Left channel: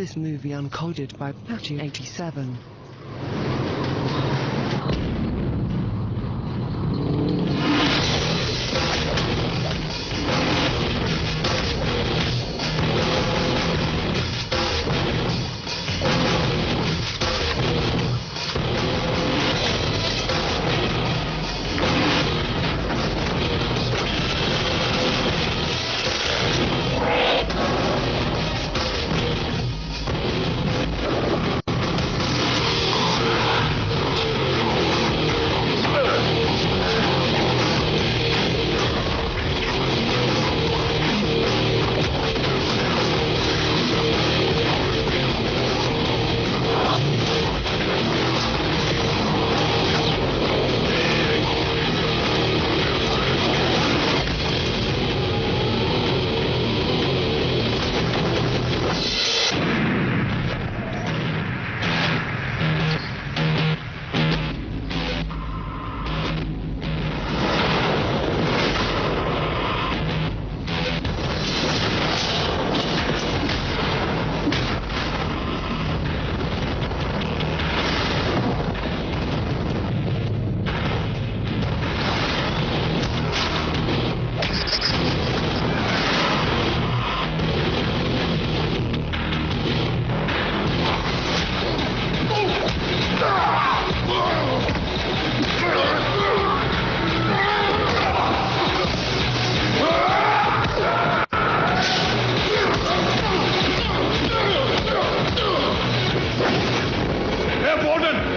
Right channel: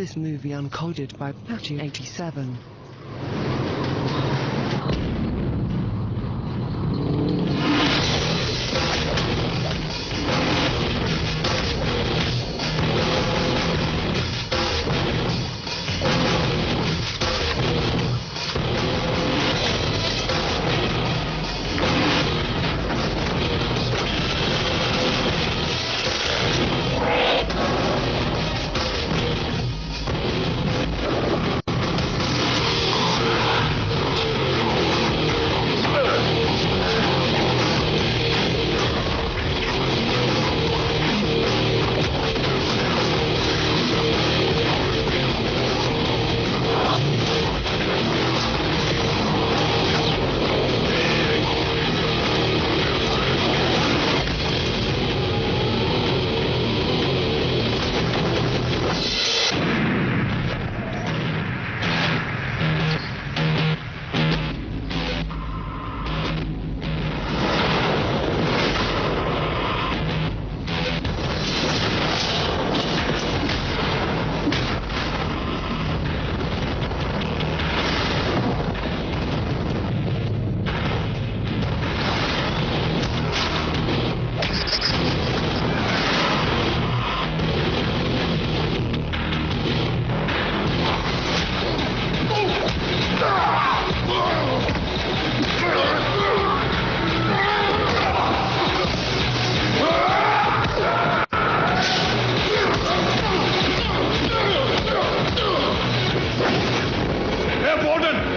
this movie uncoded by Patchy87.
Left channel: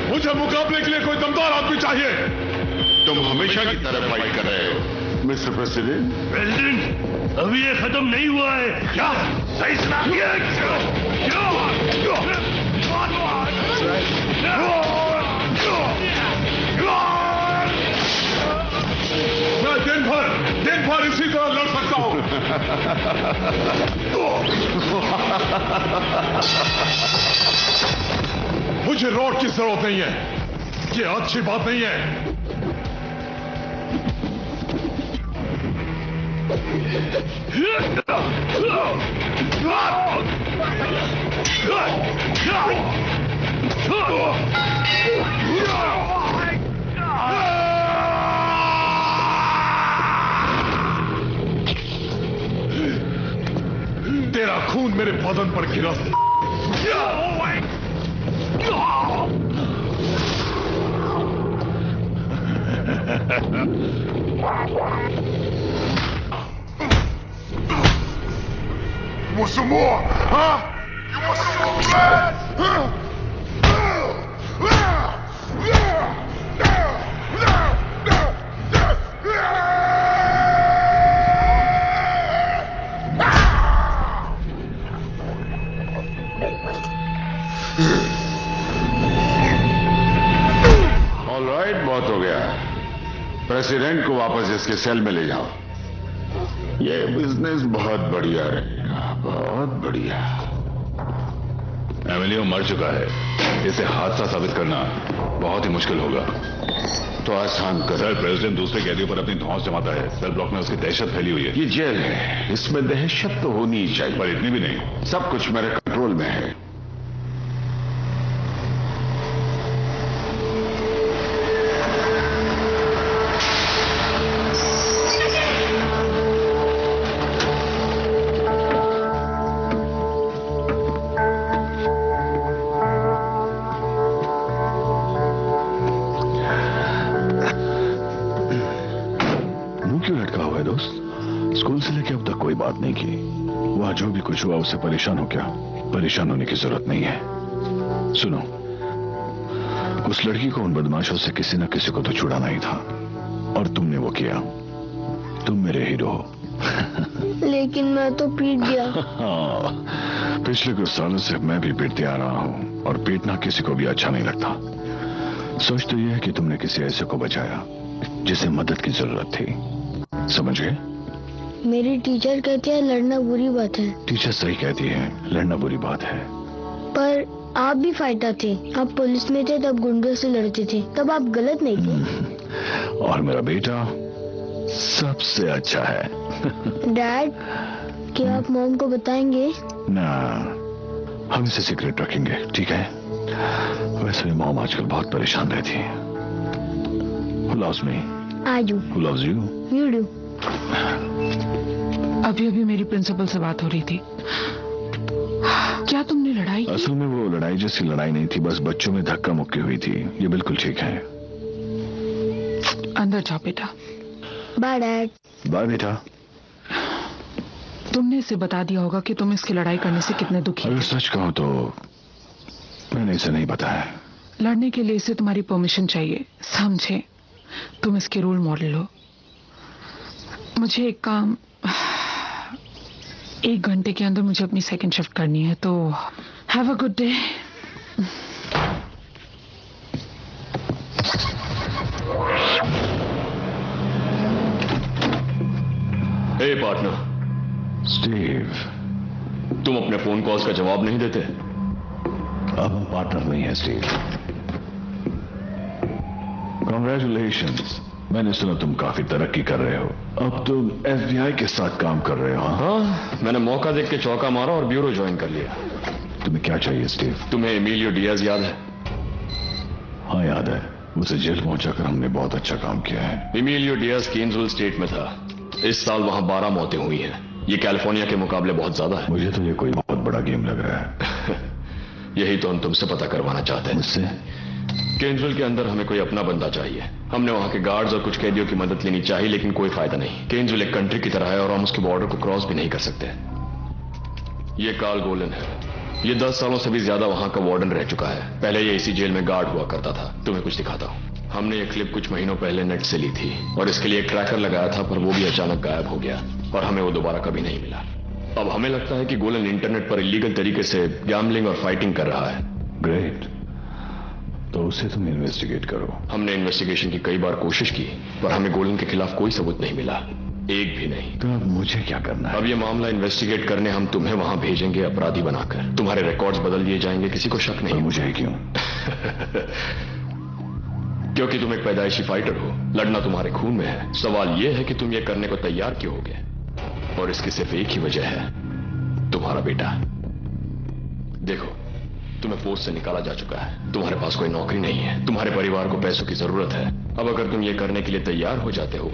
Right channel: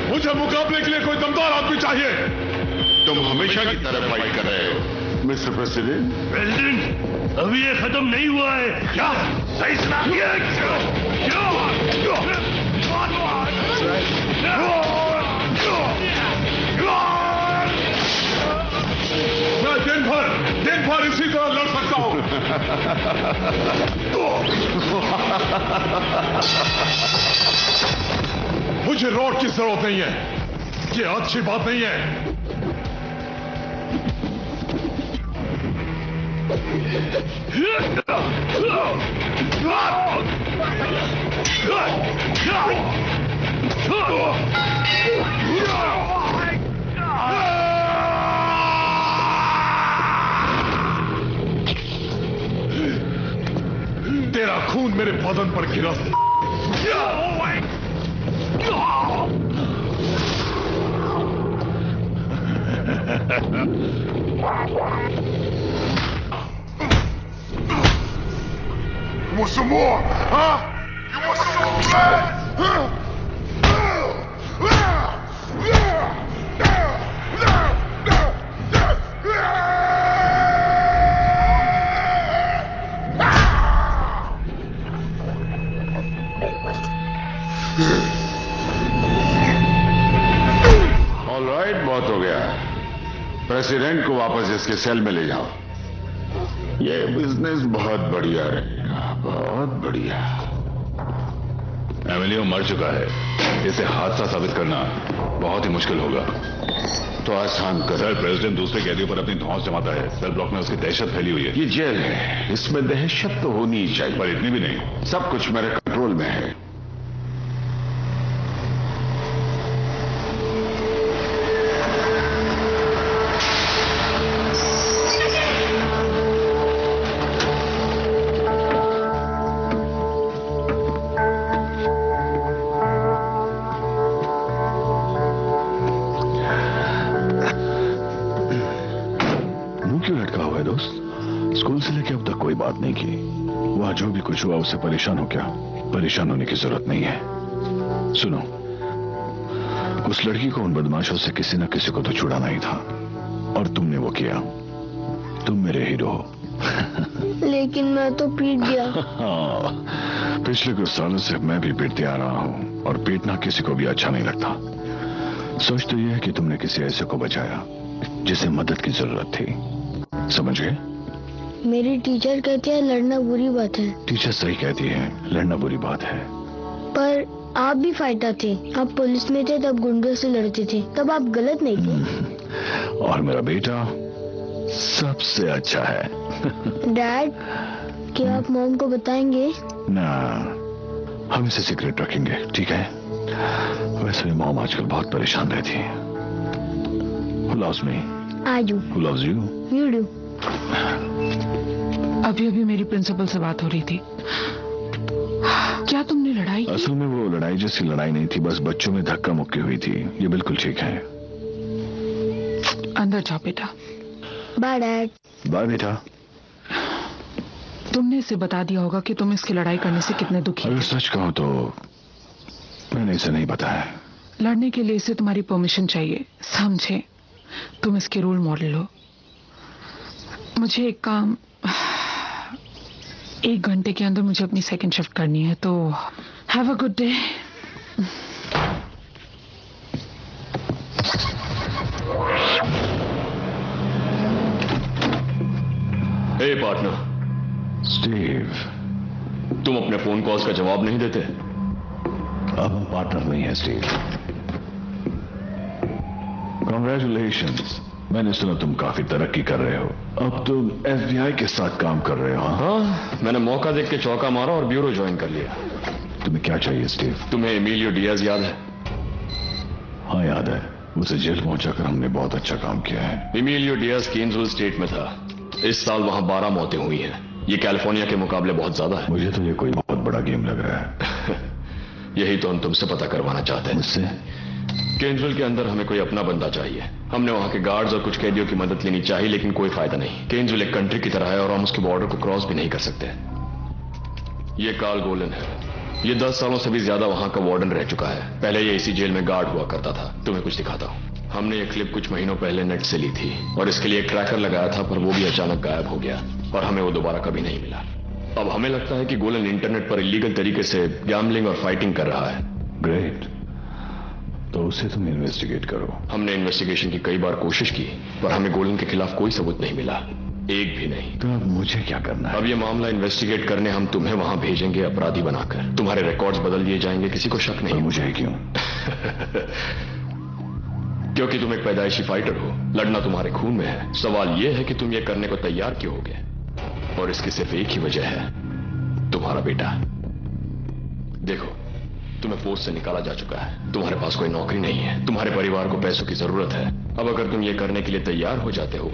मुझे मुकाबले के लिए कोई दमदार आदमी चाहिए। तुम हमेशा की तरह फाइट कर रहे हो मिस्टर प्रेसिडेंट। प्रेसिडेंट, अभी ये खत्म नहीं हुआ है। क्या सही सुना? मैं दिन भर इसी तरह लड़ सकता हूं। मुझे रोड की जरूरत नहीं है, ये अच्छी बात नहीं है। तेरा खून मेरे बदन पर गिरा। You want some more, huh? You want some more blood? Huh? All right, बहुत हो गया। प्रेसिडेंट को वापस इसके सेल में ले जाओ। ये बिजनेस बहुत बढ़िया रहेगा, बहुत बढ़िया। एमिलियो मर चुका है, इसे हादसा साबित करना बहुत ही मुश्किल होगा। तो आसान कर। सर, प्रेसिडेंट दूसरे कैदियों पर अपनी धौंस जमाता है। सेल ब्लॉक में उसकी दहशत फैली हुई है। ये जेल है, इसमें दहशत तो होनी ही चाहिए, पर इतनी भी नहीं। सब कुछ मेरे कंट्रोल में है। स्कूल से लेके अब तक कोई बात नहीं की। वहां जो भी कुछ हुआ उससे परेशान हो क्या? परेशान होने की जरूरत नहीं है। सुनो, उस लड़की को उन बदमाशों से किसी न किसी को तो छुड़ाना ही था, और तुमने वो किया। तुम मेरे हीरो हो। लेकिन मैं तो पीट गया। पिछले कुछ सालों से मैं भी पीटते आ रहा हूं, और पीटना किसी को भी अच्छा नहीं लगता। सोच तो यह है कि तुमने किसी ऐसे को बचाया जिसे मदद की जरूरत थी। समझ गए? मेरी टीचर कहती है लड़ना बुरी बात है। टीचर सही कहती है, लड़ना बुरी बात है। पर आप भी फाइटर थे, आप पुलिस में थे तब गुंडों से लड़ते थे, तब आप गलत नहीं थे। और मेरा बेटा सबसे अच्छा है। डैड, क्या आप मॉम को बताएंगे? ना, हम इसे सीक्रेट रखेंगे, ठीक है? वैसे भी मॉम आजकल बहुत परेशान रहती है। Who loves me? I do. Who loves you? You do. अभी अभी मेरी प्रिंसिपल से बात हो रही थी। क्या तुमने लड़ाई की? असल में वो लड़ाई जैसी लड़ाई नहीं थी, बस बच्चों में धक्का मुक्की हुई थी। ये बिल्कुल ठीक है। अंदर जाओ बेटा। Bye, Dad. बाय बेटा। तुमने इसे बता दिया होगा कि तुम इसकी लड़ाई करने से कितने दुखी अगर हो। सच कहूं तो मैंने इसे नहीं बताया। लड़ने के लिए इसे तुम्हारी परमिशन चाहिए, समझे? तुम इसके रोल मॉडल हो। मुझे एक काम 1 घंटे के अंदर मुझे अपनी सेकंड शिफ्ट करनी है, तो have a good day. Hey partner, Steve, तुम अपने फोन कॉल्स का जवाब नहीं देते। अब हम पार्टनर नहीं है स्टीव। कॉन्ग्रेचुलेशंस, मैंने सुना तुम काफी तरक्की कर रहे हो। अब तुम FBI के साथ काम कर रहे हो। हाँ, मैंने मौका देख के चौका मारा और ब्यूरो ज्वाइन कर लिया। तुम्हें क्या चाहिए स्टीव? तुम्हें एमिलियो डियाज याद है? हाँ याद है, उसे जेल पहुंचाकर हमने बहुत अच्छा काम किया है। एमिलियो डियाज केन्सविल स्टेट में था। इस साल वहां 12 मौतें हुई हैं। ये कैलिफोर्निया के मुकाबले बहुत ज्यादा है। मुझे तो ये कोई बहुत बड़ा गेम लग रहा है। यही तो हम तुमसे पता करवाना चाहते हैं। मुझसे? केन्सविल के अंदर हमें कोई अपना बंदा चाहिए। हमने वहां के गार्ड्स और कुछ कैदियों की मदद लेनी चाहिए, लेकिन कोई फायदा नहीं। केन्सविल एक कंट्री की तरह है और हम उसके बॉर्डर को क्रॉस भी नहीं कर सकते। ये कार्ल गोलन है। ये 10 सालों से भी ज्यादा वहां का वार्डन रह चुका है। पहले ये इसी जेल में गार्ड हुआ करता था। तुम्हें कुछ दिखाता हूं। हमने ये क्लिप कुछ महीनों पहले नेट से ली थी और इसके लिए एक ट्रैकर लगाया था, पर वो भी अचानक गायब हो गया और हमें वो दोबारा कभी नहीं मिला। अब हमें लगता है कि गोलन इंटरनेट पर इलीगल तरीके से गैम्बलिंग और फाइटिंग कर रहा है। ग्रेट, तो उसे तुम इन्वेस्टिगेट करो। हमने इन्वेस्टिगेशन की कई बार कोशिश की, पर हमें गोलन के खिलाफ कोई सबूत नहीं मिला, एक भी नहीं। तो अब मुझे क्या करना है? अब ये मामला इन्वेस्टिगेट करने हम तुम्हें वहां भेजेंगे अपराधी बनाकर। तुम्हारे रिकॉर्ड्स बदल दिए जाएंगे, किसी को शक पर नहीं। मुझे क्यों? क्योंकि तुम एक पैदाइशी फाइटर हो। लड़ना तुम्हारे खून में है। सवाल यह है कि तुम ये करने को तैयार क्यों होगे, और इसकी सिर्फ एक ही वजह है, तुम्हारा बेटा। देखो, तुम्हें फोर्स से निकाला जा चुका है। तुम्हारे पास कोई नौकरी नहीं है। तुम्हारे परिवार को पैसों की जरूरत है। अब अगर तुम ये करने के लिए तैयार हो जाते हो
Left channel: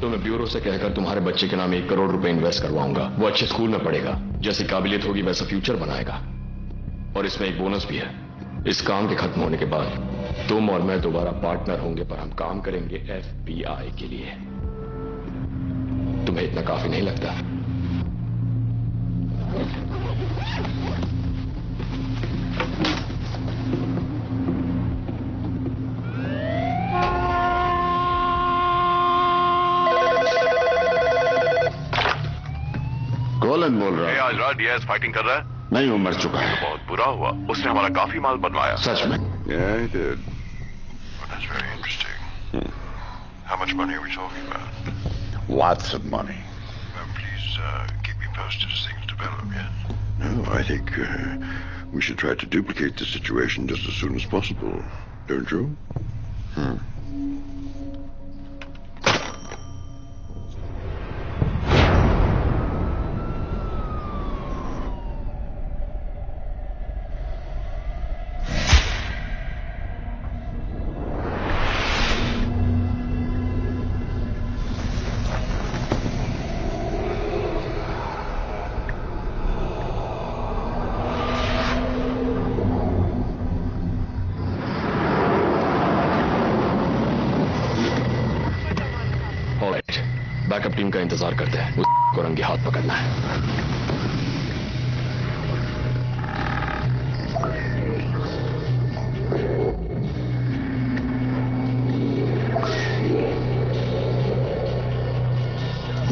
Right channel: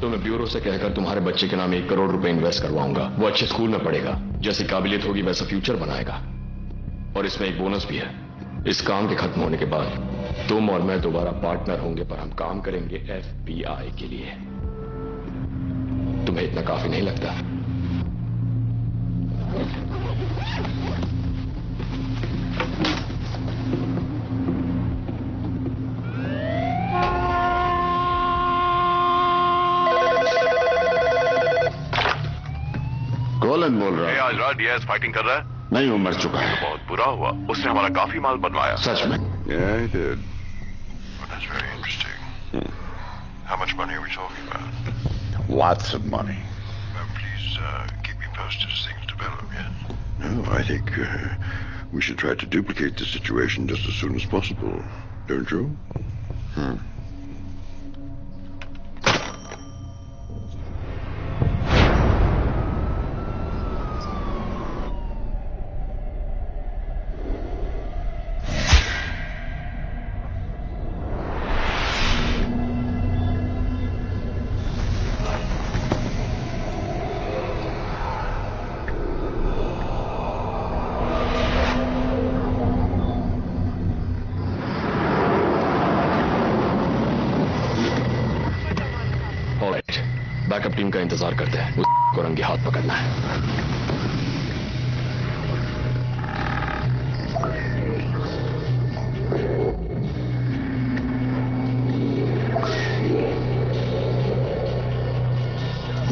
तो मैं ब्यूरो से कहकर तुम्हारे बच्चे के नाम 1 करोड़ रुपए इन्वेस्ट करवाऊंगा। वो अच्छे स्कूल में पढ़ेगा, जैसी काबिलियत होगी वैसा फ्यूचर बनाएगा। और इसमें एक बोनस भी है। इस काम के खत्म होने के बाद तुम और मैं दोबारा पार्टनर होंगे, पर हम काम करेंगे FBI के लिए। तुम्हें इतना काफी नहीं लगता? गोलन बोल रहा है। आज रात डियाज फाइटिंग कर रहा है? नहीं, वो मर चुका है। बहुत बुरा हुआ, उसने हमारा काफी माल बनवाया। सच में? Yeah, he did. Well, that's very interesting. How much money are we talking about? Lots of money. Well, please keep me posted as things develop, yeah? No, I think we should try to duplicate the situation just as soon as possible, don't you? Backup team का इंतजार करते हैं। उसको रंगे हाथ पकड़ना है।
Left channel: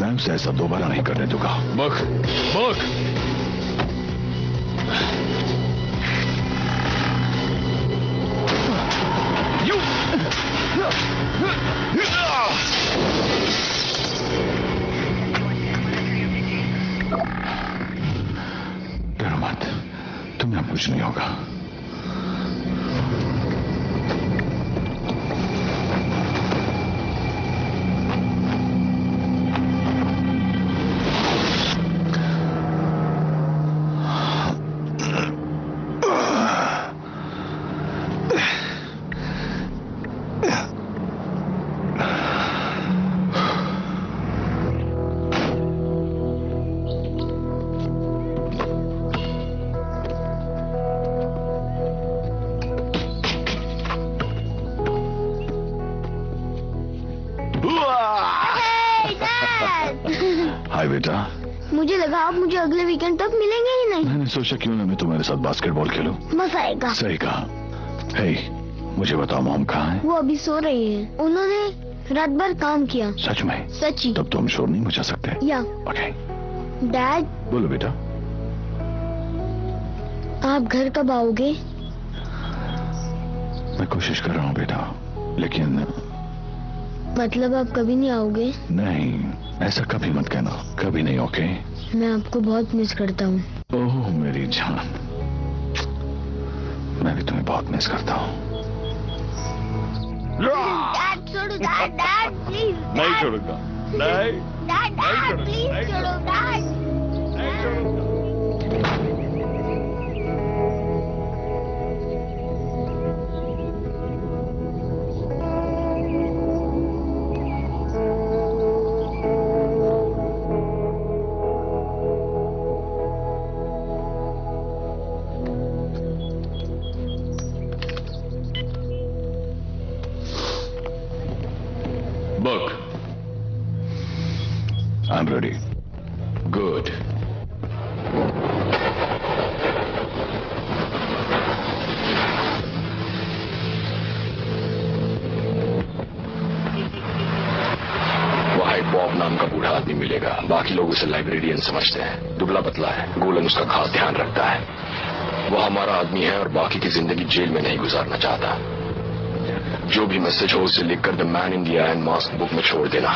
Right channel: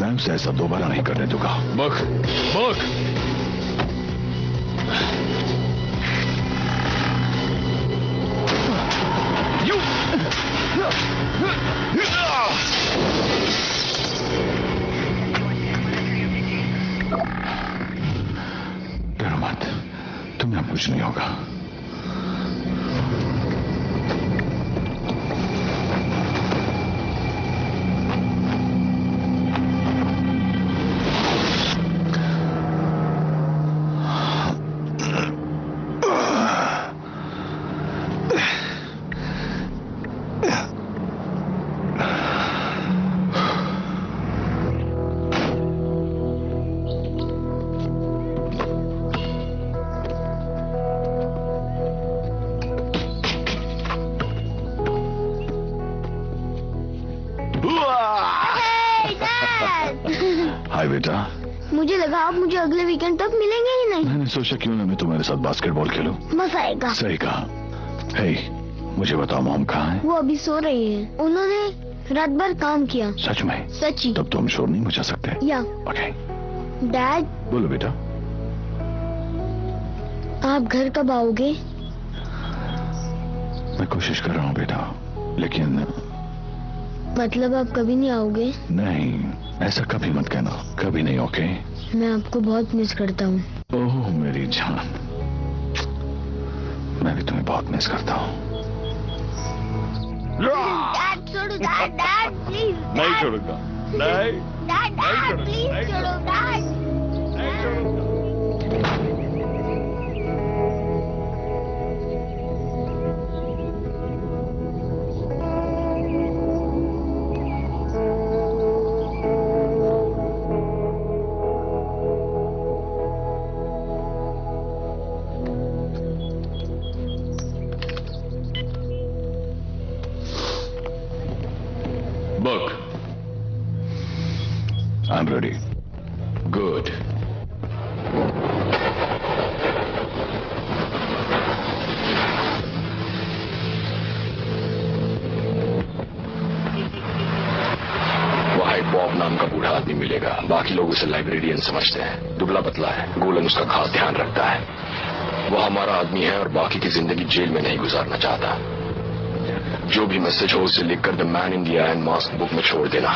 मैं उसे ऐसा दोबारा नहीं करने दूंगा। बक बक डरो मत, तुम्हें कुछ नहीं होगा। मुझे लगा आप मुझे अगले वीकेंड तक मिलेंगे ही नहीं। मैंने सोचा क्यों ना मैं तुम्हारे साथ बास्केटबॉल खेलूं। मजा आएगा। सही कहा। हे, मुझे बताओ मॉम कहाँ है? वो अभी सो रही है। उन्होंने रात भर काम किया। सच में? सच्ची। तब तो हम शोर नहीं मचा सकते। या ओके। डैड, बोलो बेटा। आप घर कब आओगे? मैं कोशिश कर रहा हूँ बेटा, लेकिन मतलब आप कभी नहीं आओगे? नहीं, ऐसा कभी मत कहना। कभी नहीं। ओके? मैं आपको बहुत मिस करता हूँ। ओह मेरी जान, मैं भी तुम्हें बहुत मिस करता हूँ। डैड छोड़ो, डैड प्लीज। नहीं छोड़ूंगा। नहीं। डैड प्लीज छोड़ो, dad. Book. I'm ready. Good. वहां एक बॉब नाम का बूढ़ा आदमी मिलेगा। बाकी लोग उसे लाइब्रेरियन समझते हैं। दुबला पतला है। गोलन उसका खास ध्यान रखता है। वह हमारा आदमी है और बाकी की जिंदगी जेल में नहीं गुजारना चाहता। जो भी मैसेज हो उसे लिखकर the man in the iron mask book में छोड़ देना।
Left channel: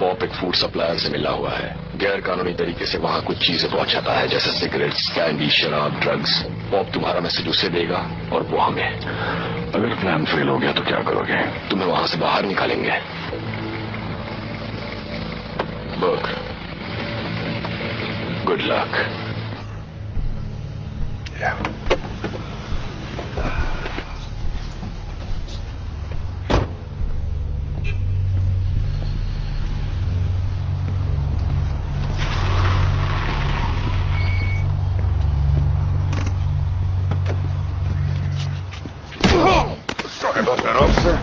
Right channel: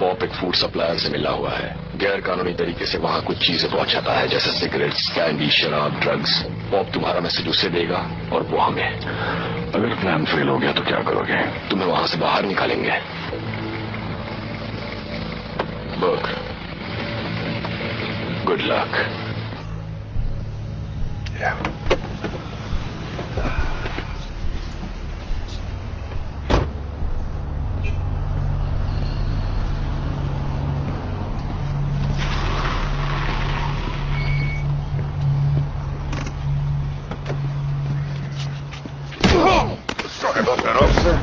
पॉप एक फूड सप्लायर से मिला हुआ है। गैर कानूनी तरीके से वहां कुछ चीजें पहुंचाता है, जैसे सिगरेट्स, कैंडी, शराब, ड्रग्स। पॉप तुम्हारा मैसेज उसे देगा और वो हमें। अगर प्लान फेल हो गया तो क्या करोगे? तुम्हें वहां से बाहर निकालेंगे। Book, good luck. Sorry about that, officer.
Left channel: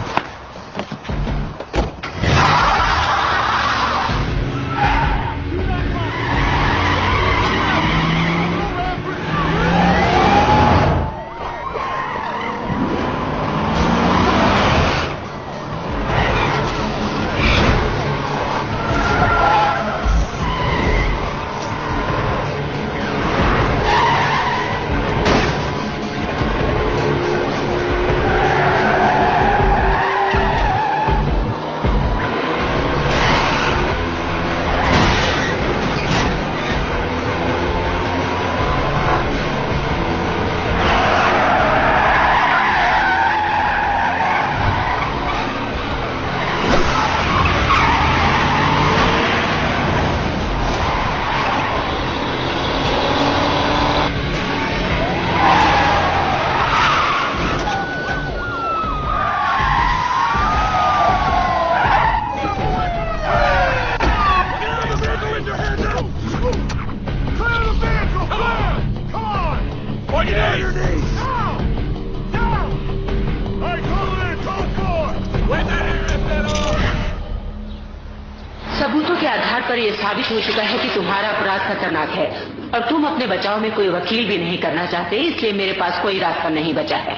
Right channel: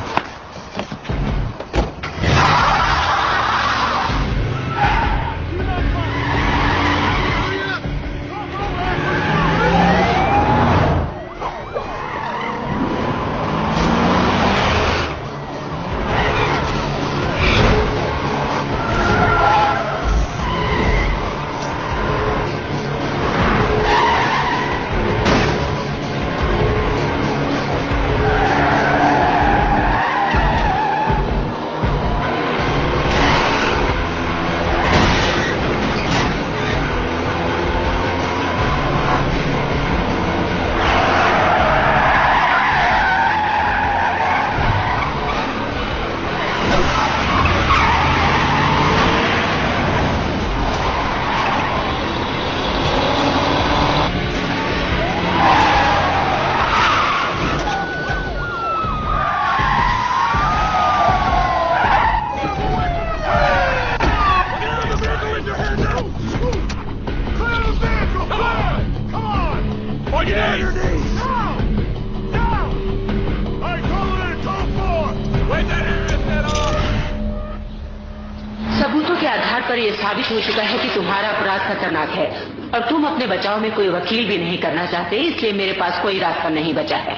सबूतों के आधार पर यह साबित हो चुका है कि तुम्हारा अपराध खतरनाक है और तुम अपने बचाव में कोई वकील भी नहीं करना चाहते, इसलिए मेरे पास कोई रास्ता नहीं बचा है।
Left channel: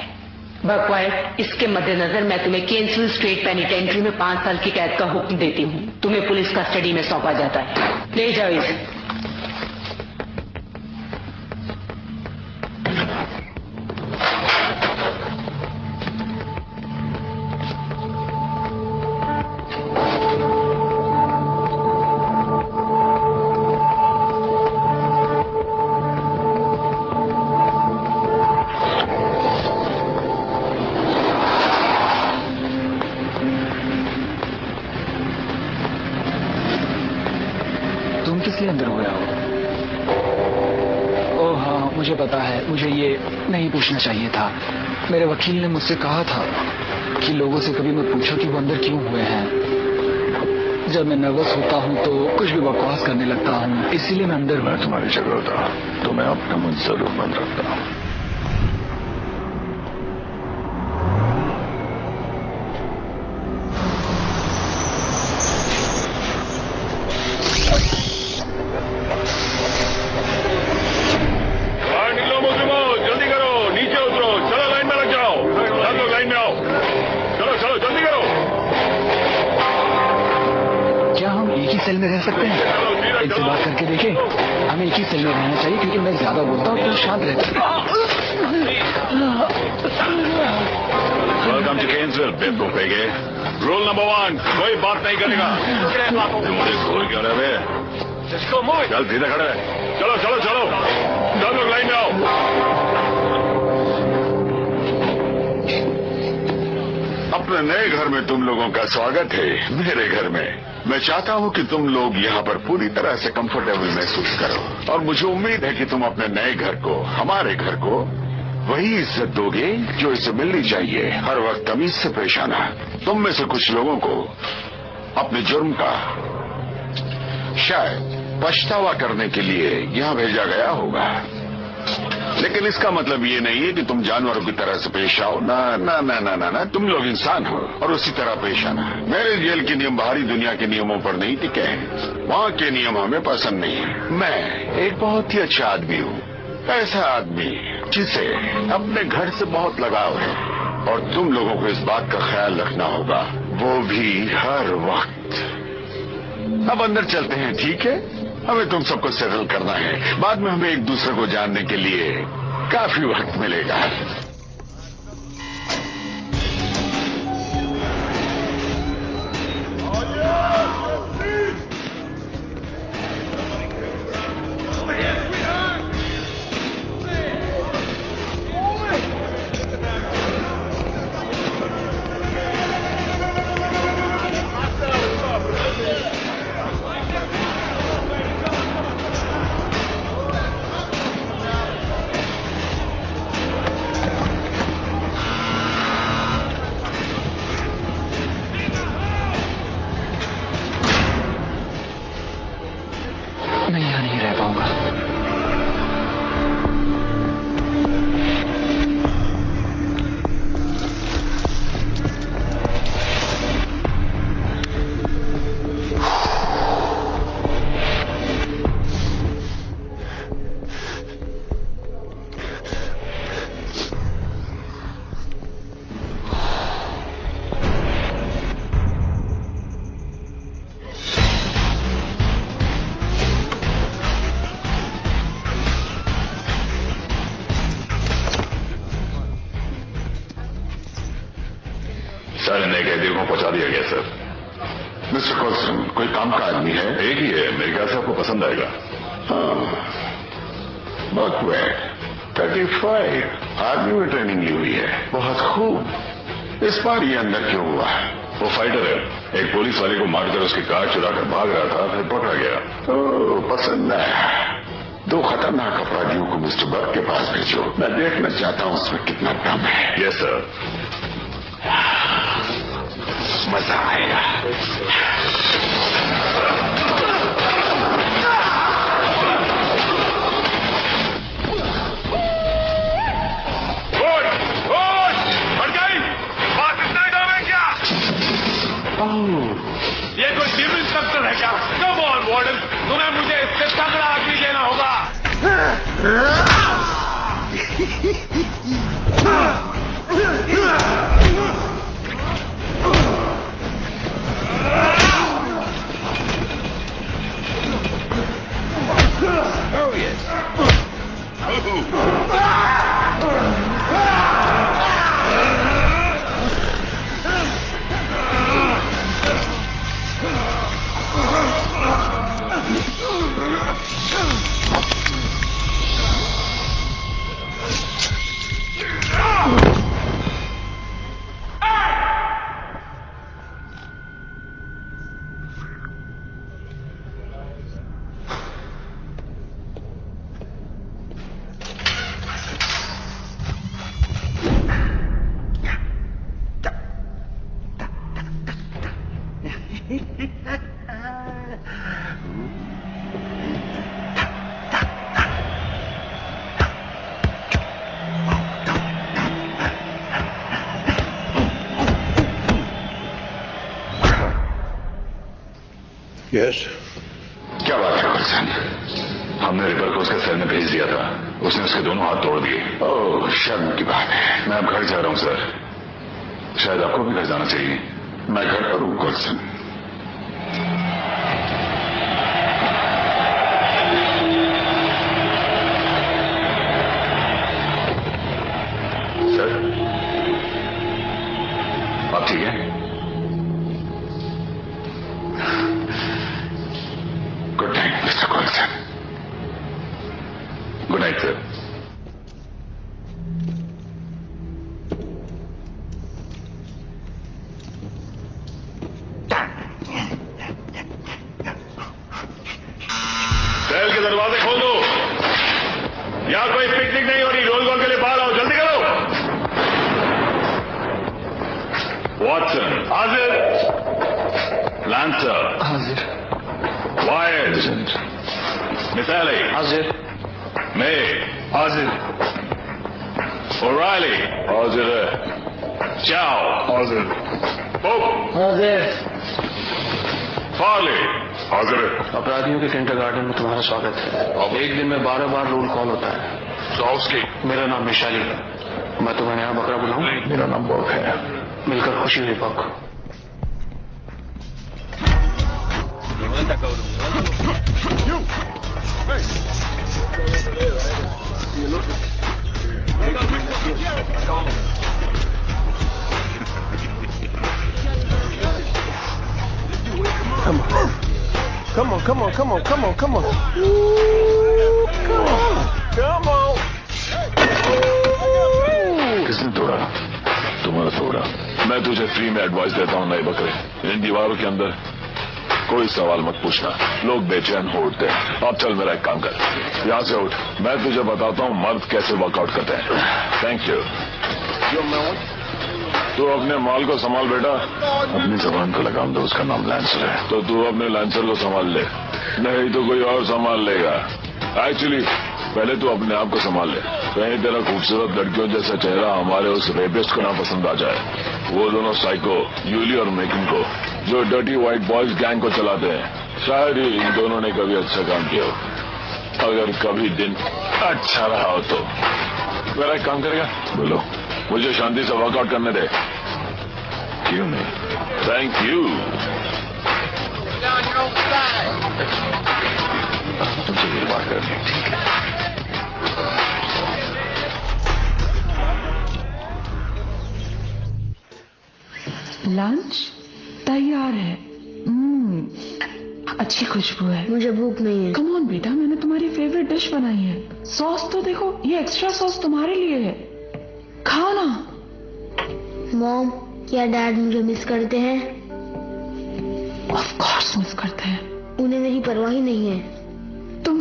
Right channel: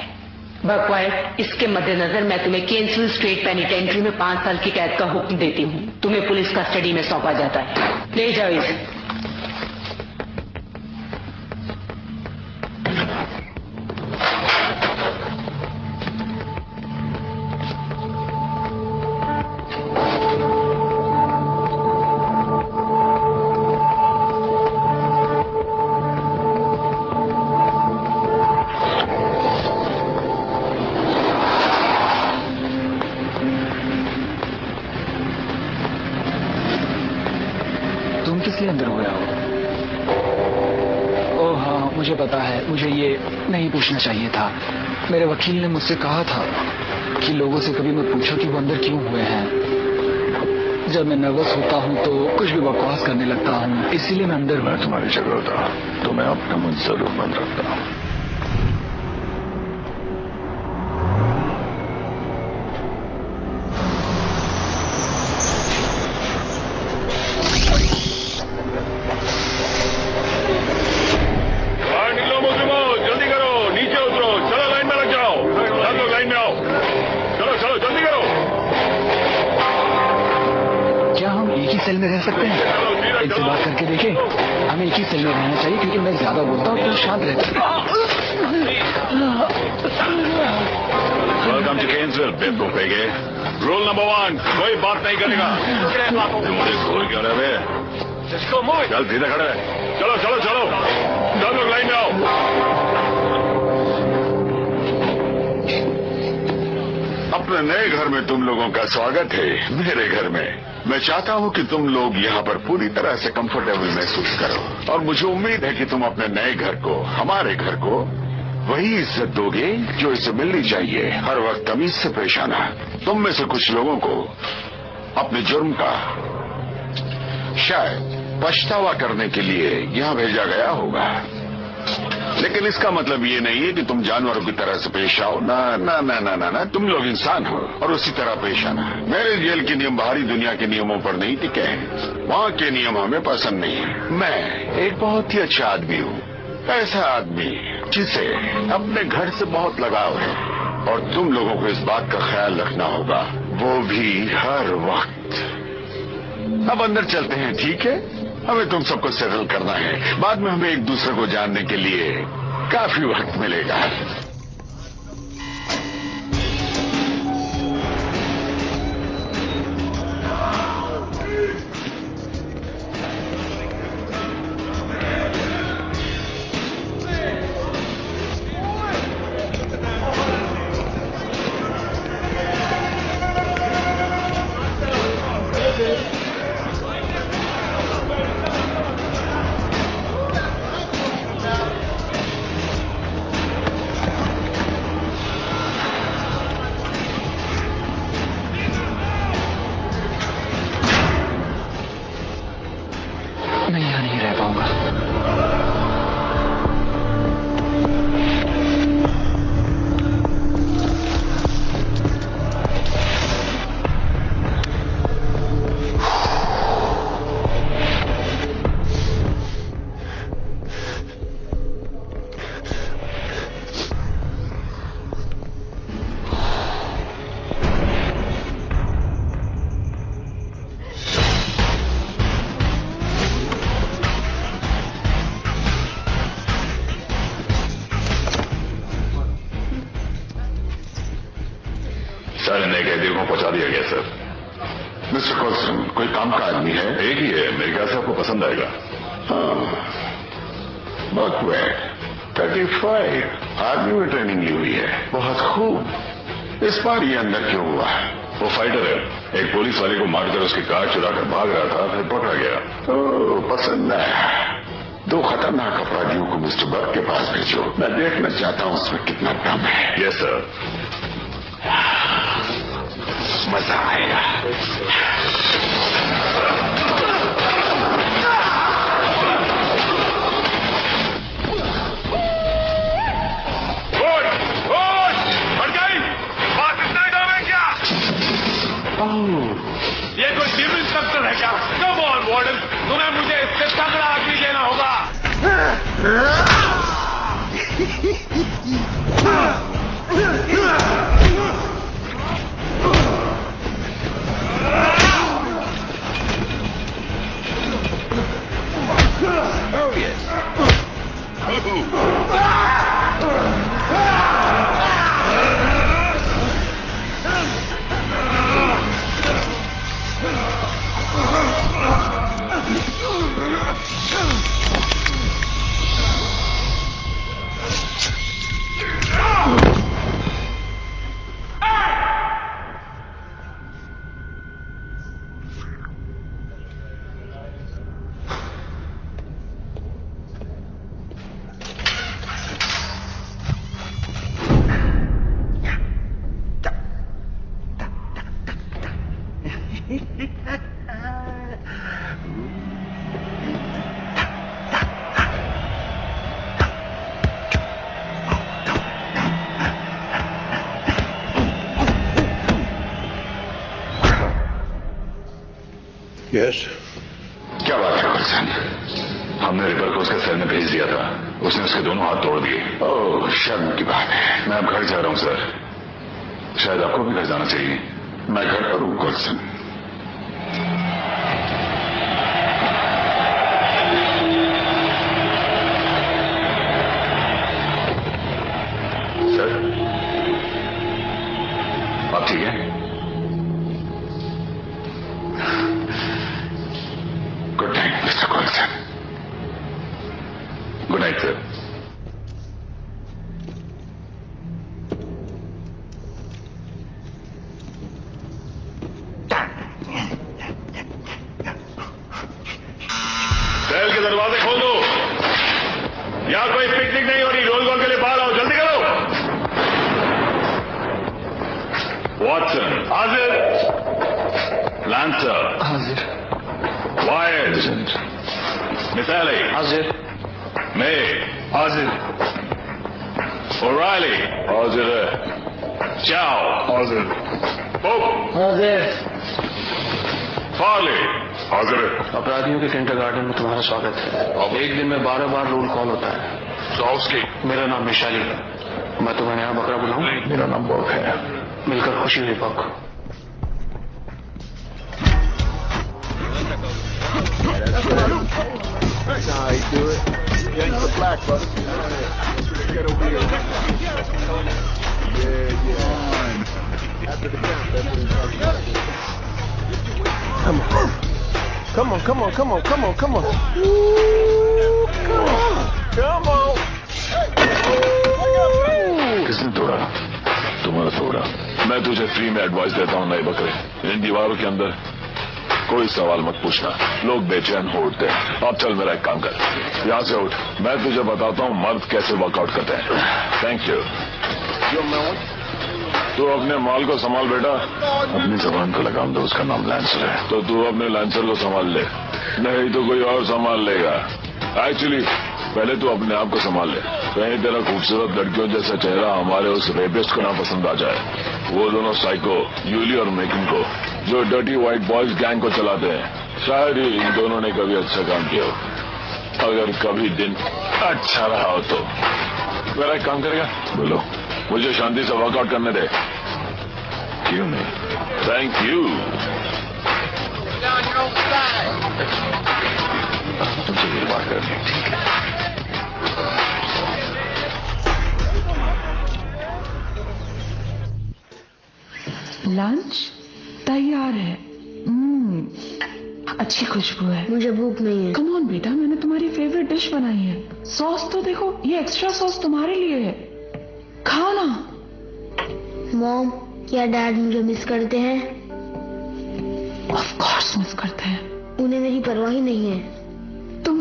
बकवाइट, इसके मद्देनजर मैं तुम्हें केन्सविल स्ट्रीट पेनिटेंट्री में 5 साल की कैद का हुक्म देती हूँ। तुम्हें पुलिस कस्टडी में सौंपा जाता है। ले जाओ इसे। तुम किस लिए अंदर हुए हो? ओह हाँ, मुझे पता है। मुझे ये नहीं पूछना चाहिए था। मेरे वकील ने मुझसे कहा था कि लोगों से कभी मत पूछो कि वो अंदर क्यों हुए हैं। जब मैं नर्वस होता हूँ तो कुछ भी बकवास करने लगता हूँ, इसीलिए मैं अंदर। मैं तुम्हारी जगह होता तो मैं अपना मुंह जरूर बंद रखता। सेल में रह सकते हैं? इनसे बात करके देखें। हमें एक ही सेल में रहना चाहिए क्योंकि मैं ज्यादा बोलता हूँ तो शांत रहता है। वेलकम टू केन्सविल, बेवकूफेगे। रूल नंबर 1, कोई बात नहीं करेगा। मुझे खोल क्या रहे? चल सीधा खड़े रहे। चलो चलो चलो, सब लोग लाइन में आओ। अपने नए घर में तुम लोगों का स्वागत है, मेरे घर में। मैं चाहता हूं कि तुम लोग यहाँ पर पूरी तरह से कंफर्टेबल महसूस करो, और मुझे उम्मीद है कि तुम अपने नए घर को, हमारे घर को, वही इज्जत दोगे जो इसे मिलनी चाहिए। हर वक्त तमीज से पेश आना। तुम में से कुछ लोगों को अपने जुर्म का शायद पछतावा करने के लिए यहाँ भेजा गया होगा, लेकिन इसका मतलब ये नहीं है कि तुम जानवरों की तरह से पेश आओ। ना ना ना ना ना ना, तुम लोग इंसान हो और उसी तरह पेश आना। मेरे जेल के नियम बाहरी दुनिया के नियमों पर नहीं टिके हैं। वहाँ के नियम हमें पसंद नहीं है। मैं एक बहुत ही अच्छा आदमी हूँ, ऐसा आदमी जिसे अपने घर से बहुत लगाव है, और तुम लोगों को इस बात का ख्याल रखना होगा, वो भी हर वक्त। अब अंदर चलते हैं, ठीक है? हमें तुम सबको सेटल करना है। बाद में हमें एक दूसरे को जानने के लिए काफी वक्त मिलेगा। मैं यहाँ नहीं रह पाऊंगा। सारे नए कैदियों को पहुंचा दिया गया सर। मिस्टर कोल्सन, कोई काम का आदमी है? एक ही है, मेरे ख्याल से आपको पसंद आएगा। बकवेट 35 आर्मी में ट्रेनिंग ली हुई है। बहुत खूब। इस बार ये अंदर क्यों हुआ? वो फाइटर है, एक पुलिस वाले को मारकर उसकी कार चुरा कर भाग रहा था, फिर पकड़ा गया। पसंद है। 2 खतरनाक अपराधियों को मिस्टर बर्ग के पास भेजो। मैं देखना चाहता हूँ उसमें कितना दम है। Yes sir. मजा आएगा। ये कोई चीफ इंस्पेक्टर है क्या? कम ऑन वार्डन, तुम्हें मुझे इससे तगड़ा आदमी देना होगा। Oh yes. Yes. क्या बात है गुलशन? हमने रिपर को उसके सेल में भेज दिया था, उसने उसके दोनों हाथ तोड़ दिए। ओह, शर्म की बात है। मैं अब घर जा रहा हूं सर, शायद आपको भी घर जाना चाहिए। मैं घर पर हूं गुलशन। ठीक है? Good night Mister Coulson. Good night sir. Cell के दरवाजे खोल दो। यहां कोई पिकनिक नहीं हो रही। रोल कॉल के लिए बाहर आओ, जल्दी करो। वॉटसन हाजिर। लैंसर हाजिर। वायर्ड मिसाइल हाजिर। मे हाजिर। ओराइली हाजिर है। चाओ हाजिर। पोप हाजिर। फार्ले हाजिर है। अपराधियों के किंडरगार्टन में तुम्हारा स्वागत है। एक दिन में 12 बार रोल कॉल होता है। सॉफ्सकी मेरा नाम मिशाली है। मैं तुम्हें यहाँ बकरा बुलाऊं? मेरा नाम बॉक है। मिलकर खुशी हुई बक। Come on. Come on, come on, come on, come on, come on. Ooh, come on. Come on. किसने तोड़ा? तुम्हारा तोड़ा। मैं तुझे फ्री में एडवाइस देता हूं नए बकरे। इन दीवारों के अंदर कोई सवाल मत पूछना। लोग बेचैन हो उठते हैं। अब चल मेरा एक काम कर, यहां से उठ। मैं तुझे बताता हूं मर्द कैसे वर्कआउट करते हैं। Thank you. तू अपने माल को संभाल बेटा। अपनी जबान को लगाम दो, उसका नाम लैंसर है। तो तू अपने लैंसर को संभाल ले, नहीं तो कोई और संभाल लेगा। एक्चुअली पहले तू अपने आप को संभाल ले। कहीं तेरा खूबसूरत लड़कियों जैसा चेहरा हमारे उस रेपिस्ट को ना पसंद आ जाए। वो दोनों साइको यूली और मेकिन को, जो डर्टी व्हाइट बॉयज गैंग को चलाते हैं, शायद ही इन दोनों ने कभी अच्छा काम किया हो। अगर कभी दिन अच्छा रहा हो तो मेरा एक काम करेगा? बोलो। मुझे शांति से वर्कआउट करने दे। क्यों नहीं? Thank you. तुमसे ये बात करनी है। ठीक है। लंच तैयार है। अच्छी खुशबू है। मुझे भूख नहीं है। कम ऑन बेटा, मैंने तुम्हारी फेवरेट डिश बनाई है। सॉस तो देखो, ये एक्स्ट्रा सॉस तुम्हारे लिए है, खाओ ना। मॉम, क्या डैड मुझे मिस करते हैं? ऑफ कोर्स मिस करते हैं। उन्हें मेरी परवाह ही नहीं है। तुम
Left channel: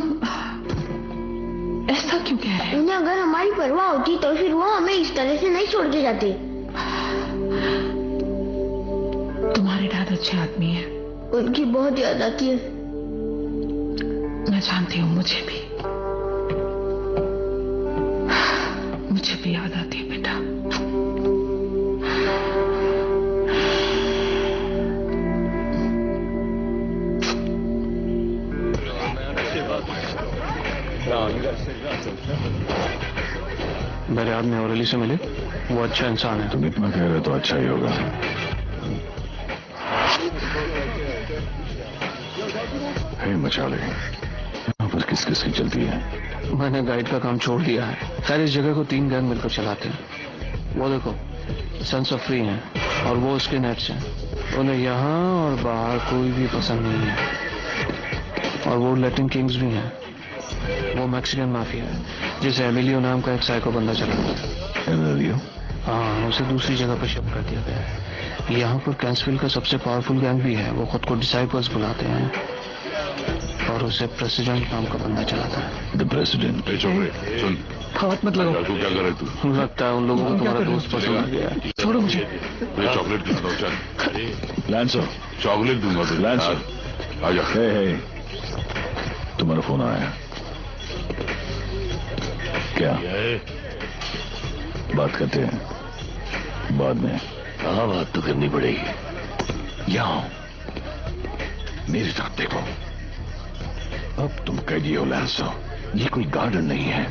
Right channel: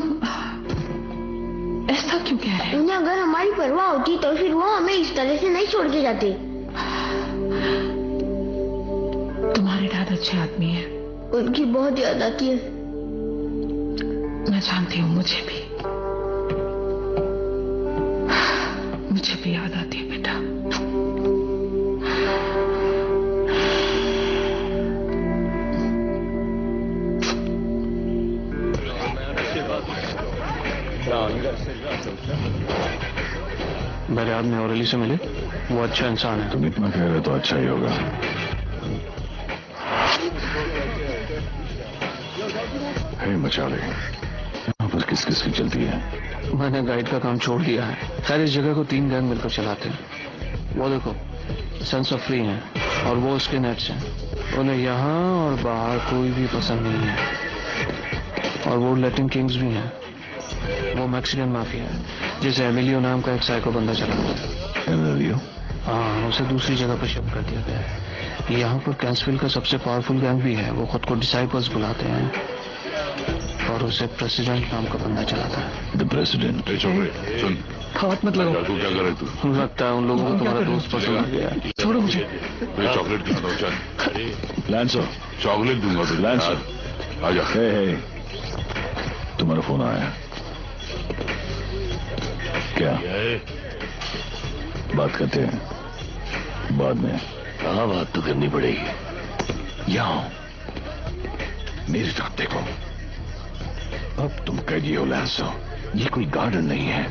ऐसा क्यों कह रहे हो? उन्हें अगर हमारी परवाह होती तो फिर वो हमें इस तरह से नहीं छोड़ के जाते। तुम्हारे डैड अच्छे आदमी है। उनकी बहुत याद आती है। मैं जानती हूँ, मुझे भी याद आती है बेटा। मेरे आदमी औरली से मिले, वो अच्छा इंसान है। तुम इतना कह रहे तो अच्छा ही होगा। मचाले, यहाँ पर किस किस की चलती है? मैंने गाइड का काम छोड़ दिया है। खैर, इस जगह को 3 गैंग मिलकर चलाते हैं। वो देखो, सेंस ऑफ फ्री है और वो उसके नेट्स हैं। उन्हें यहाँ और बाहर कोई भी पसंद नहीं है। और वो लैटिन किंग्स भी हैं। वो मैक्सिकन माफिया है, जिसे एमिलियो नाम का एक साइको बंदा चलाता है। एमिलियो? हाँ, उसे दूसरी जगह पर शिफ्ट कर दिया गया है। यहाँ पर कैंसविल का सबसे पावरफुल गैंग भी है। वो खुद को डिसाइपल्स बुलाते हैं और उसे प्रेसिडेंट नाम का बंदा चलाता है। The president. सुन, हाथ मत लगाओ। तू क्या कर रहे तू? लगता है उन लोगों को तुम्हारा दोस्त पसंद आ गया है। छोड़ो मुझे। चॉकलेट दूंगा। लैंसर, चॉकलेट दूंगा तुझे। लैंसर आजा। हे, तुम्हारा फोन आया। क्या बात करते हैं बाद में? हाँ, बात तो करनी पड़ेगी। यहाँ मेरी तरफ देखो। अब तुम कैदी हो लैंसर। ये कोई गार्डन नहीं है।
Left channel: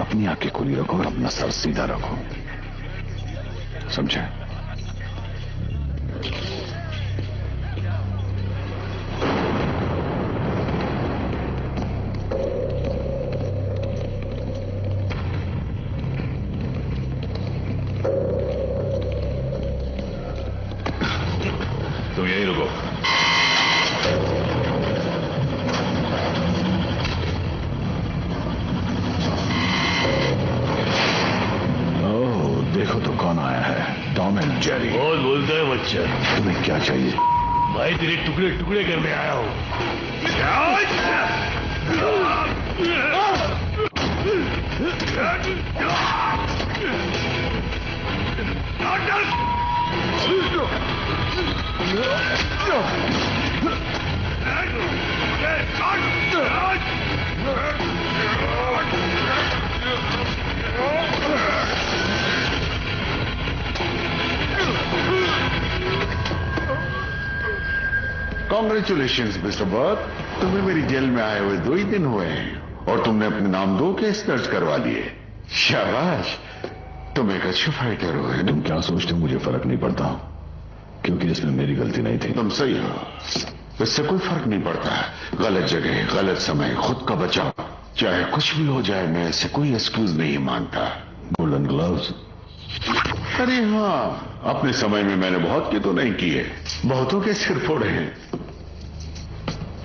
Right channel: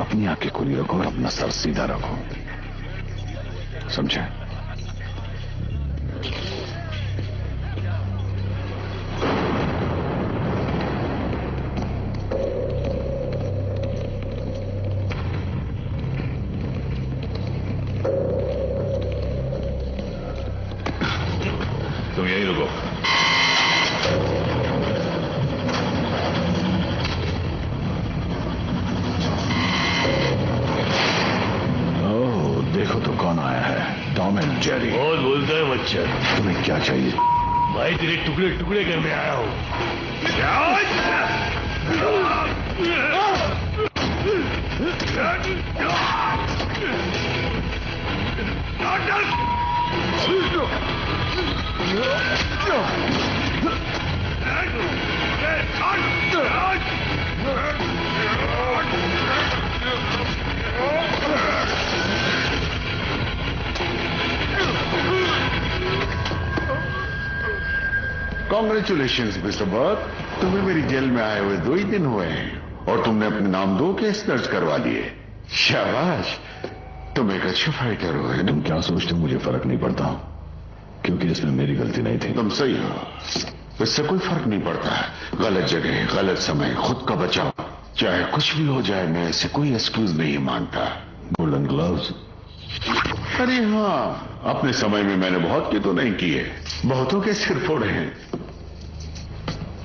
अपनी आंखें खुली रखो और अपना सर सीधा रखो, समझे? रुको। ओह, देखो तो कौन आया है, टॉम एंड जेरी। कौन बोलता है बच्चा? तुम्हें क्या चाहिए? भाई तेरे टुकड़े टुकड़े करने आया हूँ। कॉन्ग्रेचुलेशंस मिस्टर बर्क, तुम्हें मेरी जेल में आए हुए 2 ही दिन हुए हैं और तुमने अपने नाम 2 केस दर्ज करवा दिए। शाबाश, तुम एक अच्छे फाइटर हो। तुम क्या सोचते हो मुझे फर्क नहीं पड़ता, क्योंकि इसमें मेरी गलती नहीं थी। तुम सही हो, इससे कोई फर्क नहीं पड़ता। गलत जगह, गलत समय, खुद का बचाव, चाहे कुछ भी हो जाए, मैं ऐसे कोई एक्सक्यूज नहीं मानता। Golden gloves? अरे हाँ, अपने समय में मैंने बहुत के तो नहीं किए, बहुतों के सिर फोड़े हैं,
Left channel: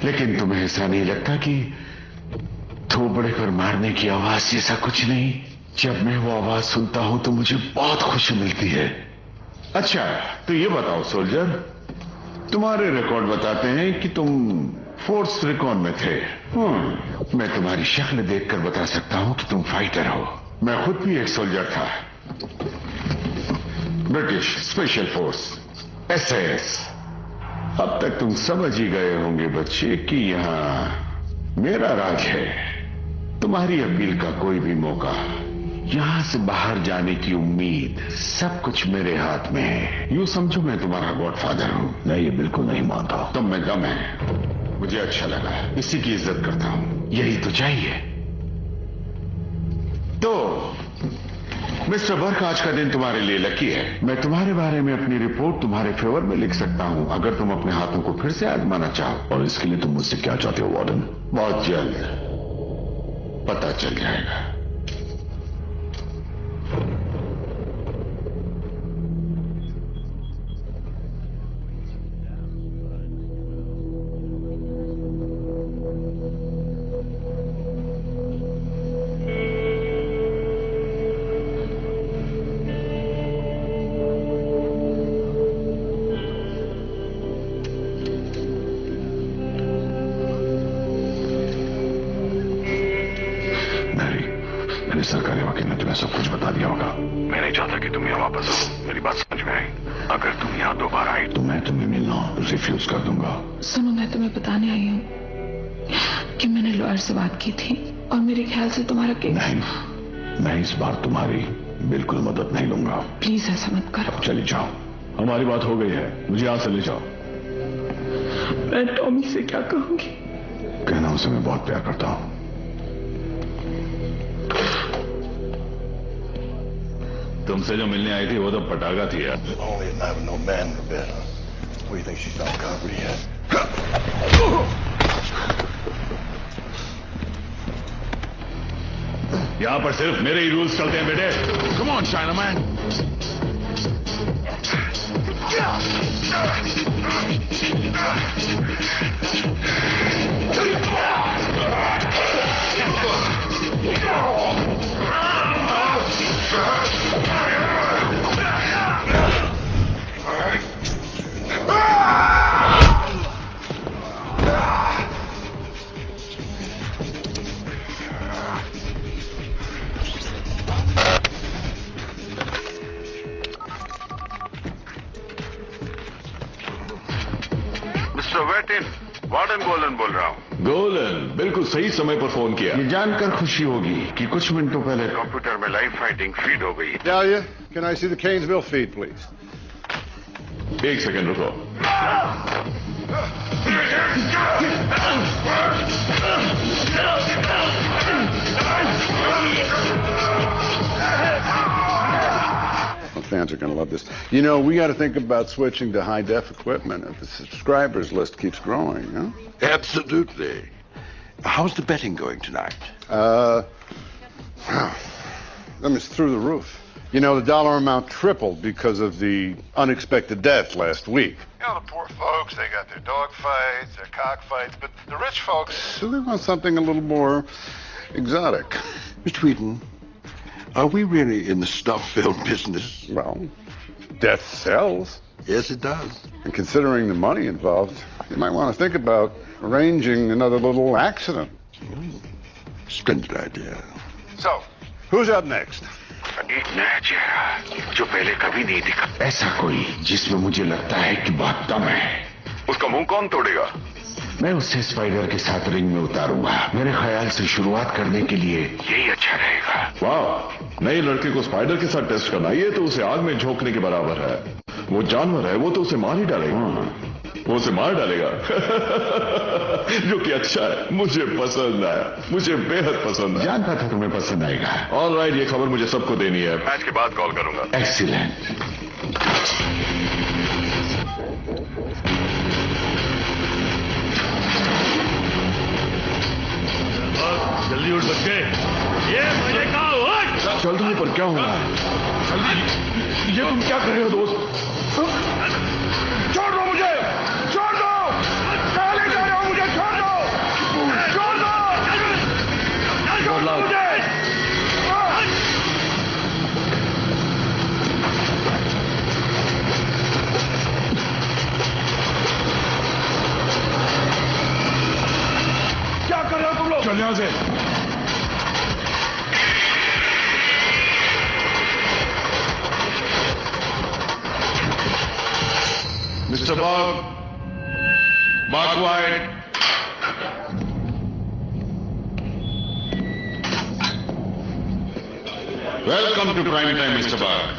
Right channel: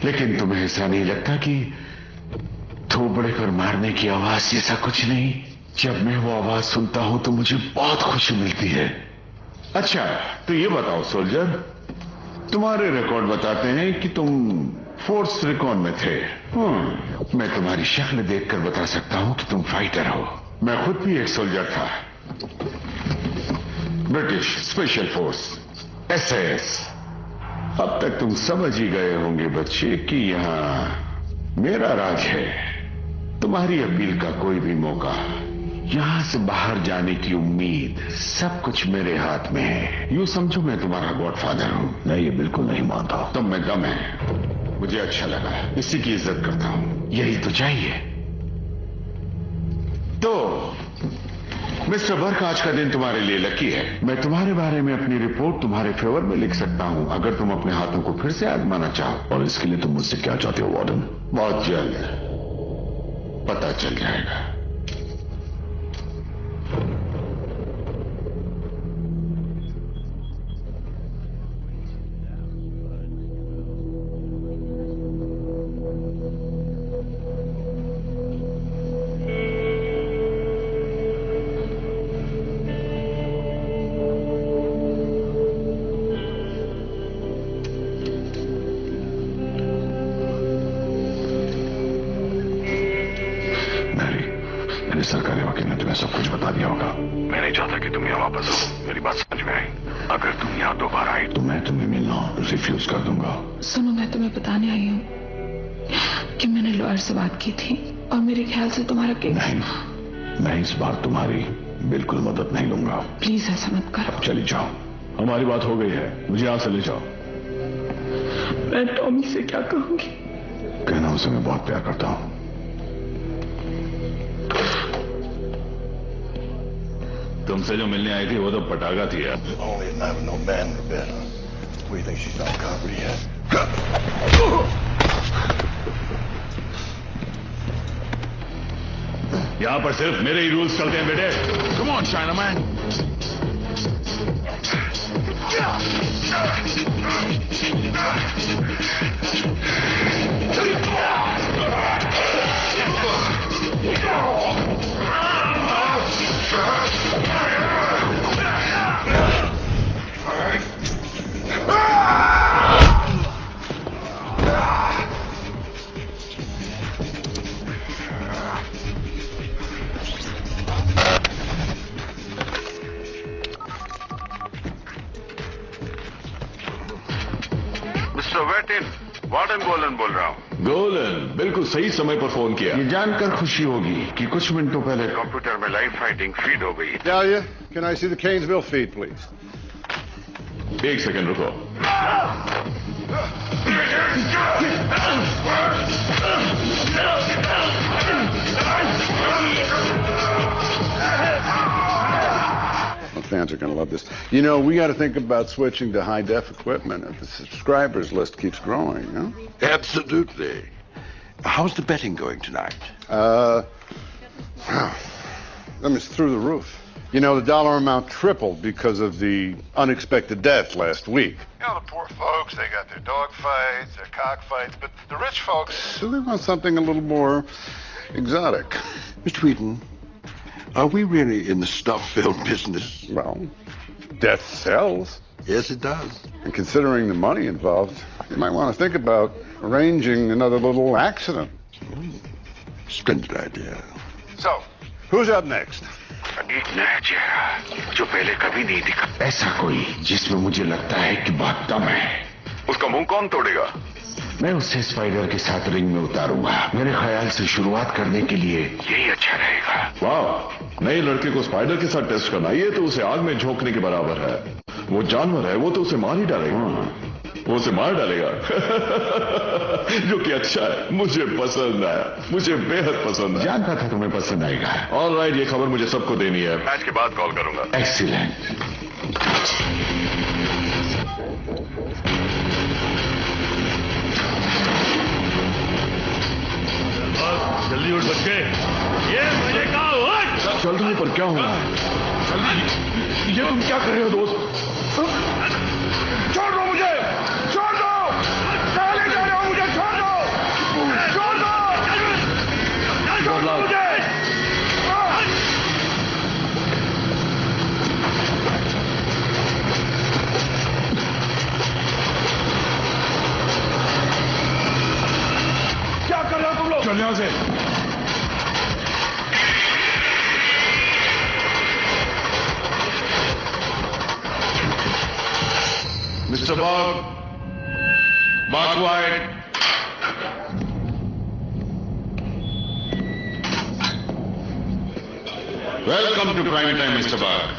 लेकिन तुम्हें ऐसा नहीं लगता कि थोपड़े पर मारने की आवाज जैसा कुछ नहीं? जब मैं वो आवाज सुनता हूं तो मुझे बहुत खुशी मिलती है। अच्छा, तो ये बताओ सोल्जर, तुम्हारे रिकॉर्ड बताते हैं कि तुम फोर्स रिकॉर्ड में थे। मैं तुम्हारी शक्ल देखकर बता सकता हूं कि तुम फाइटर हो। मैं खुद भी एक सोल्जर था, ब्रिटिश स्पेशल फोर्स SAS। अब तक तुम समझ ही गए होंगे बच्चे कि यहां मेरा राज है। तुम्हारी अपील का कोई भी मौका, यहां से बाहर जाने की उम्मीद, सब कुछ मेरे हाथ में है। यूं समझो मैं तुम्हारा गॉडफादर हूं। मैं ये बिल्कुल नहीं मानता। तुम में दम है, मुझे अच्छा लगा, इसी की इज्जत करता हूं, यही तो चाहिए। तो मिस्टर बर्क, आज का दिन तुम्हारे लिए लकी है। मैं तुम्हारे बारे में अपनी रिपोर्ट तुम्हारे फेवर में लिख सकता हूं, अगर तुम अपने हाथों को फिर से आजमाना चाहो। और इसके लिए तुम मुझसे क्या चाहते हो वार्डन? बहुत जल्द पता चल जाएगा। सरकारी वकील ने तुम्हें सब कुछ बता दिया होगा। मैं नहीं चाहता कि तुम यहाँ वापस आओ। मेरी बात समझ में आई? अगर तुम यहाँ दोबारा आई तो मैं तुम्हें मिलना रिफ्यूज कर दूंगा। सुनो, मैं तुम्हें बताने आई हूँ कि मैंने लॉयर से बात की थी और मेरे ख्याल से तुम्हारा केस। नहीं, मैं इस बार तुम्हारी बिल्कुल मदद नहीं लूंगा। प्लीज ऐसा मत करो। चली जाओ, हमारी बात हो गई है, मुझे यहाँ से ले जाओ। मैं टॉमी से क्या कहूंगी? कहना उसे मैं बहुत प्यार करता हूँ। तुमसे जो मिलने आई थी वो तो पटाखा थी यार। Only an have no man in the bed. What do you think she's not covered yet? यहाँ पर सिर्फ मेरे ही रूल्स चलते हैं बेटे। Come on, Chinaman. वार्डन गोलन बोल रहा हूँ। गोलन, बिल्कुल सही समय पर फोन किया। ये जानकर खुशी होगी कि कुछ मिनटों पहले कंप्यूटर में लाइव फाइटिंग फीड हो गई। Dahlia, can I see the Canesville feed, please? एक सेकंड रुको। Fans are going to love this. You know, we got to think about switching to high-def equipment if the subscribers list keeps growing, you know? Absolutely. How's the betting going tonight? That was through the roof. You know, the dollar amount tripled because of the unexpected death last week. You know, the poor folks, they got their dog fights, their cockfights, but the rich folks... So they want something a little more exotic. Mr. Wheaton, are we really in the snuff film business? Well, death sells. Yes, it does. And considering the money involved, you might want to think about arranging another little accident. Splendid idea. So, who's up next? एक नया चेहरा जो पहले कभी नहीं दिखा, ऐसा कोई जिसमें मुझे लगता है कि बहुत दम है। उसका मुंह कौन तोड़ेगा? मैं उसे स्पाइडर के साथ रिंग में उतारूंगा। मेरे ख्याल से शुरुआत करने के लिए यही अच्छा रहेगा। वाह, नए लड़के को स्पाइडर के साथ टेस्ट करना, ये तो उसे आग में झोंकने के बराबर है। वो जानवर है, वो तो उसे मार ही डालेगा। वो उसे मार डालेगा। जो कि अच्छा है, मुझे पसंद है, मुझे बेहद पसंद है। जानता था तुम्हें पसंद आएगा। ऑलराइट, ये खबर मुझे सबको देनी है। मैच के बाद कॉल करूंगा। एक्सीलेंट। जल्दी उठ बच्चे। ये मैंने कहा उठ। चल रही पर क्या हो रहा है? ये तुम क्या कर रहे हो दोस्त? छोड़ दो मुझे, छोड़ दो, चले जा रहे हो, मुझे छोड़ दो, छोड़ दो, क्या कर रहे हो तुम लोग? चल यहां से। Mr. Bob, Mark White. Welcome to Prime Time, Mr. Bob.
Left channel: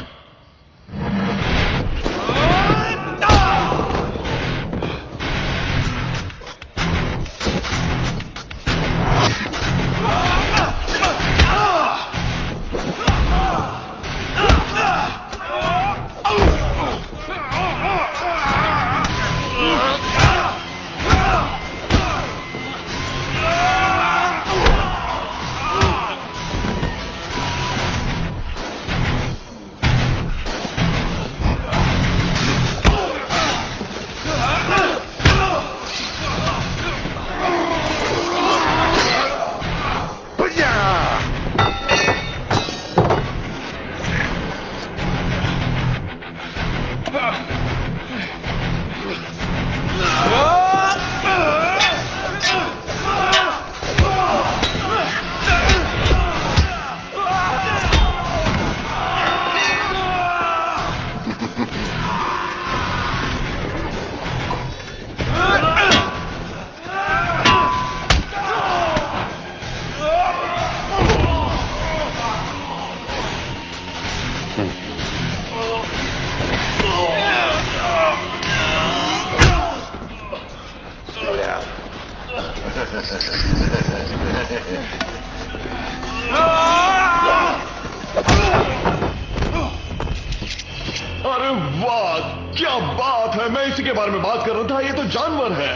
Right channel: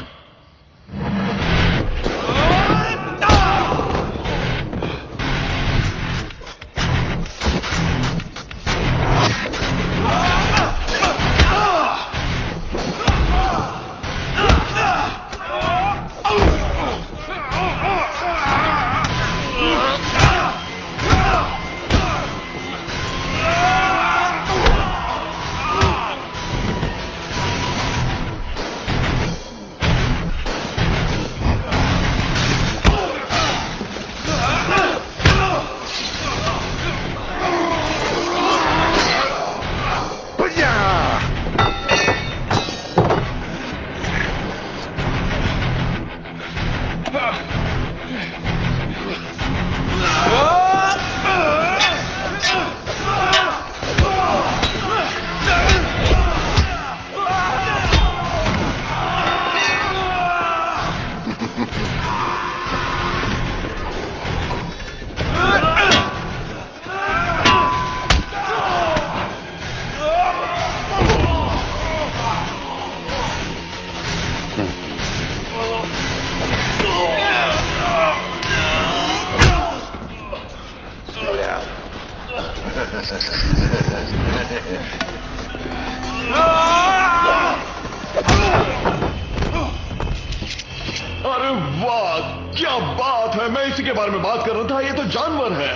अरे वाह, क्या बात है! मैं इसी के बारे में बात कर रहा था। ये तो जानवर है।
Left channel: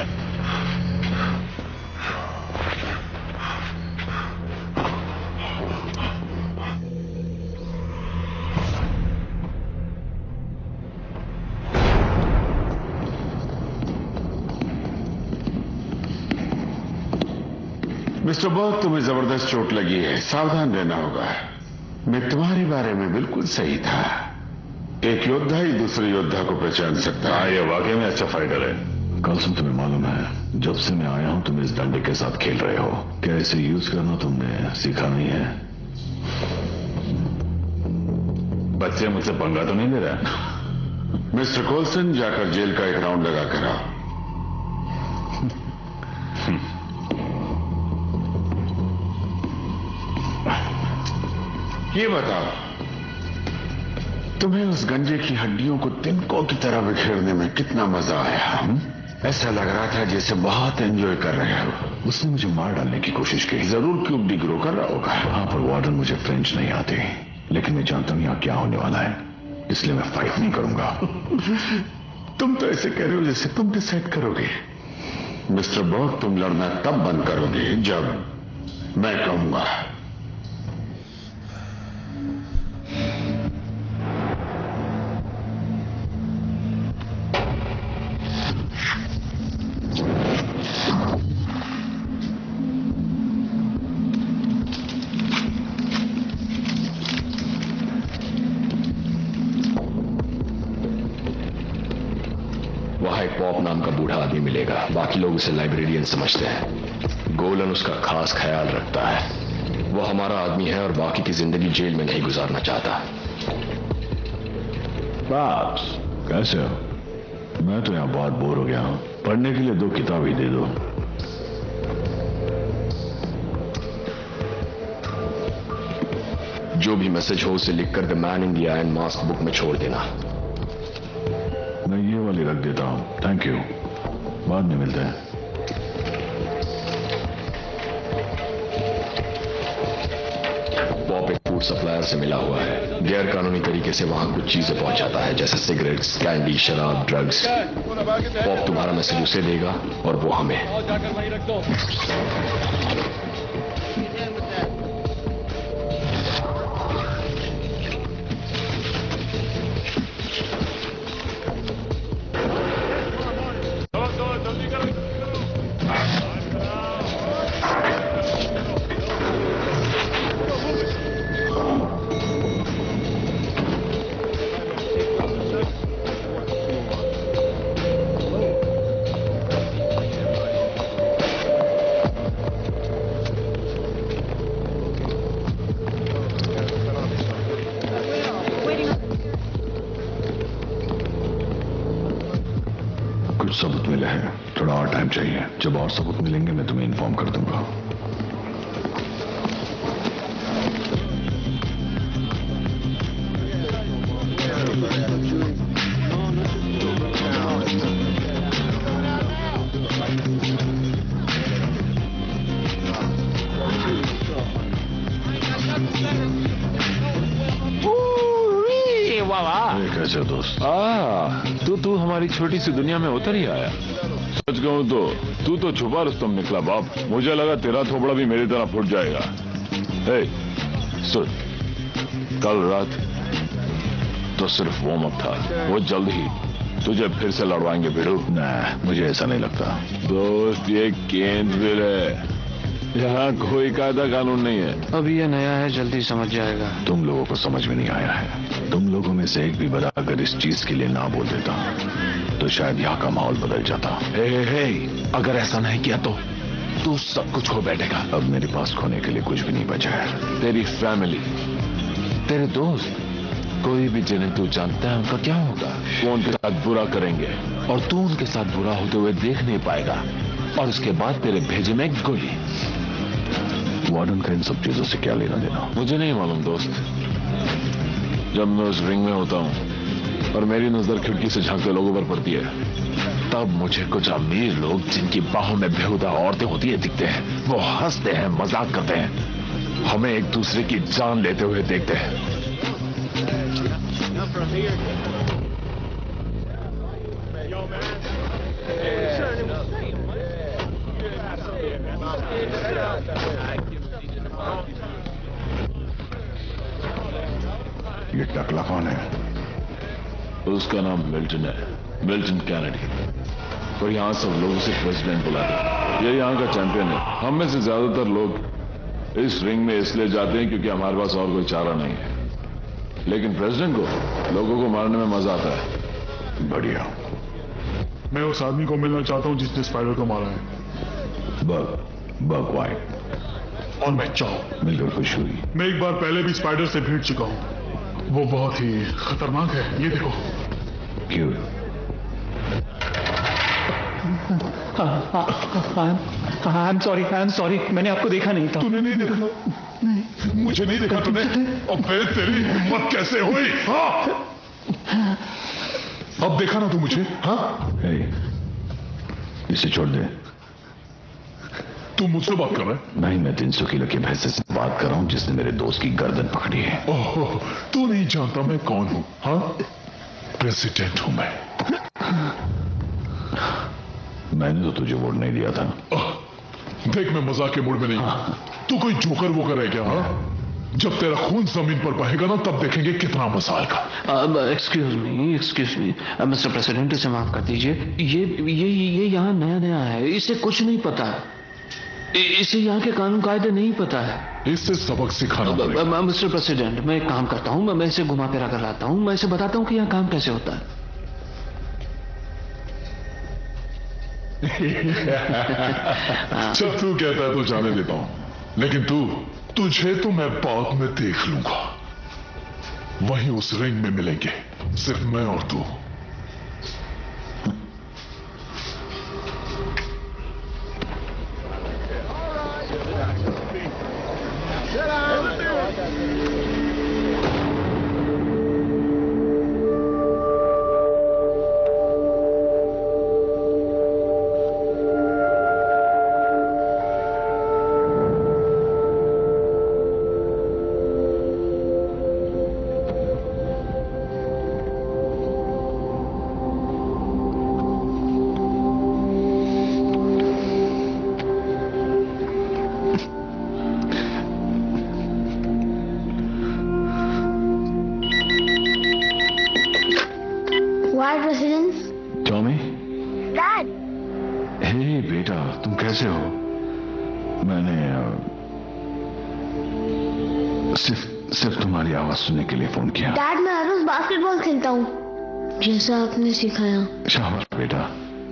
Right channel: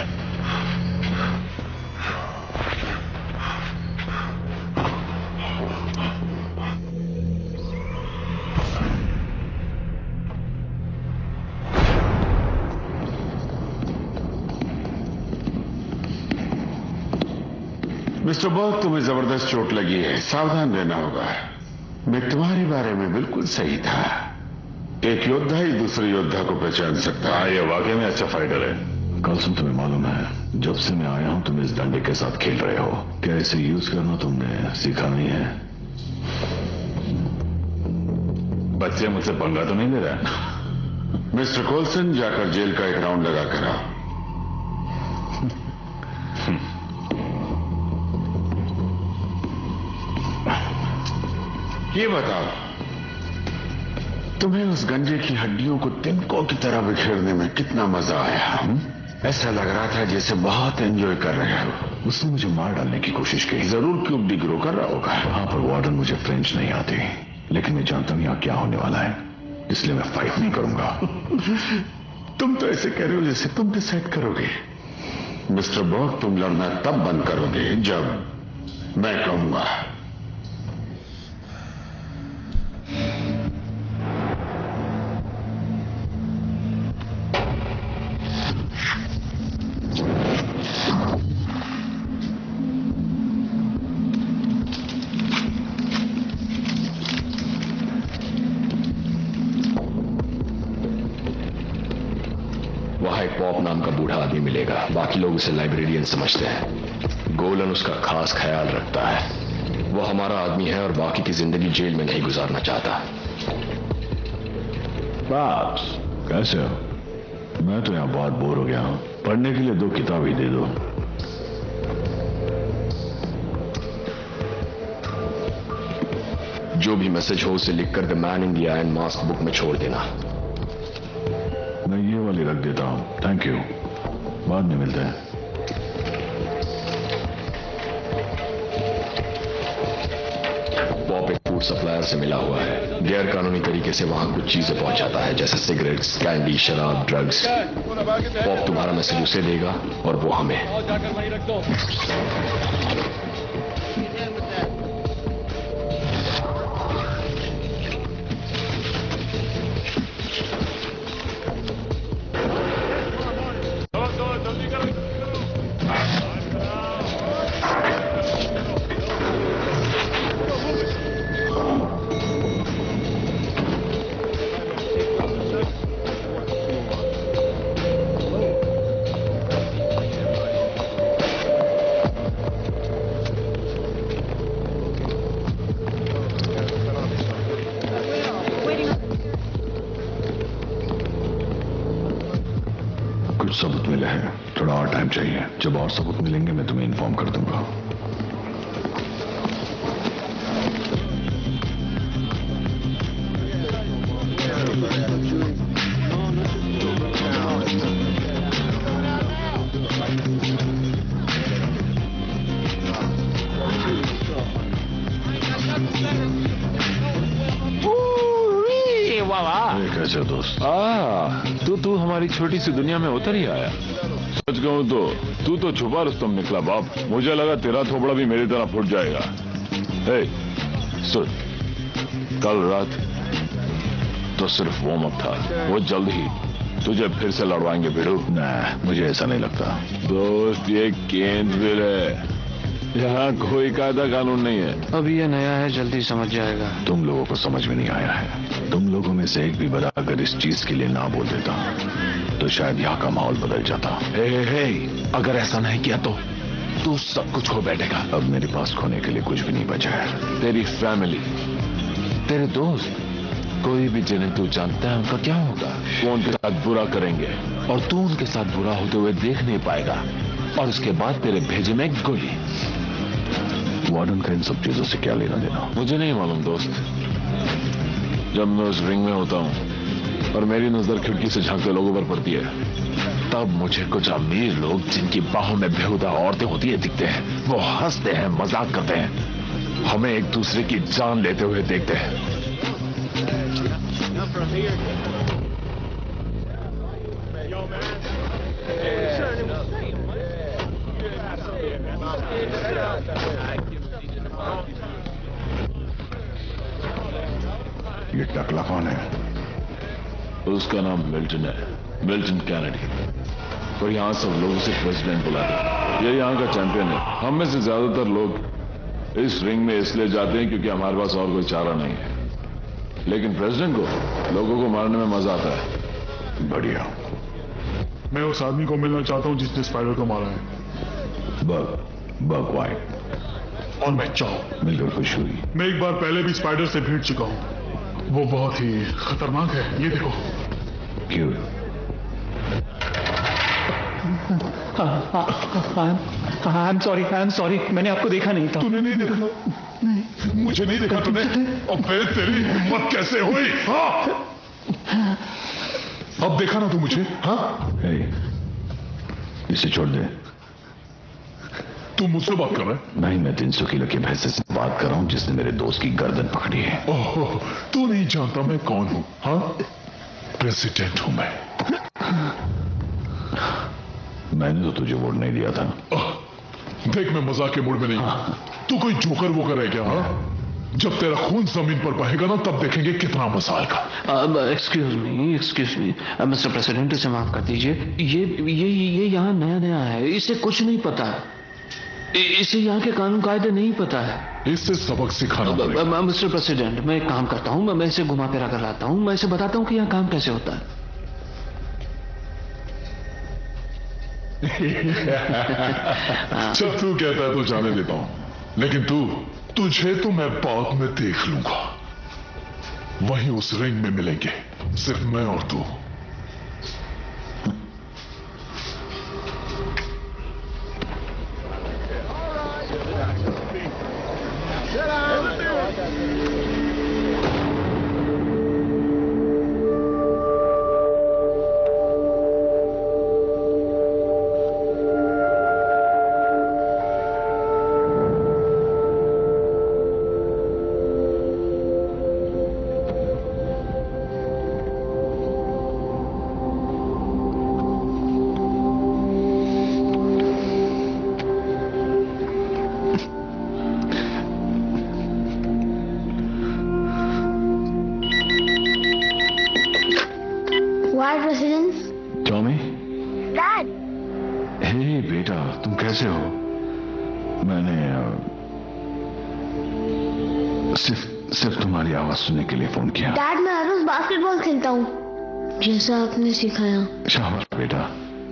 मिस्टर बर्ग, तुम्हें जबरदस्त चोट लगी है, सावधान रहना होगा। मैं तुम्हारे बारे में बिल्कुल सही था। एक योद्धा ही दूसरे योद्धा को पहचान सकता है। ये वाकई में अच्छा फाइटर है। कलसुम, तुम्हें मालूम है, जब से मैं आया हूं तुम इस डंडे के साथ खेल रहे हो। क्या इसे यूज करना तुमने सीखा नहीं है? बच्चे मुझसे पंगा तो नहीं ले रहा? मिस्टर कोल्सन, जाकर जेल का एक राउंड लगा कर आओ। ये बताओ, तुम्हें उस गंजे की हड्डियों को तिनकों की तरह बिखेरने में कितना मजा आया? ऐसा लग रहा था जैसे बहुत एंजॉय कर रहे हो। उसने मुझे मार डालने की कोशिश की। जरूर क्यूब डिग्रो कर रहा होगा। हाँ, पर वार्डन, मुझे फ्रेंच नहीं आती, लेकिन मैं जानता हूं यहाँ क्या होने वाला है, इसलिए मैं फाइट नहीं करूंगा। तुम तो ऐसे कह रहे हो जैसे तुम डिसाइड करोगे। मिस्टर बॉग, तुम लड़ना तब बंद करोगे जब मैं कहूंगा। पॉप नाम का बूढ़ा आदमी मिलेगा। बाकी लोग उसे लाइब्रेरियन समझते हैं। गोलन उसका खास ख्याल रखता है। वो हमारा आदमी है और बाकी की जिंदगी जेल में नहीं गुजारना चाहता। बाप्स, कैसे हो? मैं तो यहां बहुत बोर हो गया हूं। पढ़ने के लिए 2 किताब ही दे दो। जो भी मैसेज हो उसे लिखकर the man in the iron mask book में छोड़ देना। मैं ये वाली रख देता हूं। थैंक यू, बाद में मिलते हैं। पॉप एक फूड सप्लायर से मिला हुआ है। गैर कानूनी तरीके से वहां कुछ चीजें पहुंचाता है, जैसे सिगरेट्स, कैंडी, शराब, ड्रग्स। पॉप तुम्हारा मैसेज उसे देगा और वो हमें। सबूत मिले हैं, थोड़ा और टाइम चाहिए। जब और सबूत मिलेंगे मैं तुम्हें इन्फॉर्म कर दूंगा। कैसे हो दोस्त? तू हमारी छोटी सी दुनिया में उतर ही आया। सच कहूं तो तू तो छुपा रुस्तम निकला बाप। मुझे लगा तेरा थोबड़ा भी मेरी तरह फूट जाएगा। हे, सुन, कल रात तो सिर्फ वार्म अप था। वो जल्द ही तुझे फिर से लड़वाएंगे भिड़ू। नहीं, मुझे ऐसा नहीं लगता दोस्त। ये केंद्रविल है, यहाँ कोई कायदा कानून नहीं है। अभी ये नया है, जल्दी समझ जाएगा। तुम लोगों को समझ में नहीं आया है। तुम लोगों में से एक भी बड़ा अगर इस चीज के लिए ना बोल देता तो शायद यहाँ का माहौल बदल जाता। अगर ऐसा नहीं किया तो तू सब कुछ खो बैठेगा। अब मेरे पास खोने के लिए कुछ भी नहीं बचा है। तेरी फैमिली, तेरे दोस्त, कोई भी जिन्हें तू जानता है उनका क्या होगा? वो उनके साथ बुरा करेंगे और तू उनके साथ बुरा होते हुए देख नहीं पाएगा। और उसके बाद तेरे भेजे में एक गोली। वार्डन का इन सब चीजों से क्या लेना देना? मुझे नहीं मालूम दोस्त। जब मैं उस रिंग में होता हूँ और मेरी नजर खिड़की से झांकते लोगों पर पड़ती है, तब मुझे कुछ अमीर लोग जिनकी बाहों में बेहुदा औरतें होती है दिखते हैं। वो हंसते हैं, मजाक करते हैं, हमें एक दूसरे की जान लेते हुए देखते हैं। ये टकला कौन है? उसका नाम मिल्टन है, मिल्टन कैनेडी। और यहाँ सब लोग उसे प्रेसिडेंट बुलाते हैं। ये यहाँ का चैंपियन है। हम में से ज्यादातर लोग इस रिंग में इसलिए जाते हैं क्योंकि हमारे पास और कोई चारा नहीं है। लेकिन प्रेसिडेंट को लोगों को मारने में मजा आता है। बढ़िया। मैं उस आदमी को मिलना चाहता हूँ जिसने स्पाइडर को मारा है। Bug white. और मैं चाहूँ। मिलकर खुश हुई। मैं एक बार पहले भी स्पाइडर से भिड़ चुका हूँ। वो बहुत ही खतरनाक है। ये देखो। क्यों? आई एम सॉरी, मैंने आपको देखा नहीं था। तूने नहीं देखा? नहीं। मुझे नहीं देखा तूने? और फिर तेरी हिम्मत कैसे हुई? हाँ? अब देखा ना तू मुझे? हाँ? इसे छोड़ दे। तू मुझसे बात कर रहा है? नहीं, मैं 300 किलो के भैंसे से बात कर रहा हूँ जिसने मेरे दोस्त की गर्दन पकड़ी है। ओह, तू नहीं जानता मैं कौन हूँ? हाँ? प्रेसिडेंट हूँ मैं। मैंने तो तुझे वोट नहीं दिया था। देख, मैं मजाक के मूड में नहीं हूँ। तू कोई जोकर वोकर है क्या? हाँ? जब तेरा खून जमीन पर बहेगा ना तब देखेंगे कितना मजा आएगा। एक्सक्यूज मी मिस्टर प्रेसिडेंट, इसे माफ कर दीजिए। ये यहाँ नया है, इसे कुछ नहीं पता। इसे यहाँ के कानून कायदे नहीं पता है। इससे सबक सिखाना पड़ेगा। मिस्टर प्रेसिडेंट, मैं एक काम करता हूँ, मैं इसे घुमा फिरा कर लाता हूँ। मैं इसे बताता हूँ कि यहाँ काम कैसे होता है। जब तू कहता है तो जाने देता हूं, लेकिन तुझे तो मैं बाद में देख लूंगा। वहीं उस रिंग में मिलेंगे, सिर्फ मैं और तू। कैसे हो? मैंने सिर्फ तुम्हारी आवाज सुनने के लिए फोन किया। डैड, मैं हर रोज बास्केटबॉल खेलता हूँ जैसा आपने सिखाया। शाबाश बेटा।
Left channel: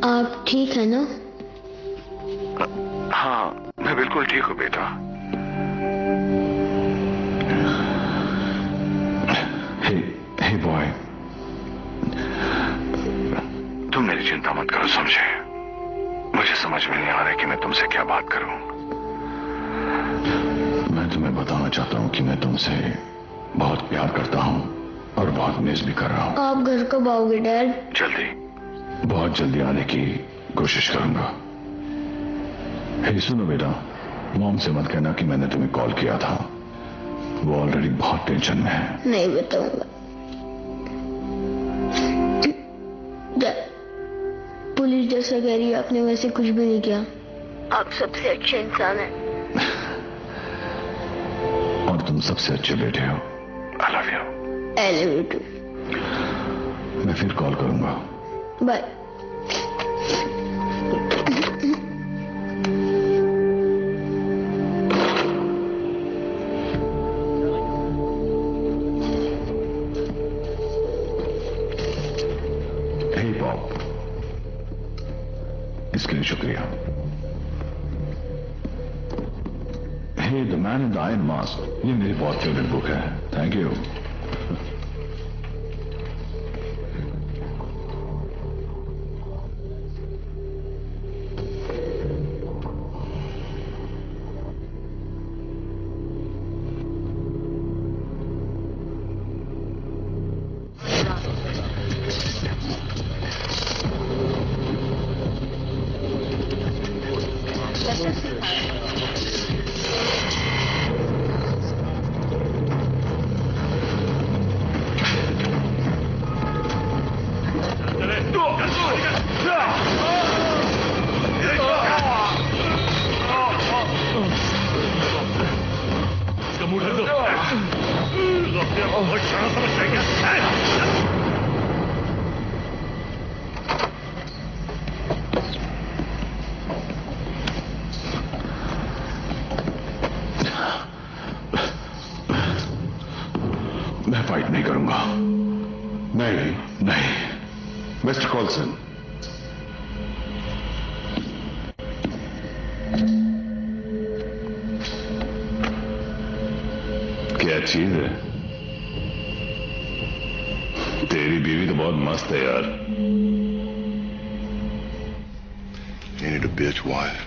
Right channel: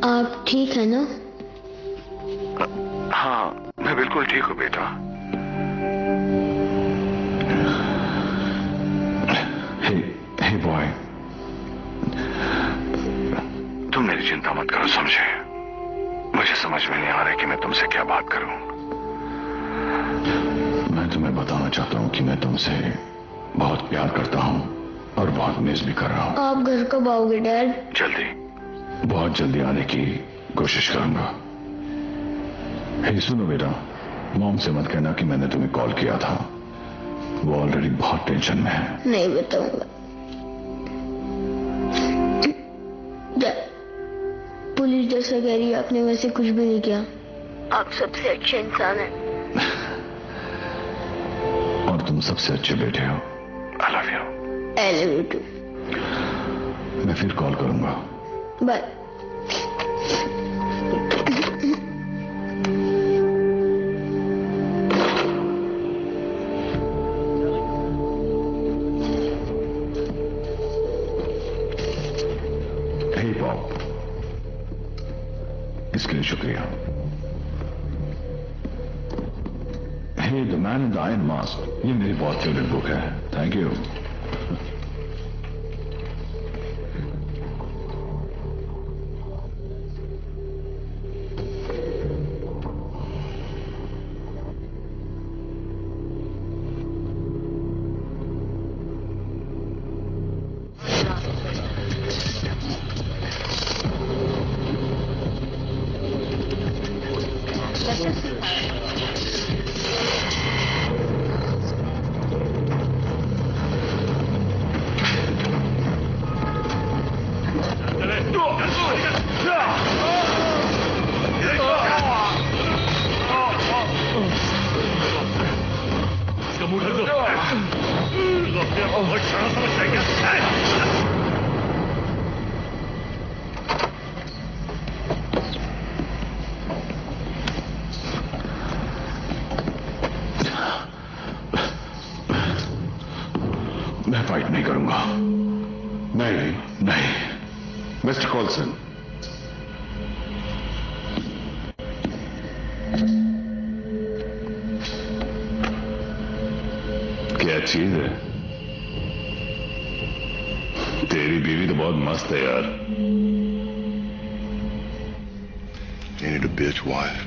आप ठीक है ना? हाँ, मैं बिल्कुल ठीक हूँ बेटा। हे बॉय, तुम मेरी चिंता मत करो, समझे? मुझे समझ में नहीं आ रहा कि मैं तुमसे क्या बात करूं। मैं तुम्हें बताना चाहता हूं कि मैं तुमसे बहुत प्यार करता हूं और बहुत मिस भी कर रहा हूं। आप घर कब आओगे डैड? जल्दी, बहुत जल्दी आने की कोशिश करूंगा। हे सुनो बेटा, मॉम से मत कहना कि मैंने तुम्हें कॉल किया था। वो ऑलरेडी बहुत टेंशन में है। नहीं बताऊंगा। पुलिस जैसा कह रही है, आपने वैसे कुछ भी नहीं किया। आप सबसे अच्छे इंसान हैं। और तुम सबसे अच्छे बेटे हो। I love you. I love you too. मैं फिर कॉल करूंगा। बाय। Hey Bob, इसके लिए शुक्रिया। Hey the man in the iron mask, ये मेरी बहुत फेवरेट बुक है। Thank you. मैं फाइट नहीं करूंगा। नहीं मिस्टर कॉल्सन, क्या चीज है? तेरी बीवी तो बहुत मस्त है यार। Ain't it a bitch wife?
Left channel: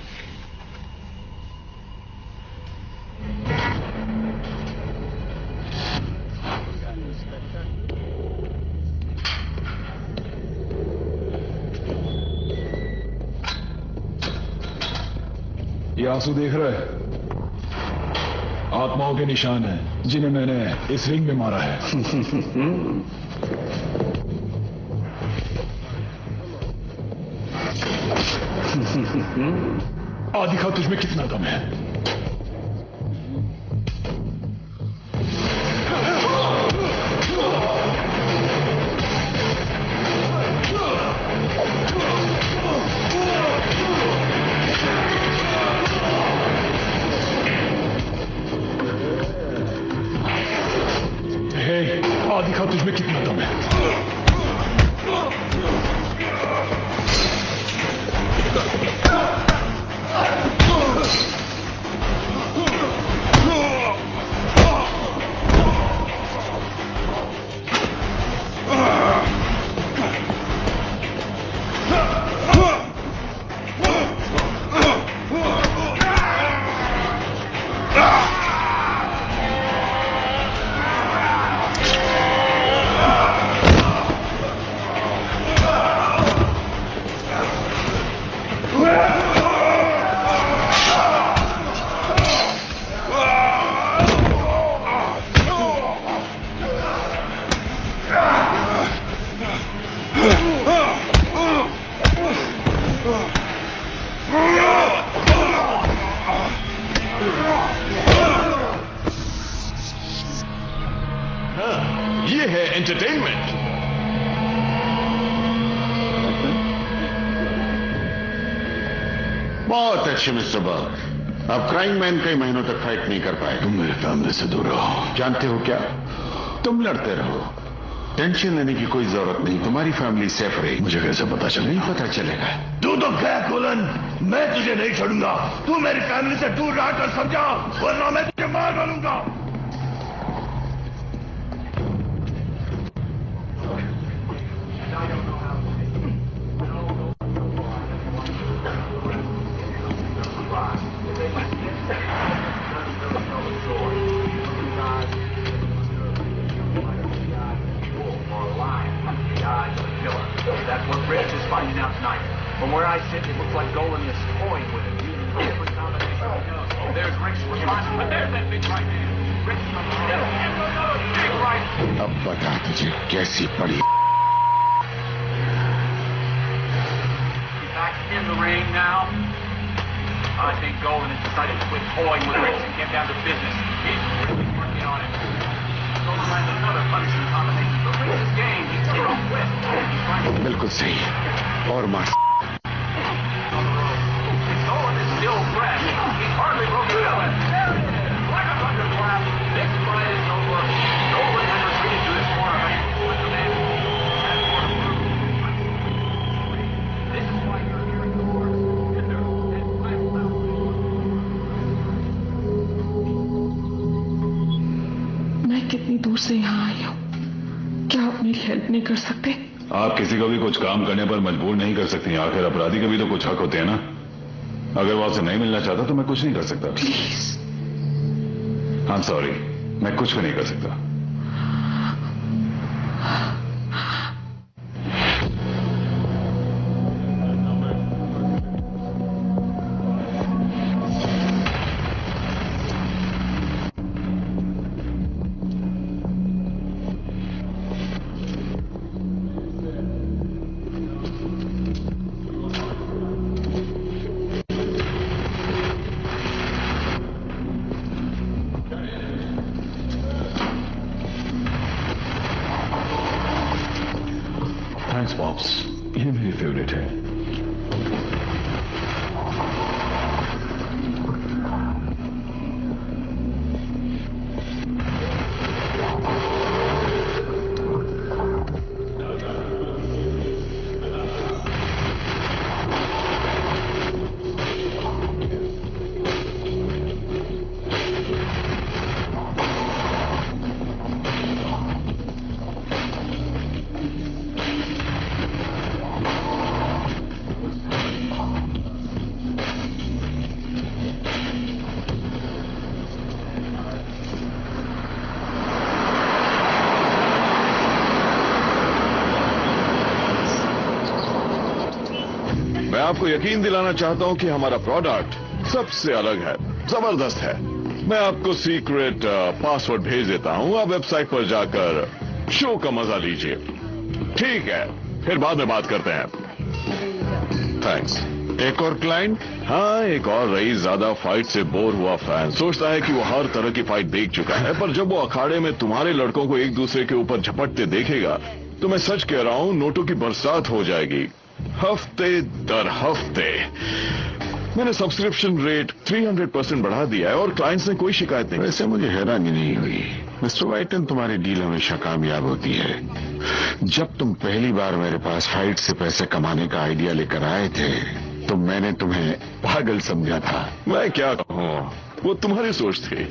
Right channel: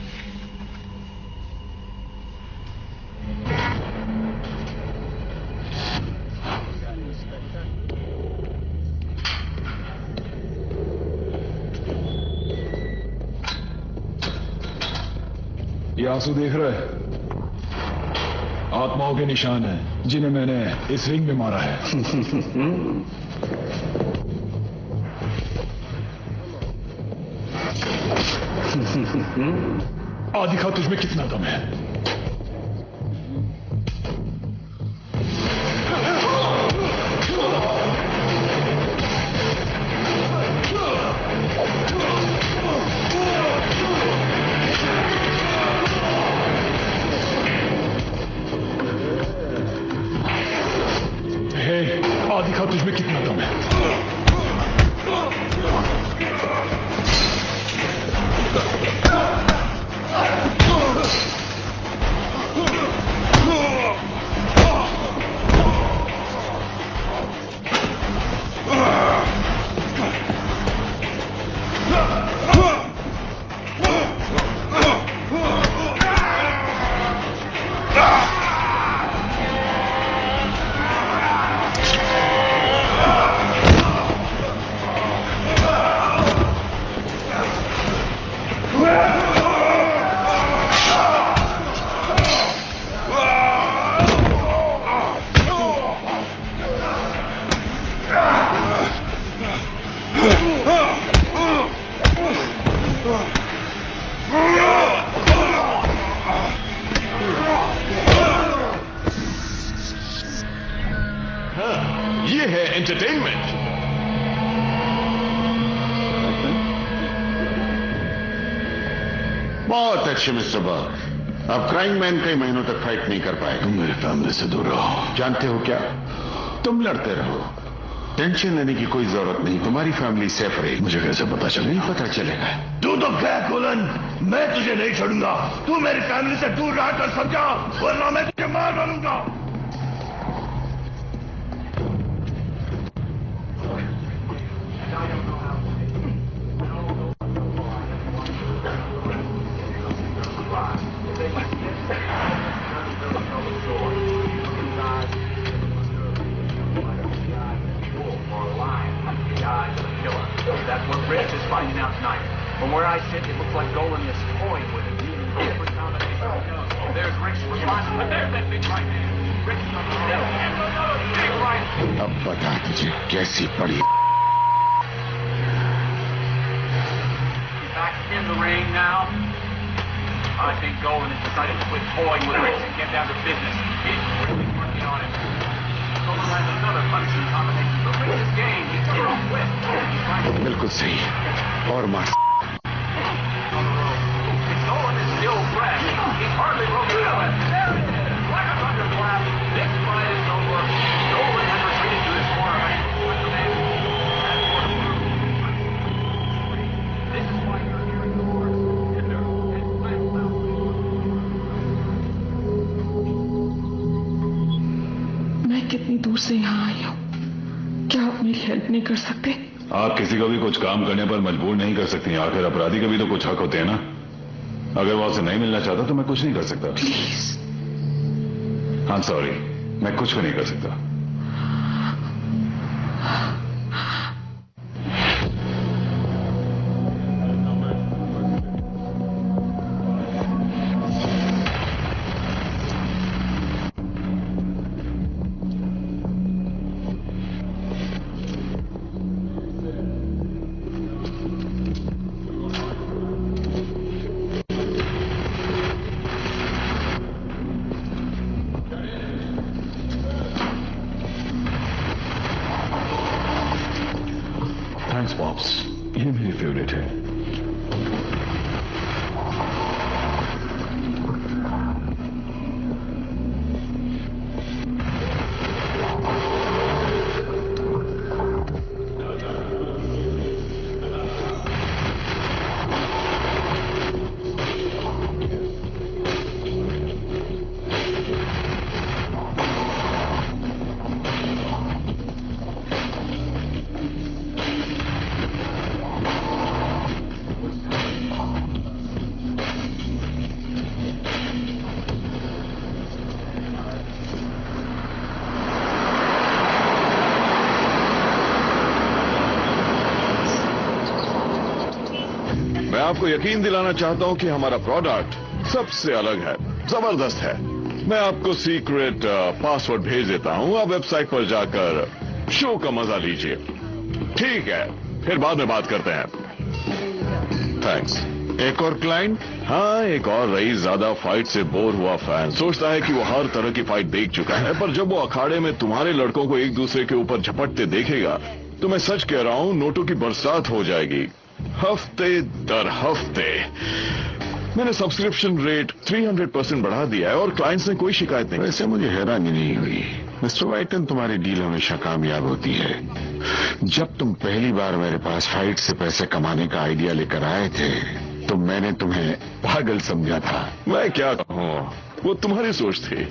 ये आंसू देख रहा है? आत्माओं के निशान है जिन्हें मैंने इस रिंग में मारा है। आ दिखा तुझमें कितना दम है। दिखा तुझमें कितना दम है। ये है एंटरटेनमेंट। बहुत अच्छे मिस्टर बर्ग। अब क्राइम मैन कई महीनों तक फाइट नहीं कर पाए। तुम मेरे सामने से दूर रहो। जानते हो क्या, तुम लड़ते रहो, टेंशन लेने की कोई जरूरत नहीं, तुम्हारी फैमिली सेफ रहेगी। मुझे कैसे पता चले? नहीं पता चलेगा। तू तो क्या कोलन, मैं तुझे नहीं छोड़ूंगा। तू मेरी फैमिली से दूर रहा कर समझा, वरना मैं तुझे मार डालूंगा। From where I sit, it looks like Golan is toying with it. Different combination. There's Rick's response, but there's that big right hand. Rick's still. Big right. अब बता तुझे कैसी पड़ी। Back in the ring now. I think Golan has decided to quit toying with Rick and get down to business. He's really working on it. Golan has another punishing combination. But Rick's game, he's a little quick. बिल्कुल सही। और मार। कितनी दूर से यहाँ आई हूँ, क्या आप मेरी हेल्प नहीं कर सकते? आप किसी को भी कुछ काम करने पर मजबूर नहीं कर सकती। आखिर अपराधी का भी तो कुछ हक होते हैं ना। अगर वो आपसे नहीं मिलना चाहता तो मैं कुछ नहीं कर सकता। प्लीज। आई एम सॉरी, मैं कुछ भी नहीं कर सकता। थैंक्स पॉप्स, ये मेरी फेवरेट है। आपको यकीन दिलाना चाहता हूं कि हमारा प्रोडक्ट सबसे अलग है, जबरदस्त है। मैं आपको सीक्रेट पासवर्ड भेज देता हूं, आप वेबसाइट पर जाकर शो का मजा लीजिए। ठीक है, फिर बाद में बात करते हैं। थैंक्स। एक और क्लाइंट? हाँ, एक और रईस ज्यादा फाइट से बोर हुआ फैन सोचता है कि वो हर तरह की फाइट देख चुका है, पर जब वो अखाड़े में तुम्हारे लड़कों को एक दूसरे के ऊपर झपटते देखेगा तो मैं सच कह रहा हूं, नोटों की बरसात हो जाएगी हफ्ते दर हफ्ते। मैंने सब्सक्रिप्शन रेट 300% बढ़ा दिया है और क्लाइंट्स ने कोई शिकायत नहीं। वैसे मुझे हैरानी नहीं हुई मिस्टर वाइटन, तुम्हारी डील हमेशा कामयाब होती है। जब तुम पहली बार मेरे पास फाइट से पैसे कमाने का आइडिया लेकर आए थे तो मैंने तुम्हें पागल समझा था। मैं क्या कहूँ, वो तुम्हारी सोच थी।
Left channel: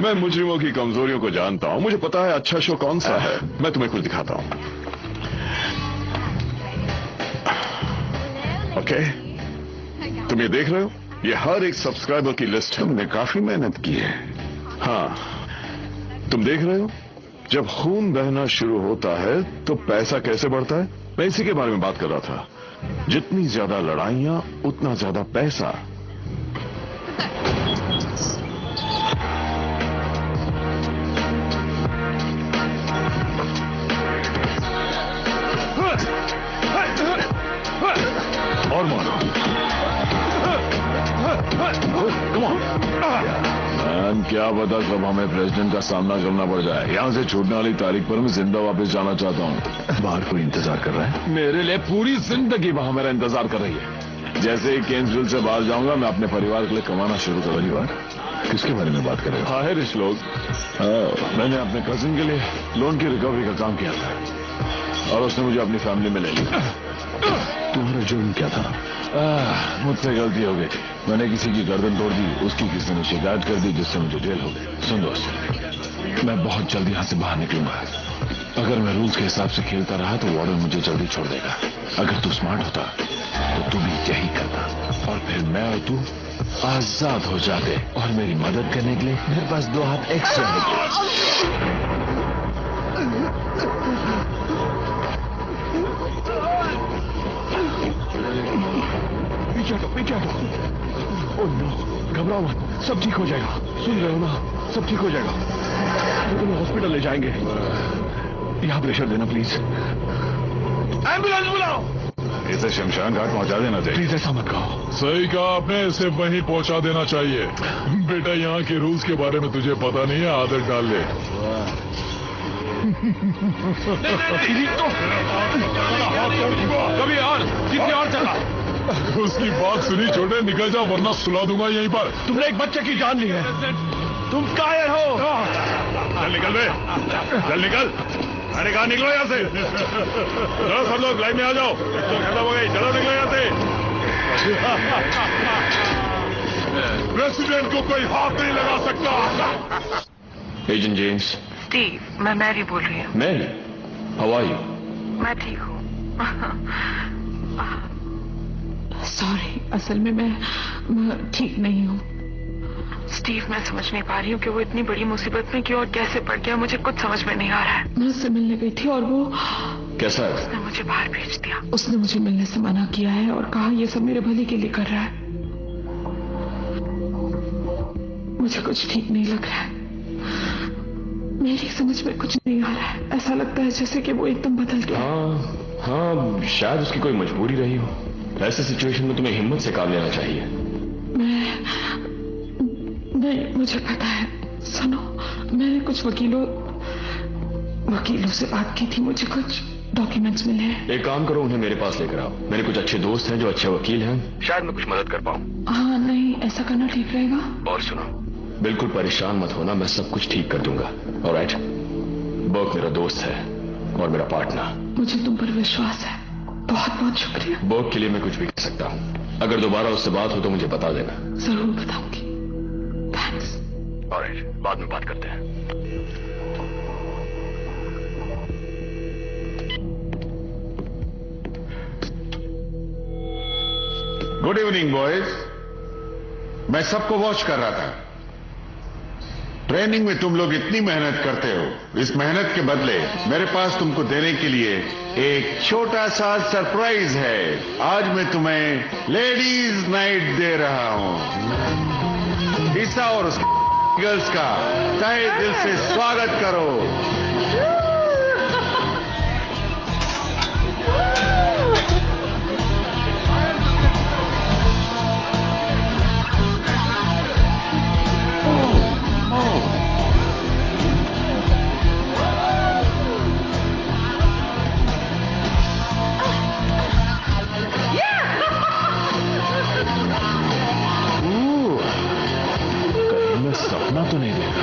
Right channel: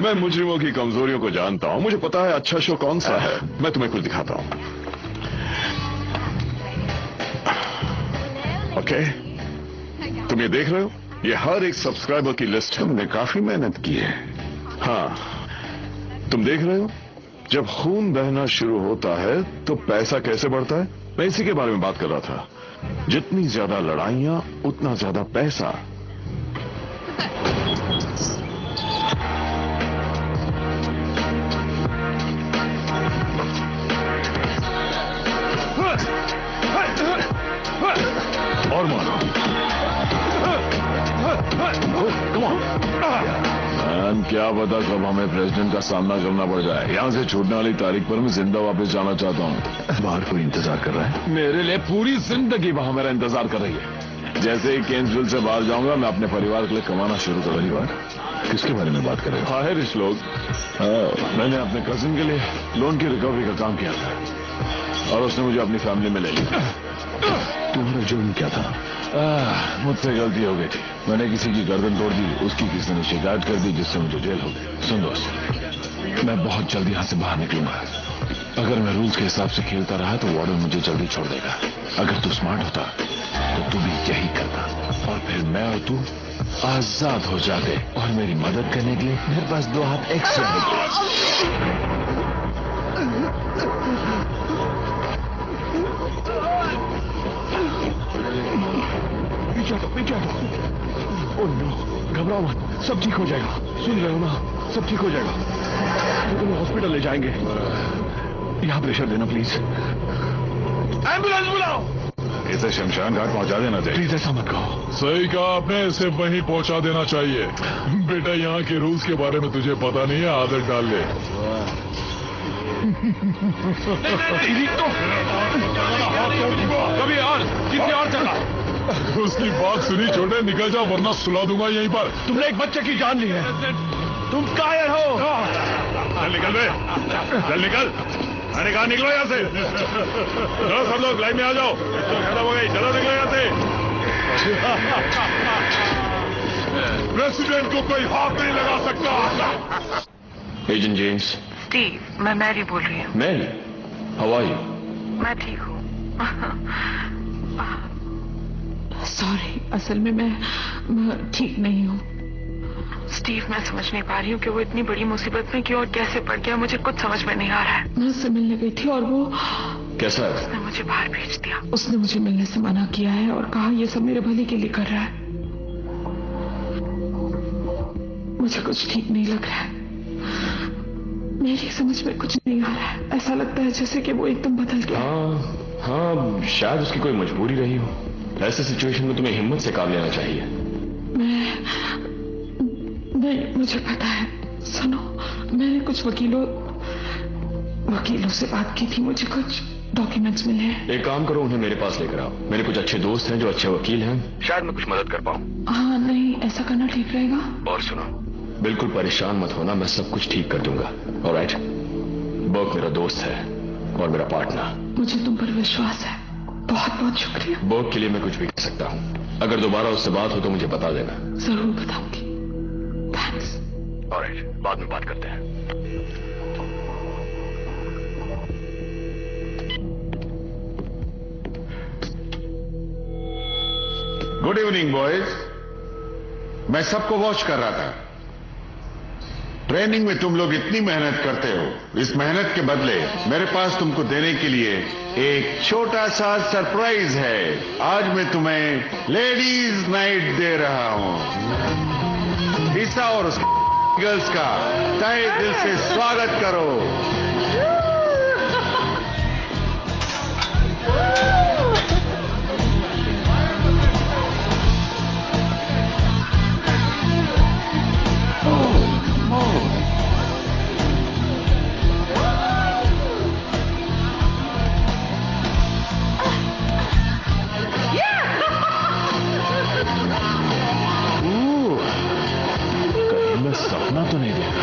मैं मुजरिमों की कमजोरियों को जानता हूँ, मुझे पता है अच्छा शो कौन सा है। मैं तुम्हें कुछ दिखाता हूँ। ओके, तुम ये देख रहे हो, ये हर एक सब्सक्राइबर की लिस्ट। तुमने काफी मेहनत की है। हाँ, तुम देख रहे हो, जब खून बहना शुरू होता है तो पैसा कैसे बढ़ता है। मैं इसी के बारे में बात कर रहा था। जितनी ज्यादा लड़ाइयां उतना ज्यादा पैसा। और मानो, क्या पता कब हमें प्रेसिडेंट का सामना करना पड़ जाए। यहाँ से छूटने वाली तारीख पर मैं जिंदा वापस जाना चाहता हूँ। बाहर कोई इंतजार कर रहा है? मेरे लिए पूरी जिंदगी वहां मेरा इंतजार कर रही है। जैसे ही केन्सविल से बाहर जाऊंगा मैं अपने परिवार के लिए कमाना शुरू कर रही हूँ। किसके बारे में बात कर रहे हो? आयरिश लोग। मैंने अपने कजिन के लिए लोन की रिकवरी का काम किया था और उसने मुझे अपनी फैमिली में ले लिया। तुम्हारा जुर्म क्या था? मुझसे गलती हो गई थी। मैंने किसी की गर्दन तोड़ दी, उसकी किसी ने शिकायत कर दी जिससे मुझे जेल हो गई। सुन दोस्त, मैं बहुत जल्दी यहाँ से बाहर निकलूंगा। अगर मैं रूल्स के हिसाब से खेलता रहा तो वार्डन मुझे जल्दी छोड़ देगा। अगर तू स्मार्ट होता तो तू भी यही करता और फिर मैं और तू आजाद हो जाते और मेरी मदद करने के लिए मेरे पास 2 हाथ एक्स्ट्रा होते। पीछे घबराओ मत, सब ठीक हो जाएगा। सुन रहे हो ना, सब ठीक हो जाएगा। तो तुम्हें हॉस्पिटल ले जाएंगे। यहाँ प्रेशर देना प्लीज। एम्बुलेंस बुलाओ। इसे शमशान घाट पहुंचा देना चाहिए। प्लीज ऐसा मत कहो। सही कहा आपने, इसे वहीं पहुंचा देना चाहिए। बेटा यहाँ के रूल्स के बारे में तुझे पता नहीं है, आदत डाल ले। कभी और कितने और चला। उसकी बात सुनी छोटे, निकल जाओ वरना सुला दूंगा यहीं पर। तुमने एक बच्चे की जान ली है। तुम कायर हो। चल निकल बे, चल निकल। अरे कहाँ निकलो यहाँ से। चलो सब लोग लाइन में आ जाओ। खत्म हो गई, चलो निकलो यहाँ से। प्रेसिडेंट को कोई हाथ नहीं लगा सकता। Agent James. स्टीव, मैं मैरी बोल रही हूँ। Mary, how are you? मैं ठीक हूँ। सॉरी, असल में मैं ठीक नहीं हूँ। स्टीव, मैं समझ नहीं पा रही हूँ कि वो इतनी बड़ी मुसीबत में क्यों और कैसे पड़ गया। मुझे कुछ समझ में नहीं आ रहा है। मैं उससे मिलने गई थी और वो कैसा है? उसने मुझे बाहर भेज दिया। उसने मुझे मिलने से मना किया है और कहा ये सब मेरे भले के लिए कर रहा है। मुझे कुछ ठीक नहीं लग रहा है। मेरी समझ में कुछ नहीं आ रहा है। ऐसा लगता है जैसे कि वो एकदम बदल गया। हाँ, शायद उसकी कोई मजबूरी रही हो। ऐसे सिचुएशन में तुम्हें हिम्मत से काम लेना चाहिए। मुझे पता है। सुनो, मैंने कुछ वकीलों से बात की थी। मुझे कुछ डॉक्यूमेंट्स मिले हैं। एक काम करो, उन्हें मेरे पास लेकर आओ। मेरे कुछ अच्छे दोस्त हैं जो अच्छे वकील हैं, शायद मैं कुछ मदद कर पाऊँ। हाँ, नहीं, ऐसा करना ठीक रहेगा। और सुनो, बिल्कुल परेशान मत होना, मैं सब कुछ ठीक कर दूंगा। ऑलराइट? बर्क मेरा दोस्त है और मेरा पार्टनर। मुझे तुम पर विश्वास है। बहुत बहुत शुक्रिया। बर्क के लिए मैं कुछ भी कर सकता हूँ। अगर दोबारा उससे बात हो तो मुझे बता देना। जरूर बताऊंगी। थैंक्स। ऑलराइट, बाद में बात करते हैं। Good evening boys. मैं सबको वॉच कर रहा था। ट्रेनिंग में तुम लोग इतनी मेहनत करते हो, इस मेहनत के बदले मेरे पास तुमको देने के लिए एक छोटा सा सरप्राइज है। आज मैं तुम्हें लेडीज नाइट दे रहा हूं। ईसा और गर्ल्स का तहे दिल से स्वागत करो। कहीं मैं सपना तो नहीं देखा।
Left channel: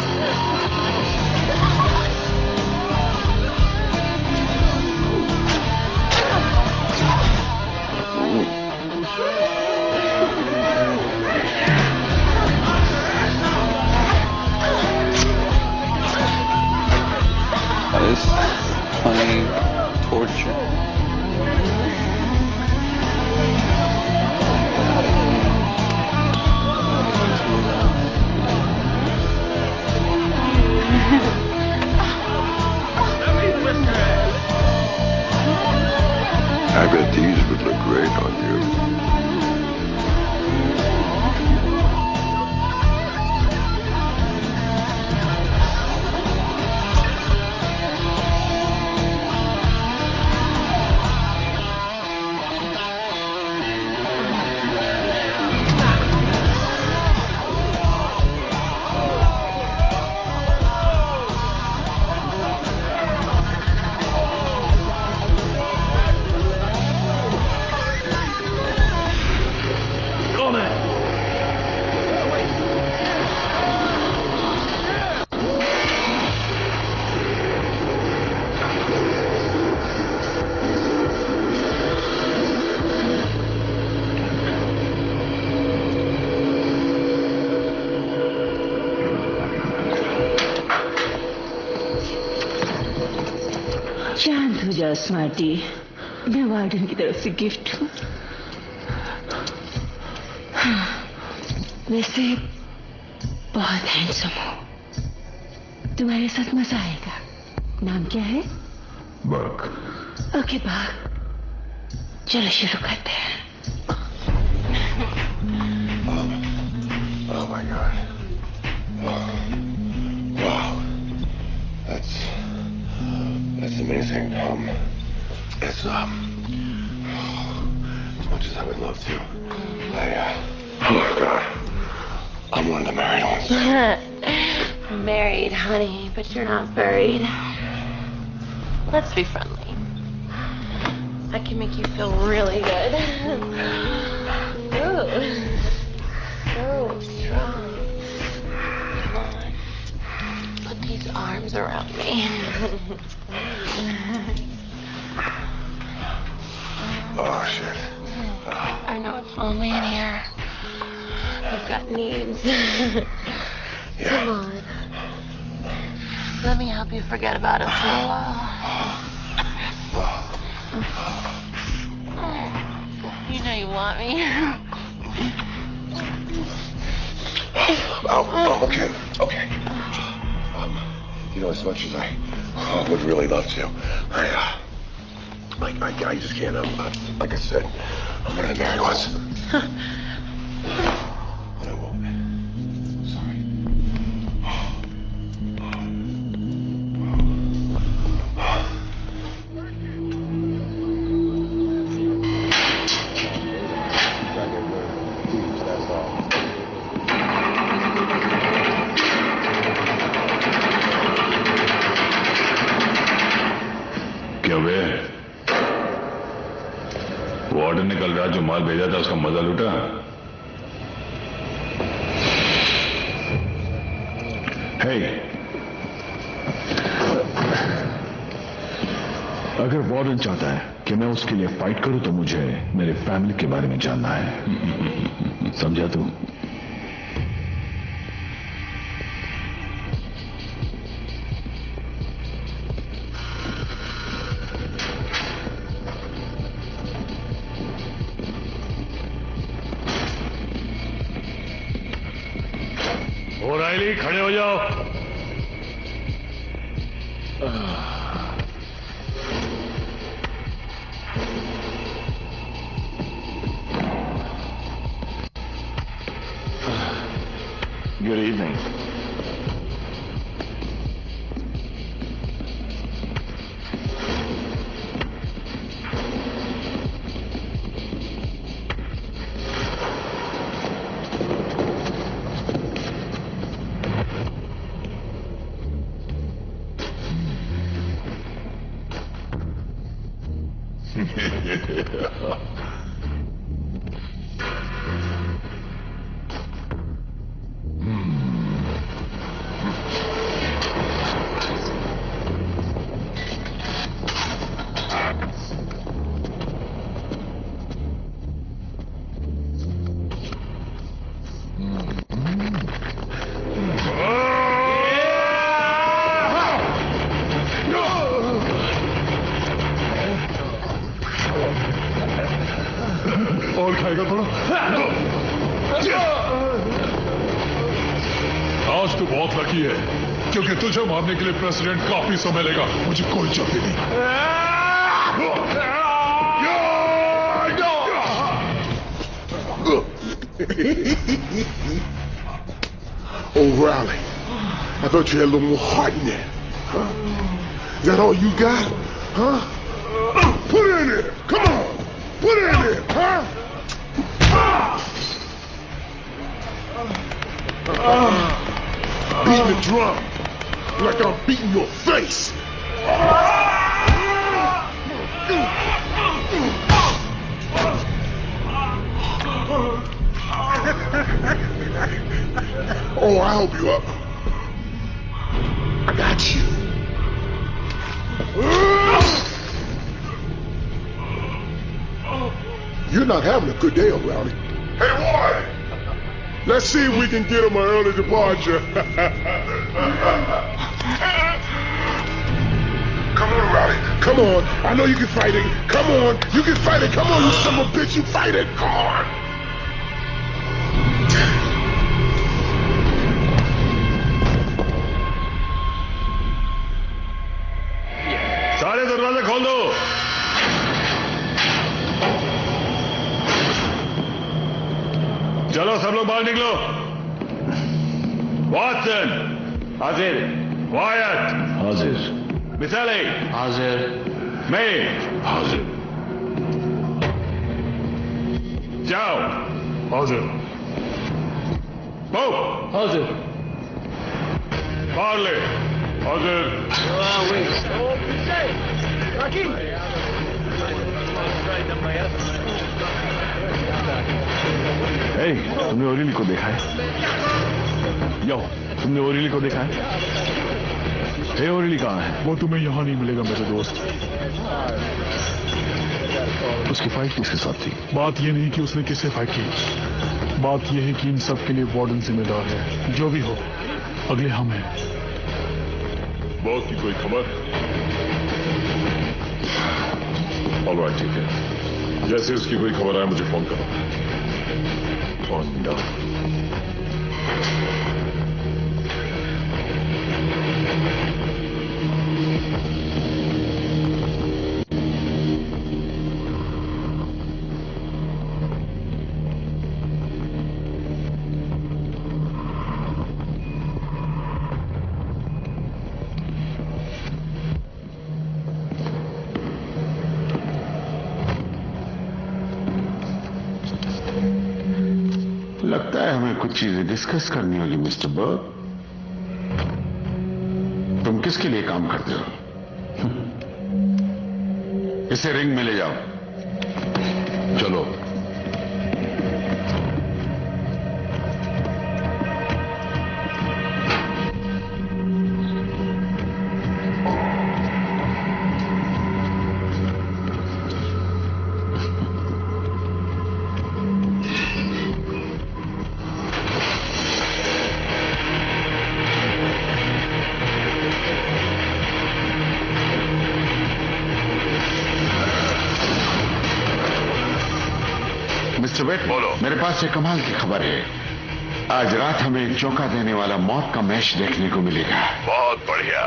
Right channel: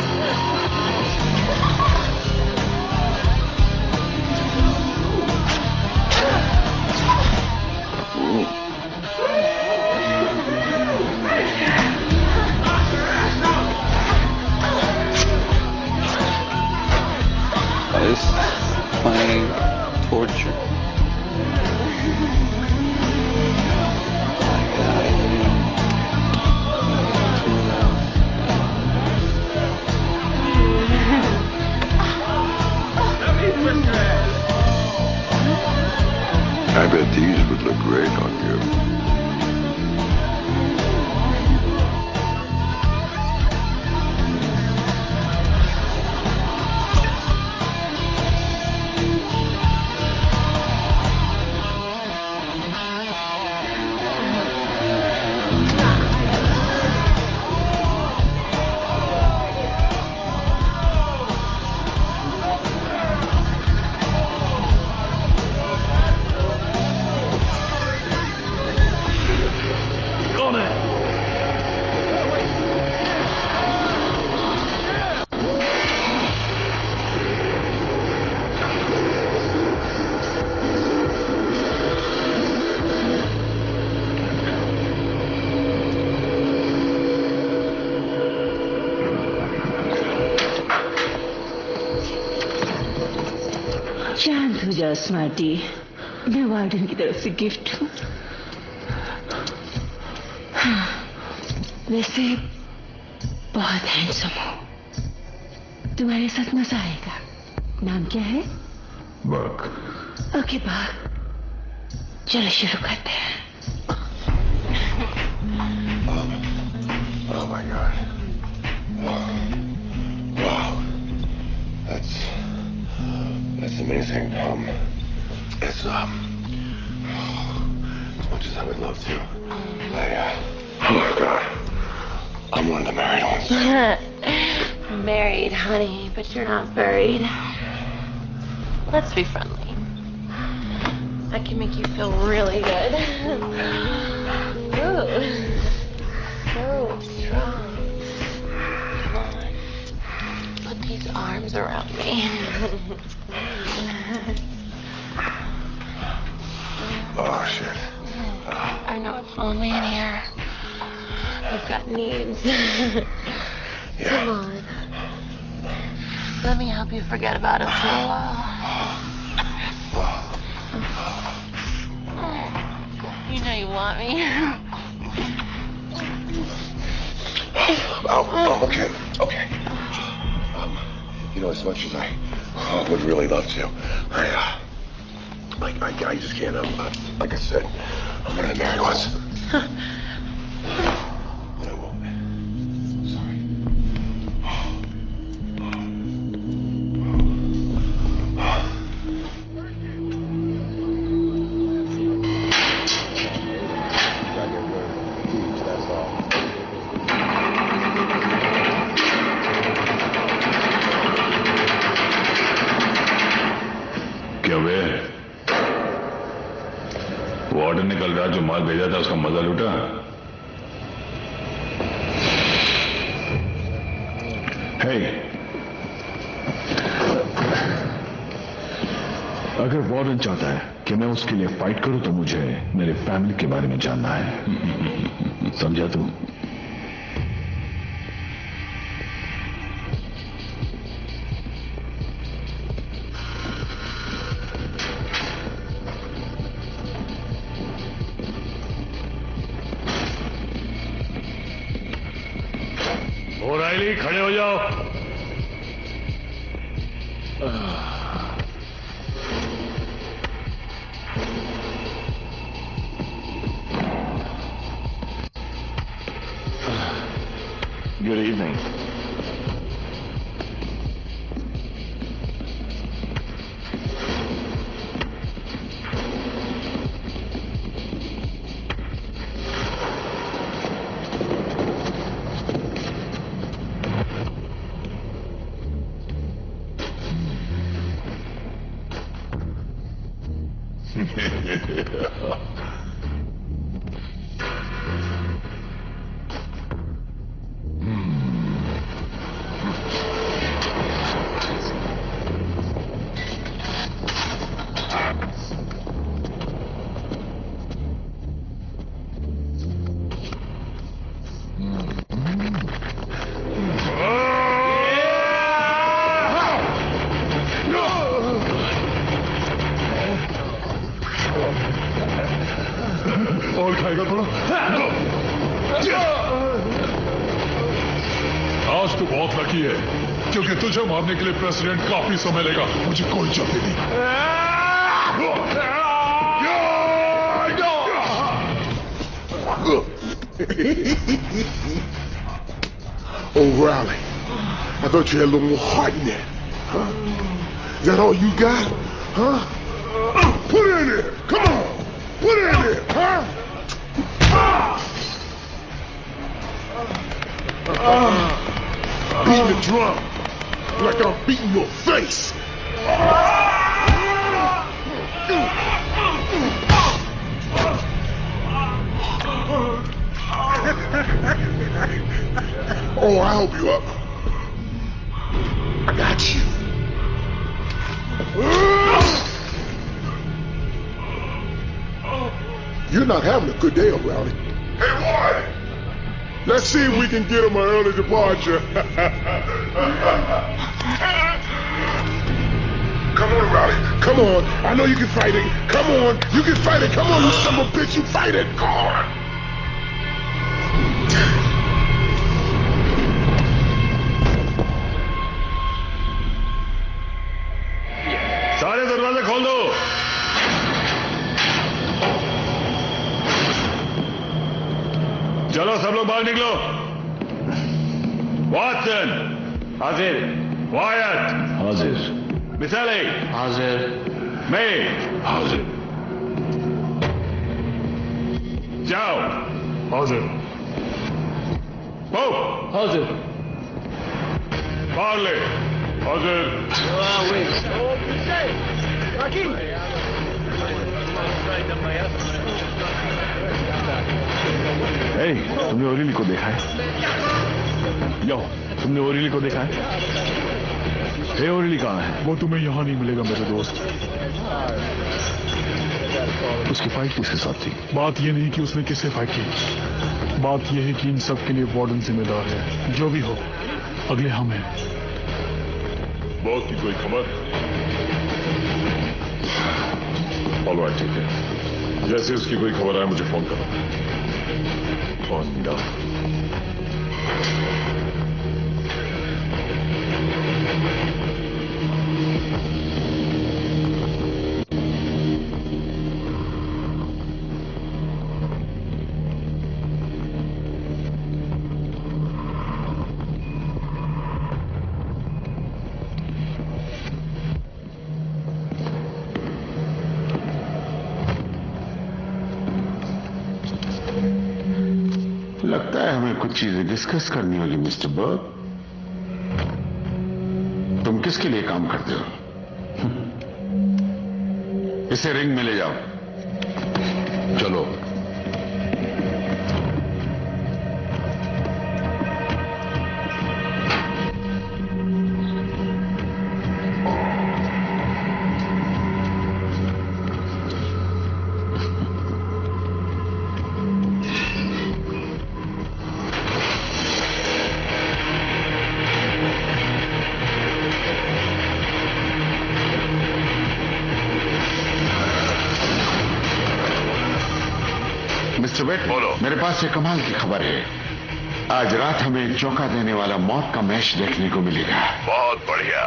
This plain torture. I bet these would look great on you. शांत हो जा स्मार्टी, मैं वार्डन की तरफ से गिफ्ट हूँ। वैसे बहुत हैंडसम हो, तुम्हारे साथ मजा आएगा। नाम क्या है? वर्क। ओके बाग, चलो शुरू करते हैं। Oh my God. Wow. That's amazing. It's as much as I would love to. Oh my God. I'm one of the married ones. Married, honey, but you're not buried. Let's be friendly. I can make you feel really good. Ooh. So strong. Come on. Put these arms around me. Oh, shit. I know it's lonely in here. You've got needs. Come on. Let me help you forget about it for a while. You know you want me. Oh, okay. You know, as much as I would really love to, I just can't. Like I said, I'm one of the married ones. And I won't. Sorry. क्या वे warden ने कल रात जो माल भेजा था उसका मजा लूटा? हे, अगर वार्डन चाहता है कि मैं उसके लिए फाइट करूं तो मुझे मेरे फैमिली के बारे में जानना है। समझा तू? ओराइली, खड़े हो जाओ। Good evening. और खाएगा थोड़ा? आज तो बहुत लकी है क्योंकि तुझे मारने के लिए प्रेसिडेंट काफी समय लेगा। मुझे कोई जल्दी नहीं। O'Reilly, I thought you had a little more heart in that. Huh? Is that all you got? Huh? Put it in there. Come on. Put it in there. Huh? Beating the drum like I'm beating your face. Oh, I'll help you up. I got you. You're not having a good day, O'Reilly. Hey, Ward! Let's see if we can get him an early departure. Come on, O'Reilly. Come Come on. I know you can fight it. Come on. You can fight it. Come on, you son of a bitch. You fight it. Come on. सारे दरवाजे खोल दो। चलो सब लोग बाहर निकलो। Watson हाजिर, वायट हाजिर, मिसाले हाजिर, मैं हाजिर, जाओ हाजिर, बो हाजिर, पार्ले हाजिर। तुमने ओरिली को देखा है? जाओ, तुमने ओरिली को देखा है? ओरिली कहाँ है? वो तुम्हें यहाँ नहीं मिलेगा मेरे दोस्त। उसकी फाइट किसके साथ थी? बात ये नहीं कि उसने किससे फाइट की, बात यह है कि इन सब के लिए वार्डन जिम्मेदार है। जो भी हो, अगले हम हैं। बॉस की कोई खबर? ऑलराइट, ठीक है। जैसे उसकी कोई खबर आए मुझे फोन करो। Phone down. लगता है हमें कुछ चीजें डिस्कस करनी होगी मिस्टर बर्ग। तुम किसके लिए काम करते हो? इसे रिंग में ले जाओ। चलो। मिस्टर वेट, मेरे पास एक कमाल की खबर है। आज रात हमें एक चौंका देने वाला मौत का मैच देखने को मिलेगा। बहुत बढ़िया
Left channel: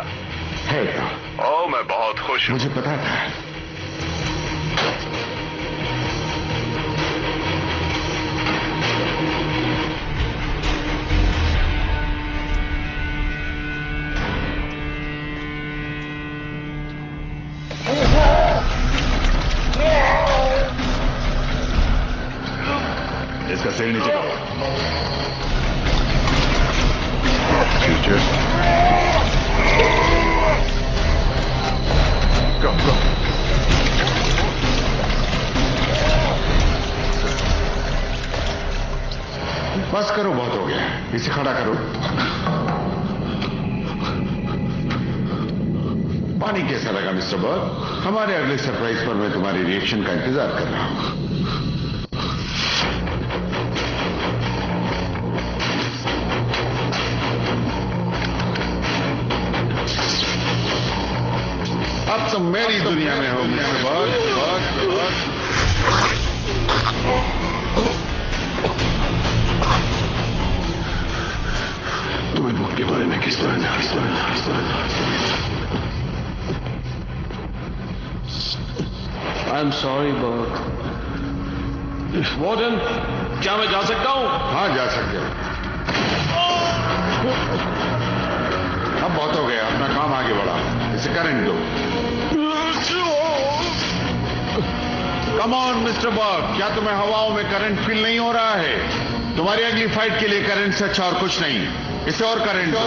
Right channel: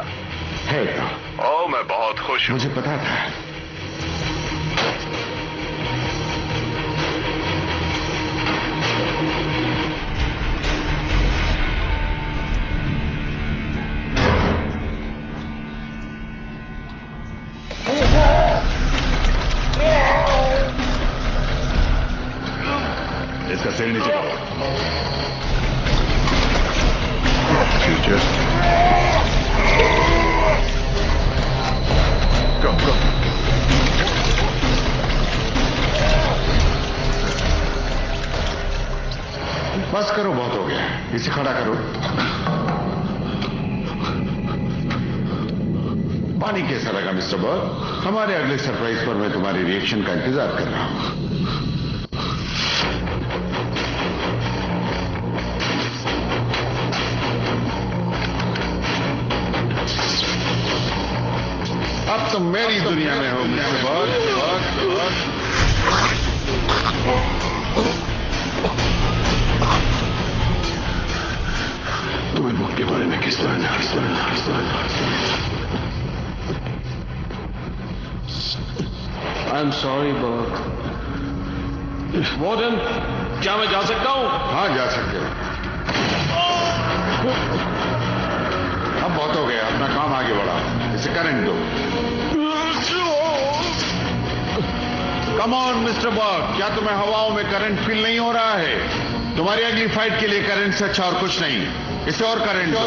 है तो? ओ, मैं बहुत खुश हूँ। मुझे पता था। इसका सेल नीचे करो। Go, go. बस करो, बहुत हो गया। इसे खड़ा करो। पानी कैसा लगा मिस्टर बर्ग? हमारे अगले सरप्राइज पर मैं तुम्हारे रिएक्शन का इंतजार कर रहा हूं। अब तुम मेरी दुनिया में हो मिस्टर बर्ग। तुम्हें बुक के बारे में किस तरह I'm sorry, Burke. वार्डन, क्या मैं जा सकता हूं? हाँ, जा सकते हो। अब बहुत हो गया, अपना काम आगे बढ़ा। इसे करंट दो। कम ऑन मिस्टर बर्ग, क्या तुम्हें हवाओं में करंट फील नहीं हो रहा है? तुम्हारी अगली फाइट के लिए करंट से अच्छा और कुछ नहीं। इसे और करंट दो।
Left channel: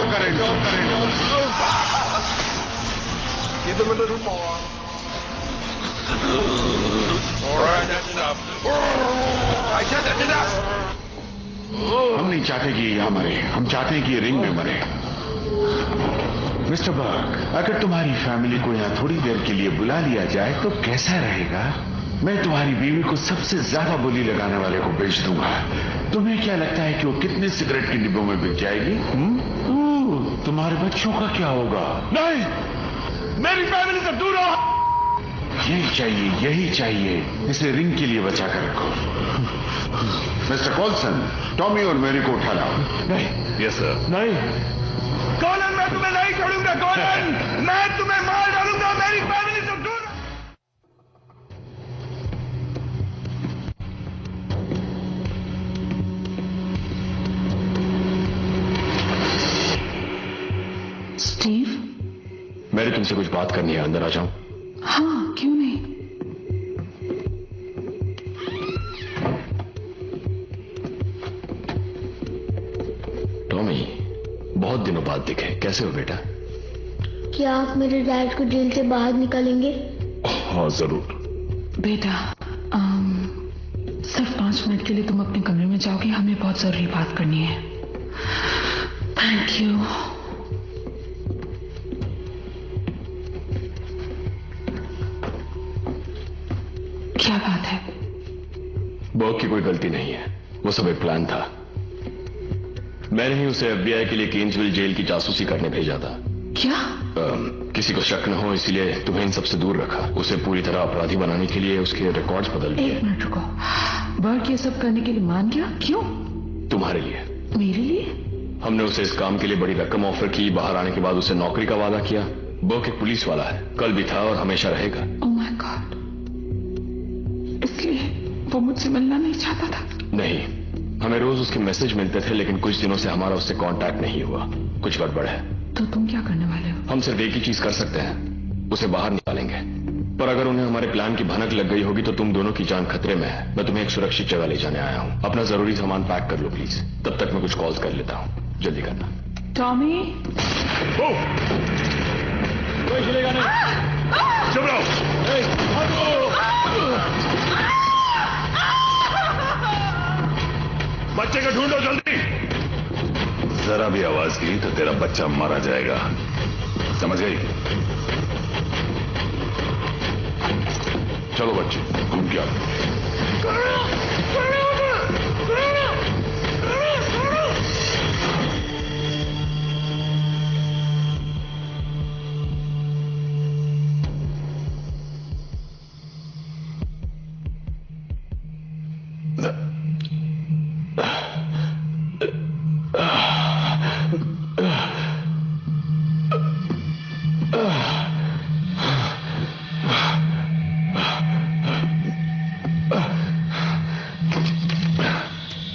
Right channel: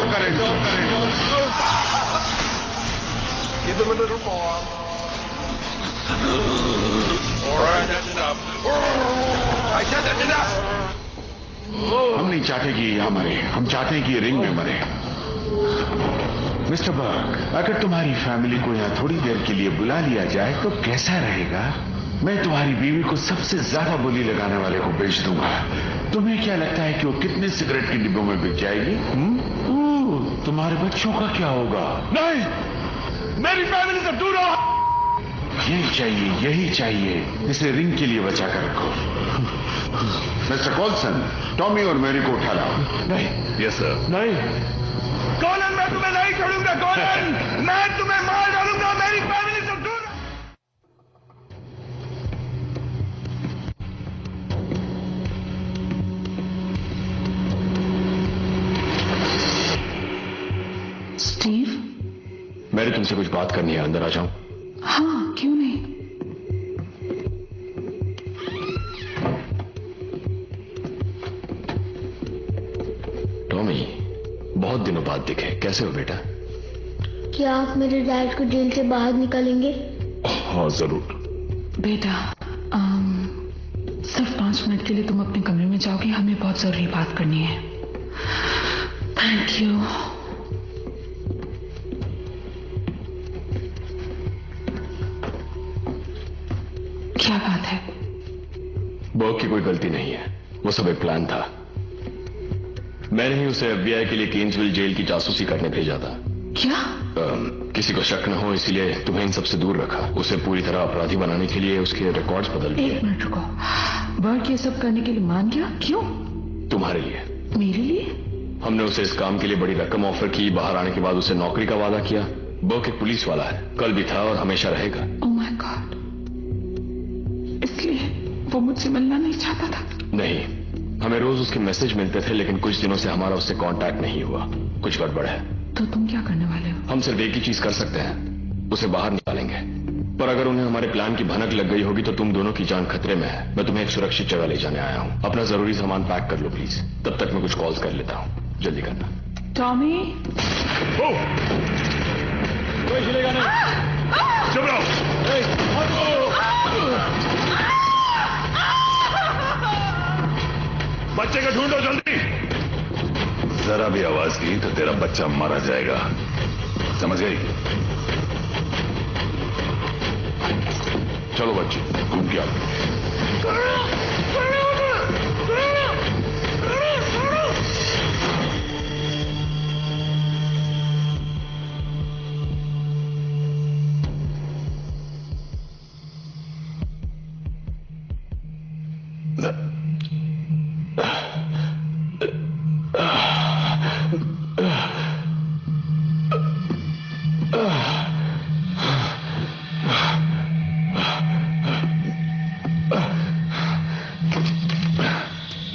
Give them a little more. All right, that's enough. I said that's enough. हम नहीं चाहते कि यहाँ मरे, हम चाहते हैं कि ये रिंग में मरे। मिस्टर बर्ग, अगर तुम्हारी फैमिली को यहाँ थोड़ी देर के लिए बुला लिया जाए तो कैसा रहेगा? मैं तुम्हारी बीवी को सबसे ज्यादा बोली लगाने वाले को बेच दूंगा। तुम्हें क्या लगता है कि वो कितने सिगरेट के डिब्बों में बिक जाएगी? तुम्हारे बच्चों का क्या होगा? नहीं, मेरी फैमिली से दूर रहो। यही चाहिए। इसे रिंग के लिए बचा कर रखो। मिस्टर कॉल्सन, टॉमी और मेरी को उठा लाओ। नहीं। Yes sir. नहीं। कॉलन, मैं तुम्हें नहीं छोड़ूंगा। कॉलन, मैं तुम्हें मार डालूंगा। मेरी फैमिली से दूर। स्टीव, मैंने तुमसे कुछ बात करनी है, अंदर आ जाऊं? हाँ, क्यों नहीं। टॉमी, बहुत दिनों बाद दिखे, कैसे हो बेटा? क्या आप मेरे डैड को जेल से बाहर निकालेंगे? हाँ जरूर। बेटा, सिर्फ 5 मिनट के लिए तुम अपने कमरे में जाओगे, हमें बहुत जरूरी बात करनी है। Thank you. क्या बात है? बॉब की कोई गलती नहीं है, वो सब एक प्लान था। मैंने ही उसे FBI के लिए केन्सविल जेल की जासूसी करने भेजा था। क्या? किसी को शक न हो इसलिए तुम्हें इन सबसे दूर रखा। उसे पूरी तरह अपराधी बनाने के लिए उसके रिकॉर्ड्स बदल दिए। एक मिनट रुको, बर्ट ये सब करने के लिए मान गया? क्यों? तुम्हारे लिए। मेरे लिए? हमने उसे इस काम के लिए बड़ी रकम ऑफर की। बाहर आने के बाद उसे नौकरी का वादा किया। बर्ट एक पुलिस वाला है, कल भी था और हमेशा रहेगा। ओह माय गॉड, इसलिए वो मुझसे मिलना नहीं चाहता था? नहीं, हमें रोज उसके मैसेज मिलते थे, लेकिन कुछ दिनों से हमारा उससे कांटेक्ट नहीं हुआ। कुछ गड़बड़ है। तो तुम क्या करने वाले हो? हम सिर्फ एक ही चीज कर सकते हैं, उसे बाहर निकालेंगे। पर अगर उन्हें हमारे प्लान की भनक लग गई होगी तो तुम दोनों की जान खतरे में है। मैं तुम्हें एक सुरक्षित जगह ले जाने आया हूँ। अपना जरूरी सामान पैक कर लो प्लीज। तब तक मैं कुछ कॉल्स कर लेता हूँ, जल्दी करना। टॉमी, कोई चलेगा नहीं। चुप रहो। बच्चे को ढूंढो जल्दी। जरा भी आवाज की तो तेरा बच्चा मारा जाएगा, समझ गई? चलो बच्चे, घूम के आओ।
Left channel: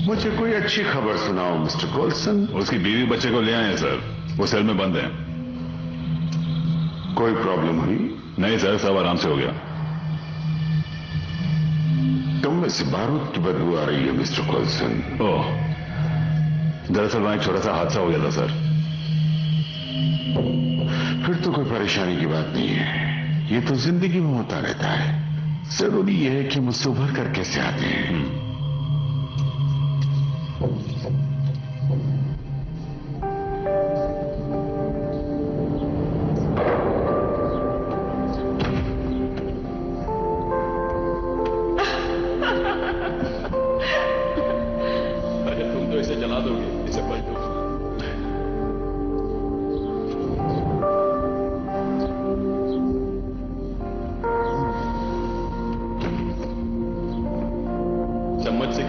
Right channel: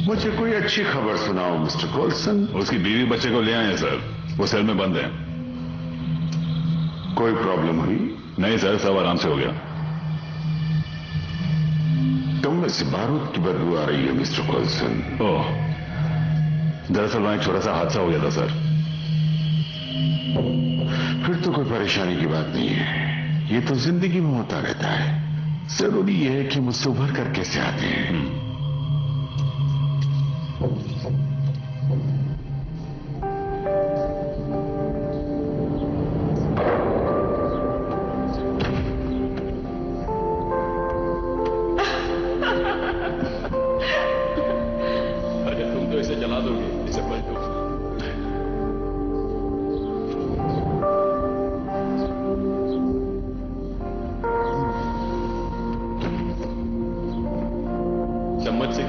मुझे कोई अच्छी खबर सुनाओ मिस्टर कॉल्सन। उसकी बीवी बच्चे को ले आए हैं सर, वो सेल में बंद है। कोई प्रॉब्लम हुई? नहीं सर, सब आराम से हो गया। तुम में से बारूद की बदबू आ रही है मिस्टर कॉल्सन। ओह, दरअसल वहां एक छोटा सा हादसा हो गया था सर। फिर तो कोई परेशानी की बात नहीं है, ये तो जिंदगी में होता रहता है। जरूरी यह है कि मुझसे उभर कर कैसे आते हैं। इसे जला दोगे, इसे पलटो। चम्मच से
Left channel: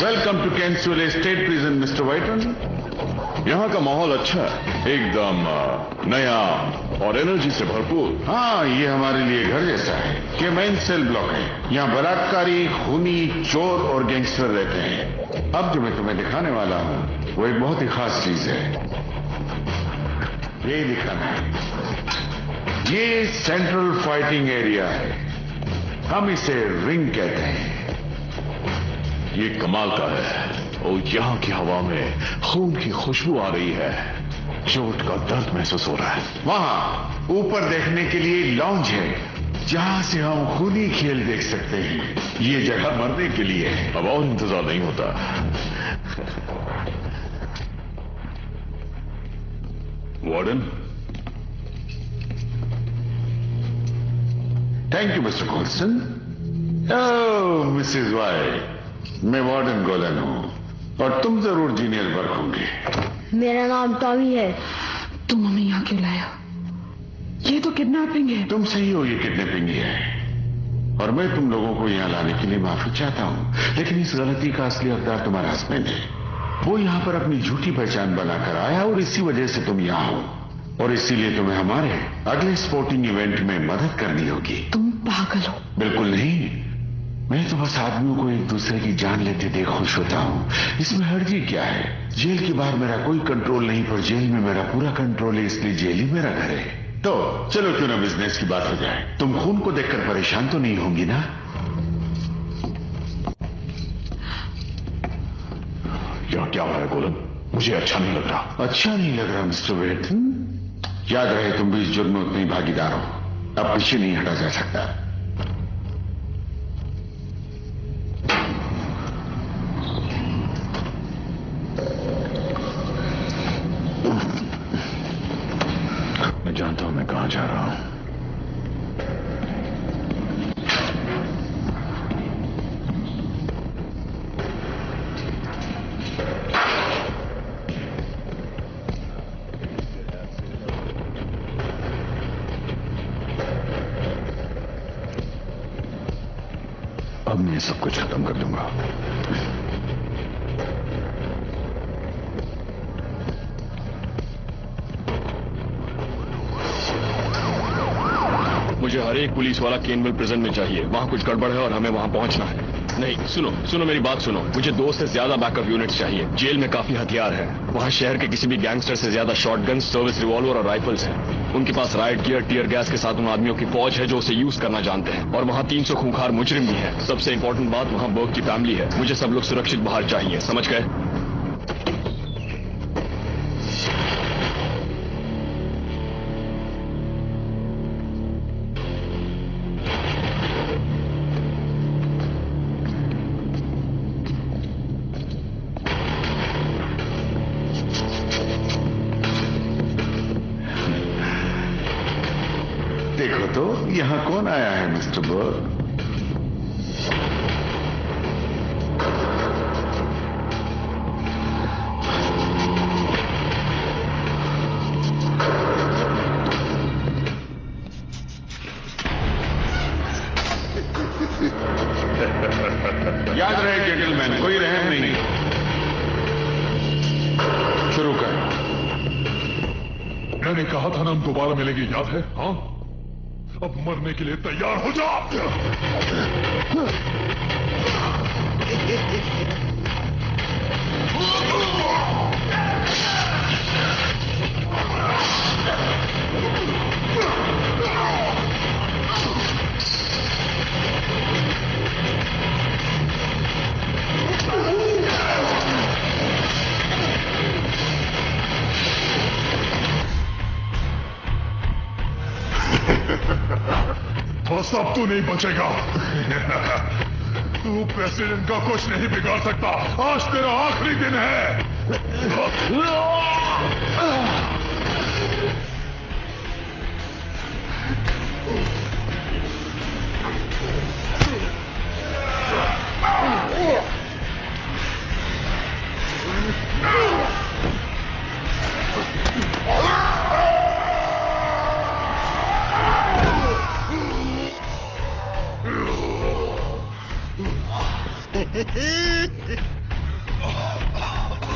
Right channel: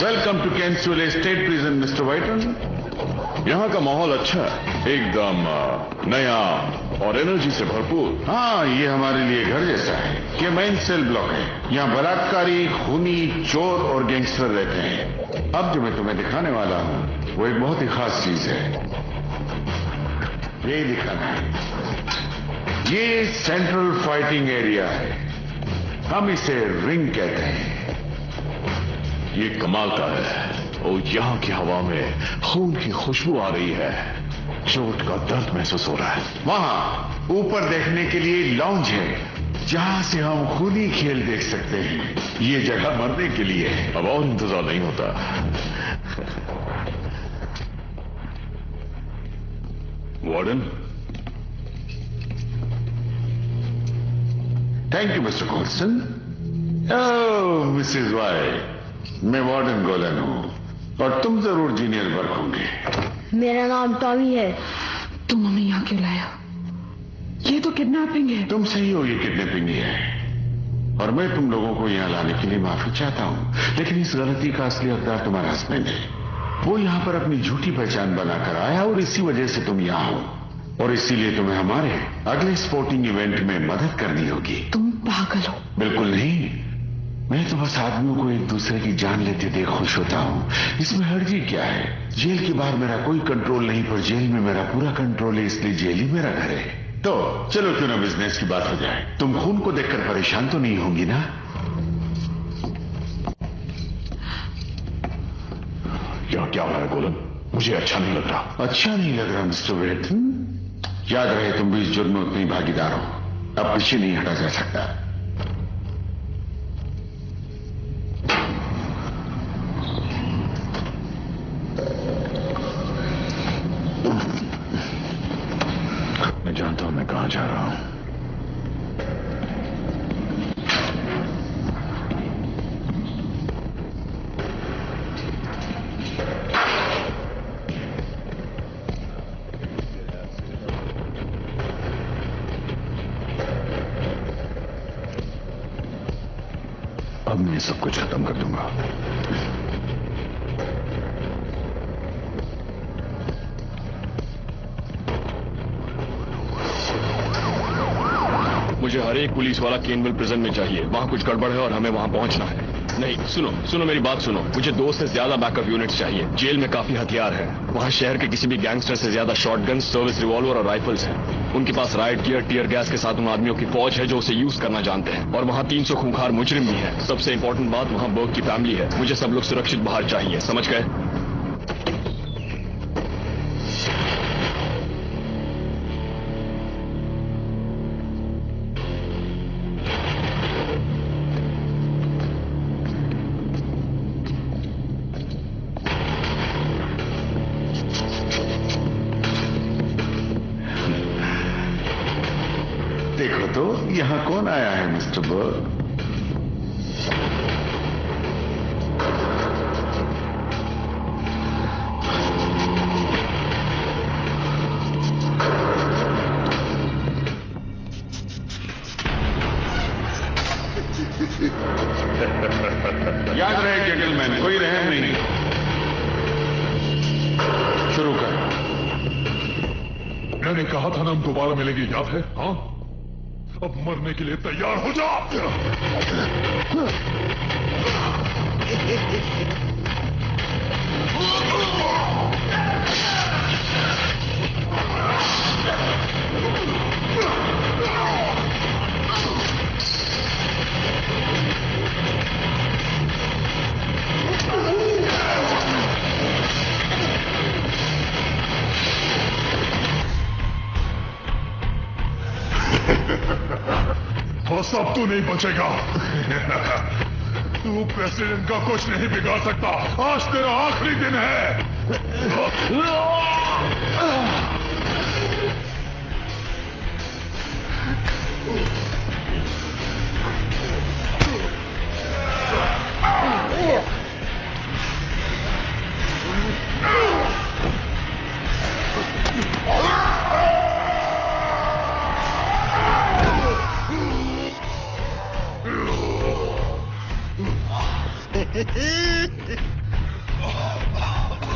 welcome to Kensal estate prison Mr Wyton. यहाँ का माहौल अच्छा है, एकदम नया और एनर्जी से भरपूर। हाँ, ये हमारे लिए घर जैसा है। ये मेन सेल ब्लॉक है। यहाँ बलात्कारी, खूनी, चोर और गैंगस्टर रहते हैं। अब जो मैं तुम्हें दिखाने वाला हूँ वो एक बहुत ही खास चीज है। ये दिखाना है। ये सेंट्रल फाइटिंग एरिया है, हम इसे रिंग कहते हैं। ये कमाल का है और यहाँ की हवा में खून की खुशबू आ रही है। चोट का दर्द महसूस हो रहा है। वहां ऊपर देखने के लिए लॉन्ज है, जहां से हम खूनी खेल देख सकते हैं। ये जगह मरने के लिए है। अब और इंतजार नहीं होता। Warden, thank you Mr Colson. Mrs Y, मैं वार्डन गोलन हूँ और तुम जरूर जीनियर वर्क होंगे। मेरा नाम टॉमी है। तुम हमें यहाँ क्यों लाया? ये तो किडनैपिंग है। तुम सही हो, ये किडनैपिंग है और मैं तुम लोगों को यहाँ लाने के लिए माफी चाहता हूँ, लेकिन इस गलती का असली हकदार तुम्हारा हस्बैंड है। वो यहाँ पर अपनी झूठी पहचान बनाकर आया और इसी वजह से तुम यहाँ हो और इसीलिए तुम्हें हमारे अगले स्पोर्टिंग इवेंट में मदद करनी होगी। तुम पागल हो? बिल्कुल नहीं, मैं तो बस आदमियों को एक दूसरे की जान लेते देख खुश होता हूँ। इसमें हर्जी क्या है? जेल के बाहर मेरा कोई कंट्रोल नहीं, पर जेल में मेरा पूरा कंट्रोल है, इसलिए जेल ही मेरा घर है। तो चलो क्यों ना बिजनेस की बात हो जाए। तुम खून को देखकर परेशान तो नहीं होंगी ना? यहाँ क्या हो रहा है गोलन? मुझे अच्छा नहीं लग रहा। अच्छा नहीं लग रहा मिस्टर वेट? याद रहे तुम भी इस जुर्म में उतने ही भागीदार हो। अब पीछे नहीं हटा जा सकता। मैं जानता हूं मैं कहां जा रहा हूं। अब मैं सब कुछ खत्म कर दूंगा। मुझे हर एक पुलिस वाला केनविल प्रिजन में चाहिए। वहां कुछ गड़बड़ है और हमें वहां पहुंचना है। नहीं, सुनो मेरी बात सुनो। मुझे 2 से ज्यादा बैकअप यूनिट्स चाहिए। जेल में काफी हथियार है। वहां शहर के किसी भी गैंगस्टर से ज्यादा शॉटगन, सर्विस रिवॉल्वर और राइफल्स हैं। उनके पास राइट गियर, टीयर गैस के साथ उन आदमियों की फौज है जो उसे यूज करना जानते हैं। और वहां 300 खूंखार मुजरिम भी है। सबसे इंपॉर्टेंट बात, वहां बर्ग की फैमिली है। मुझे सब लोग सुरक्षित बाहर चाहिए, समझ गए? देखो तो यहाँ कौन आया है मिस्टर बर्ग? याद रहे जेंटलमैन, कोई रहम नहीं। शुरू कर। मैंने कहा था ना हम दोबारा मिलेंगे, याद है? हाँ, अब मरने के लिए तैयार हो जा। बस अब तू नहीं बचेगा। तू प्रेसिडेंट का कुछ नहीं बिगाड़ सकता। आज तेरा आखिरी दिन है।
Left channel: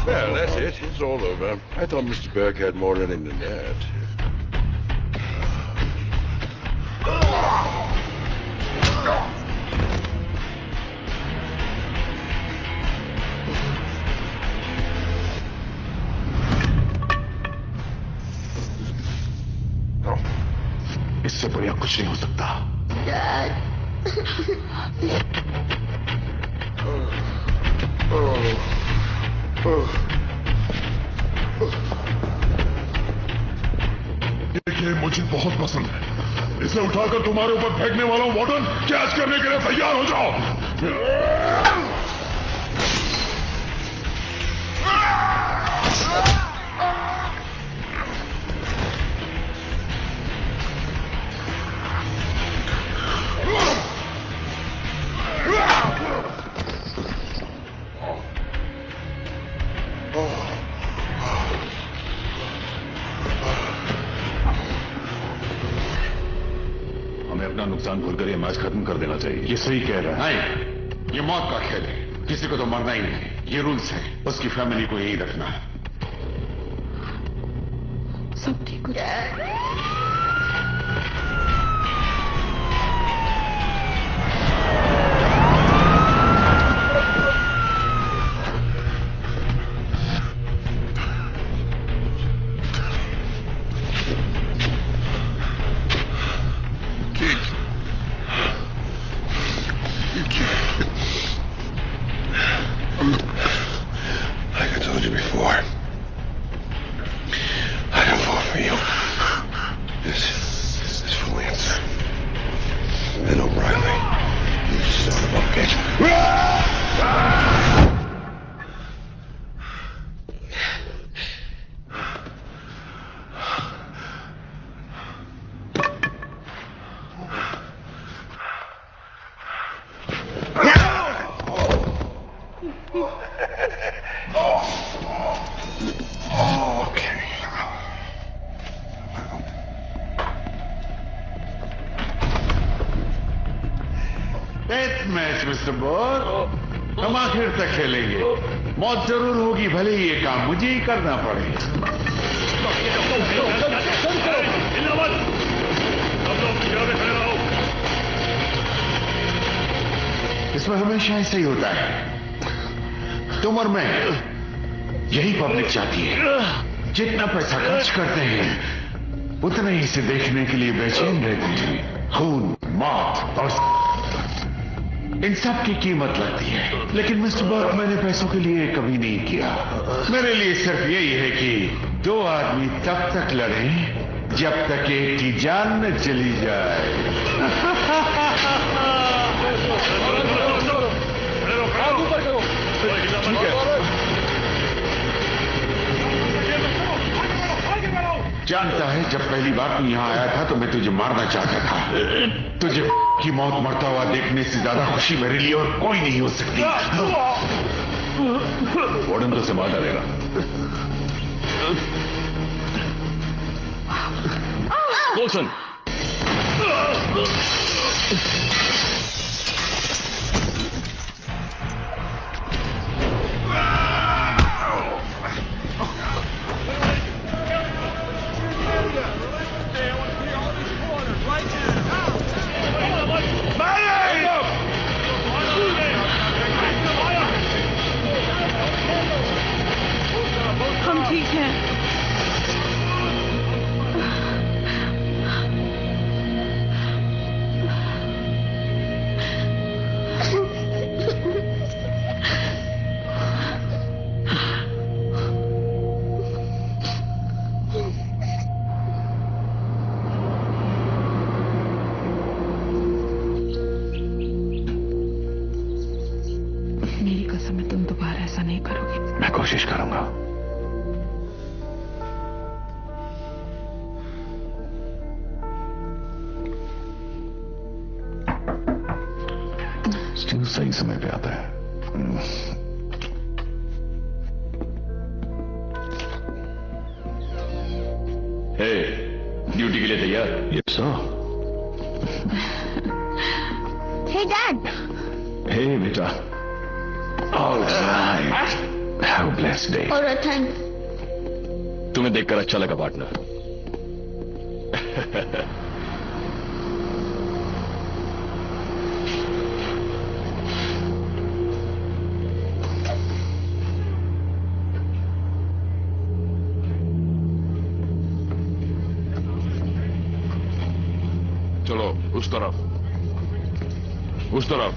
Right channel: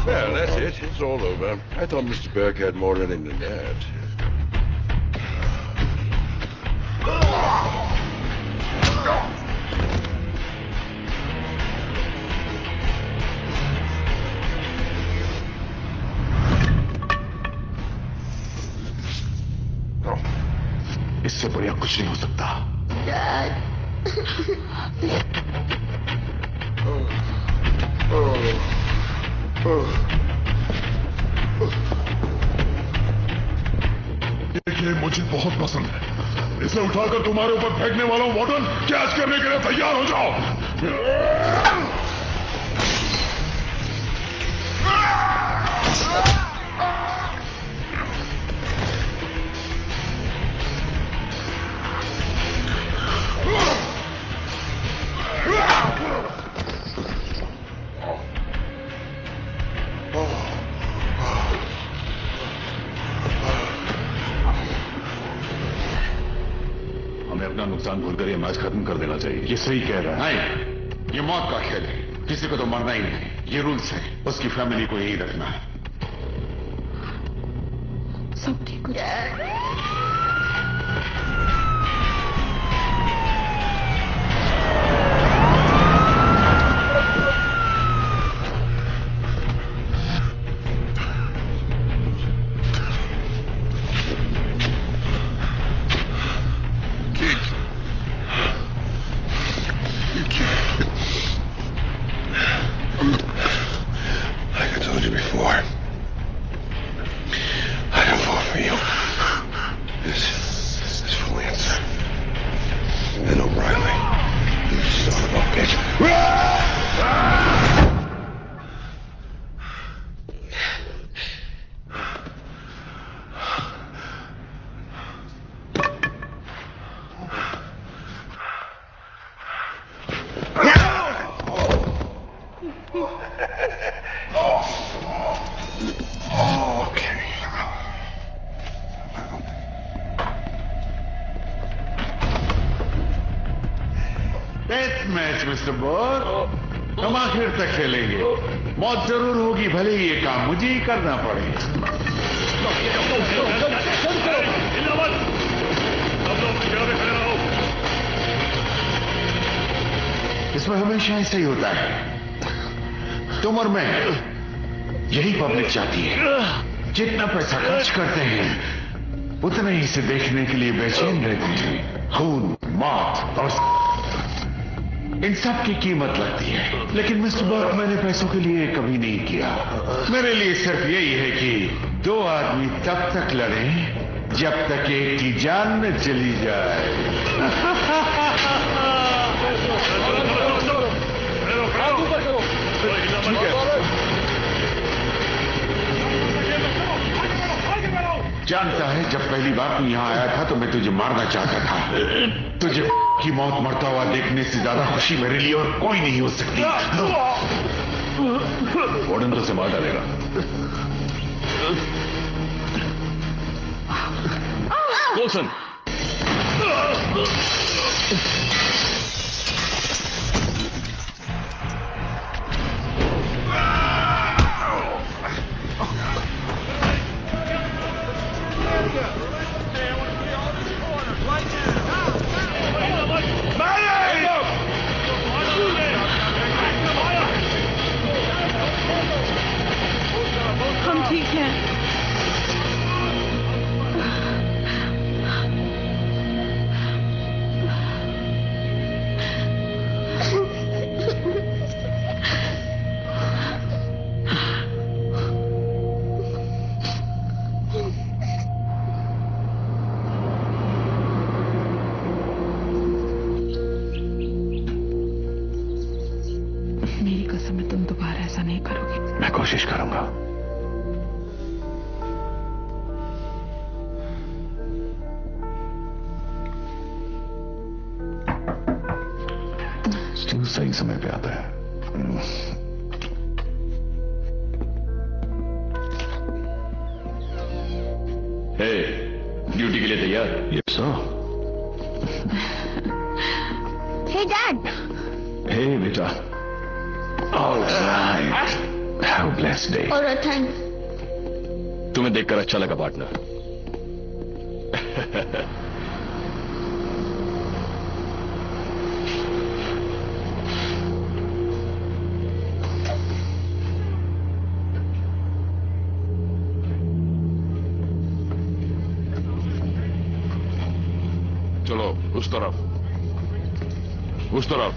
Well, that's it. It's all over. I thought Mr. Burke had more in him than that. इससे बढ़िया कुछ नहीं हो सकता। ये मुझे बहुत पसंद है। इसे उठाकर तुम्हारे ऊपर फेंकने वाला हूं वार्डन। कैच करने के लिए तैयार हो जाओ। अपना नुकसान भूलकर ये मैच खत्म कर देना चाहिए। ये सही कह रहा है। नहीं, ये मौत का खेल है, किसी को तो मरना ही नहीं। ये रूल्स है, उसकी फैमिली को यही रखना है। सब ठीक हो जाएगा। Like I told you before, I don't vote for you. This is for Lancer. And O'Reilly. You son of a bitch. Mister boss, हम आखिर तक खेलेंगे। मौत जरूर होगी, भले ही ये काम मुझे ही करना पड़े। इसमें हमेशा ऐसा ही होता है। तुम और मैं, यही पब्लिक चाहती है। जितना पैसा खर्च करते हैं, उतना ही इसे देखने के लिए बेचैन रहती है। खून, मौत और इन सब की कीमत लगती है। लेकिन मिस्टर बर्क, मैंने पैसों के लिए कभी नहीं किया। मेरे लिए सिर्फ यही है कि दो आदमी तब तक लड़ें जब तक एक की जान न चली जाए। ठीक है। जानता है, जब पहली बार तू यहाँ आया था तो मैं तुझे मारना चाहता था। तुझे की मौत मरता हुआ देखने से ज्यादा खुशी मेरे लिए और कोई नहीं हो सकती। वार्डन तो संभाल डालेगा। विल्सन, हम ठीक हैं। मेरी कसम है, तुम दोबारा ऐसा नहीं करोगे। मैं कोशिश करूंगा। स्टीव सही समय पे आता है। हे, ड्यूटी के लिए तैयार? Yes sir. Hey, Dad. हे बेटा। All right. Have a blessed day. All right, thanks. तुम्हें देखकर अच्छा लगा पार्टनर। चलो उस तरफ, उस तरफ।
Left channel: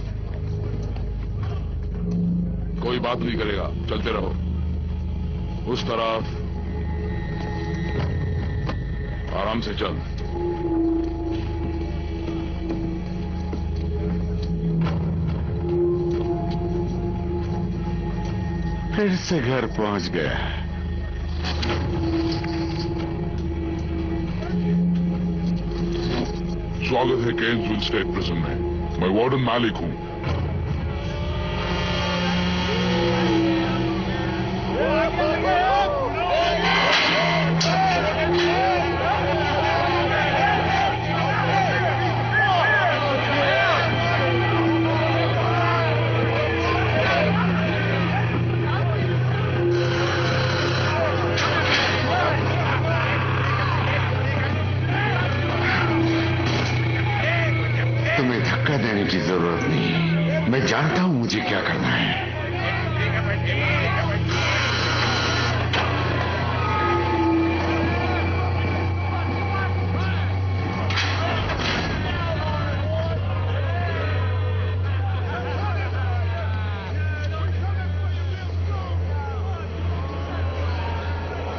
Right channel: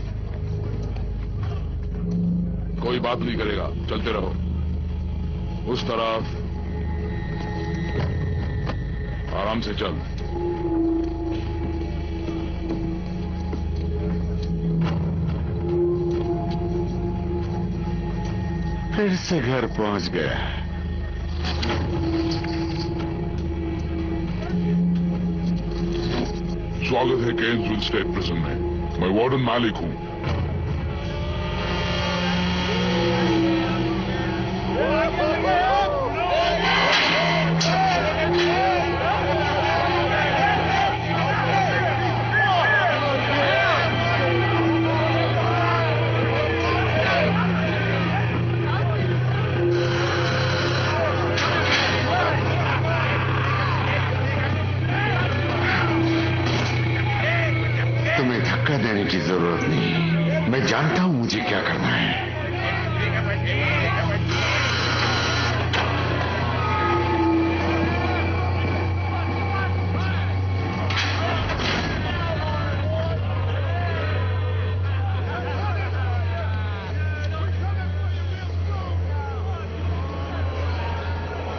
कोई बात नहीं करेगा, चलते रहो। उस तरफ आराम से चल। फिर से घर पहुंच गए। स्वागत है केन्सविल स्टेट प्रिजन में। मैं वार्डन मालिक हूं। धक्का देने की जरूरत नहीं, मैं जानता हूं मुझे क्या करना है।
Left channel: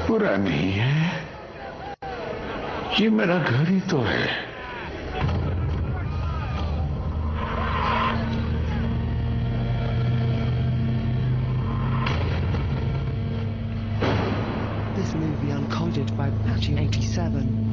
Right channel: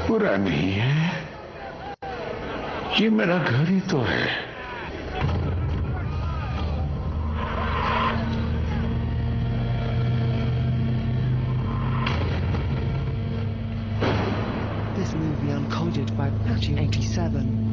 बुरा नहीं है, ये मेरा घर ही तो है। This movie uncoded by Patchy 87.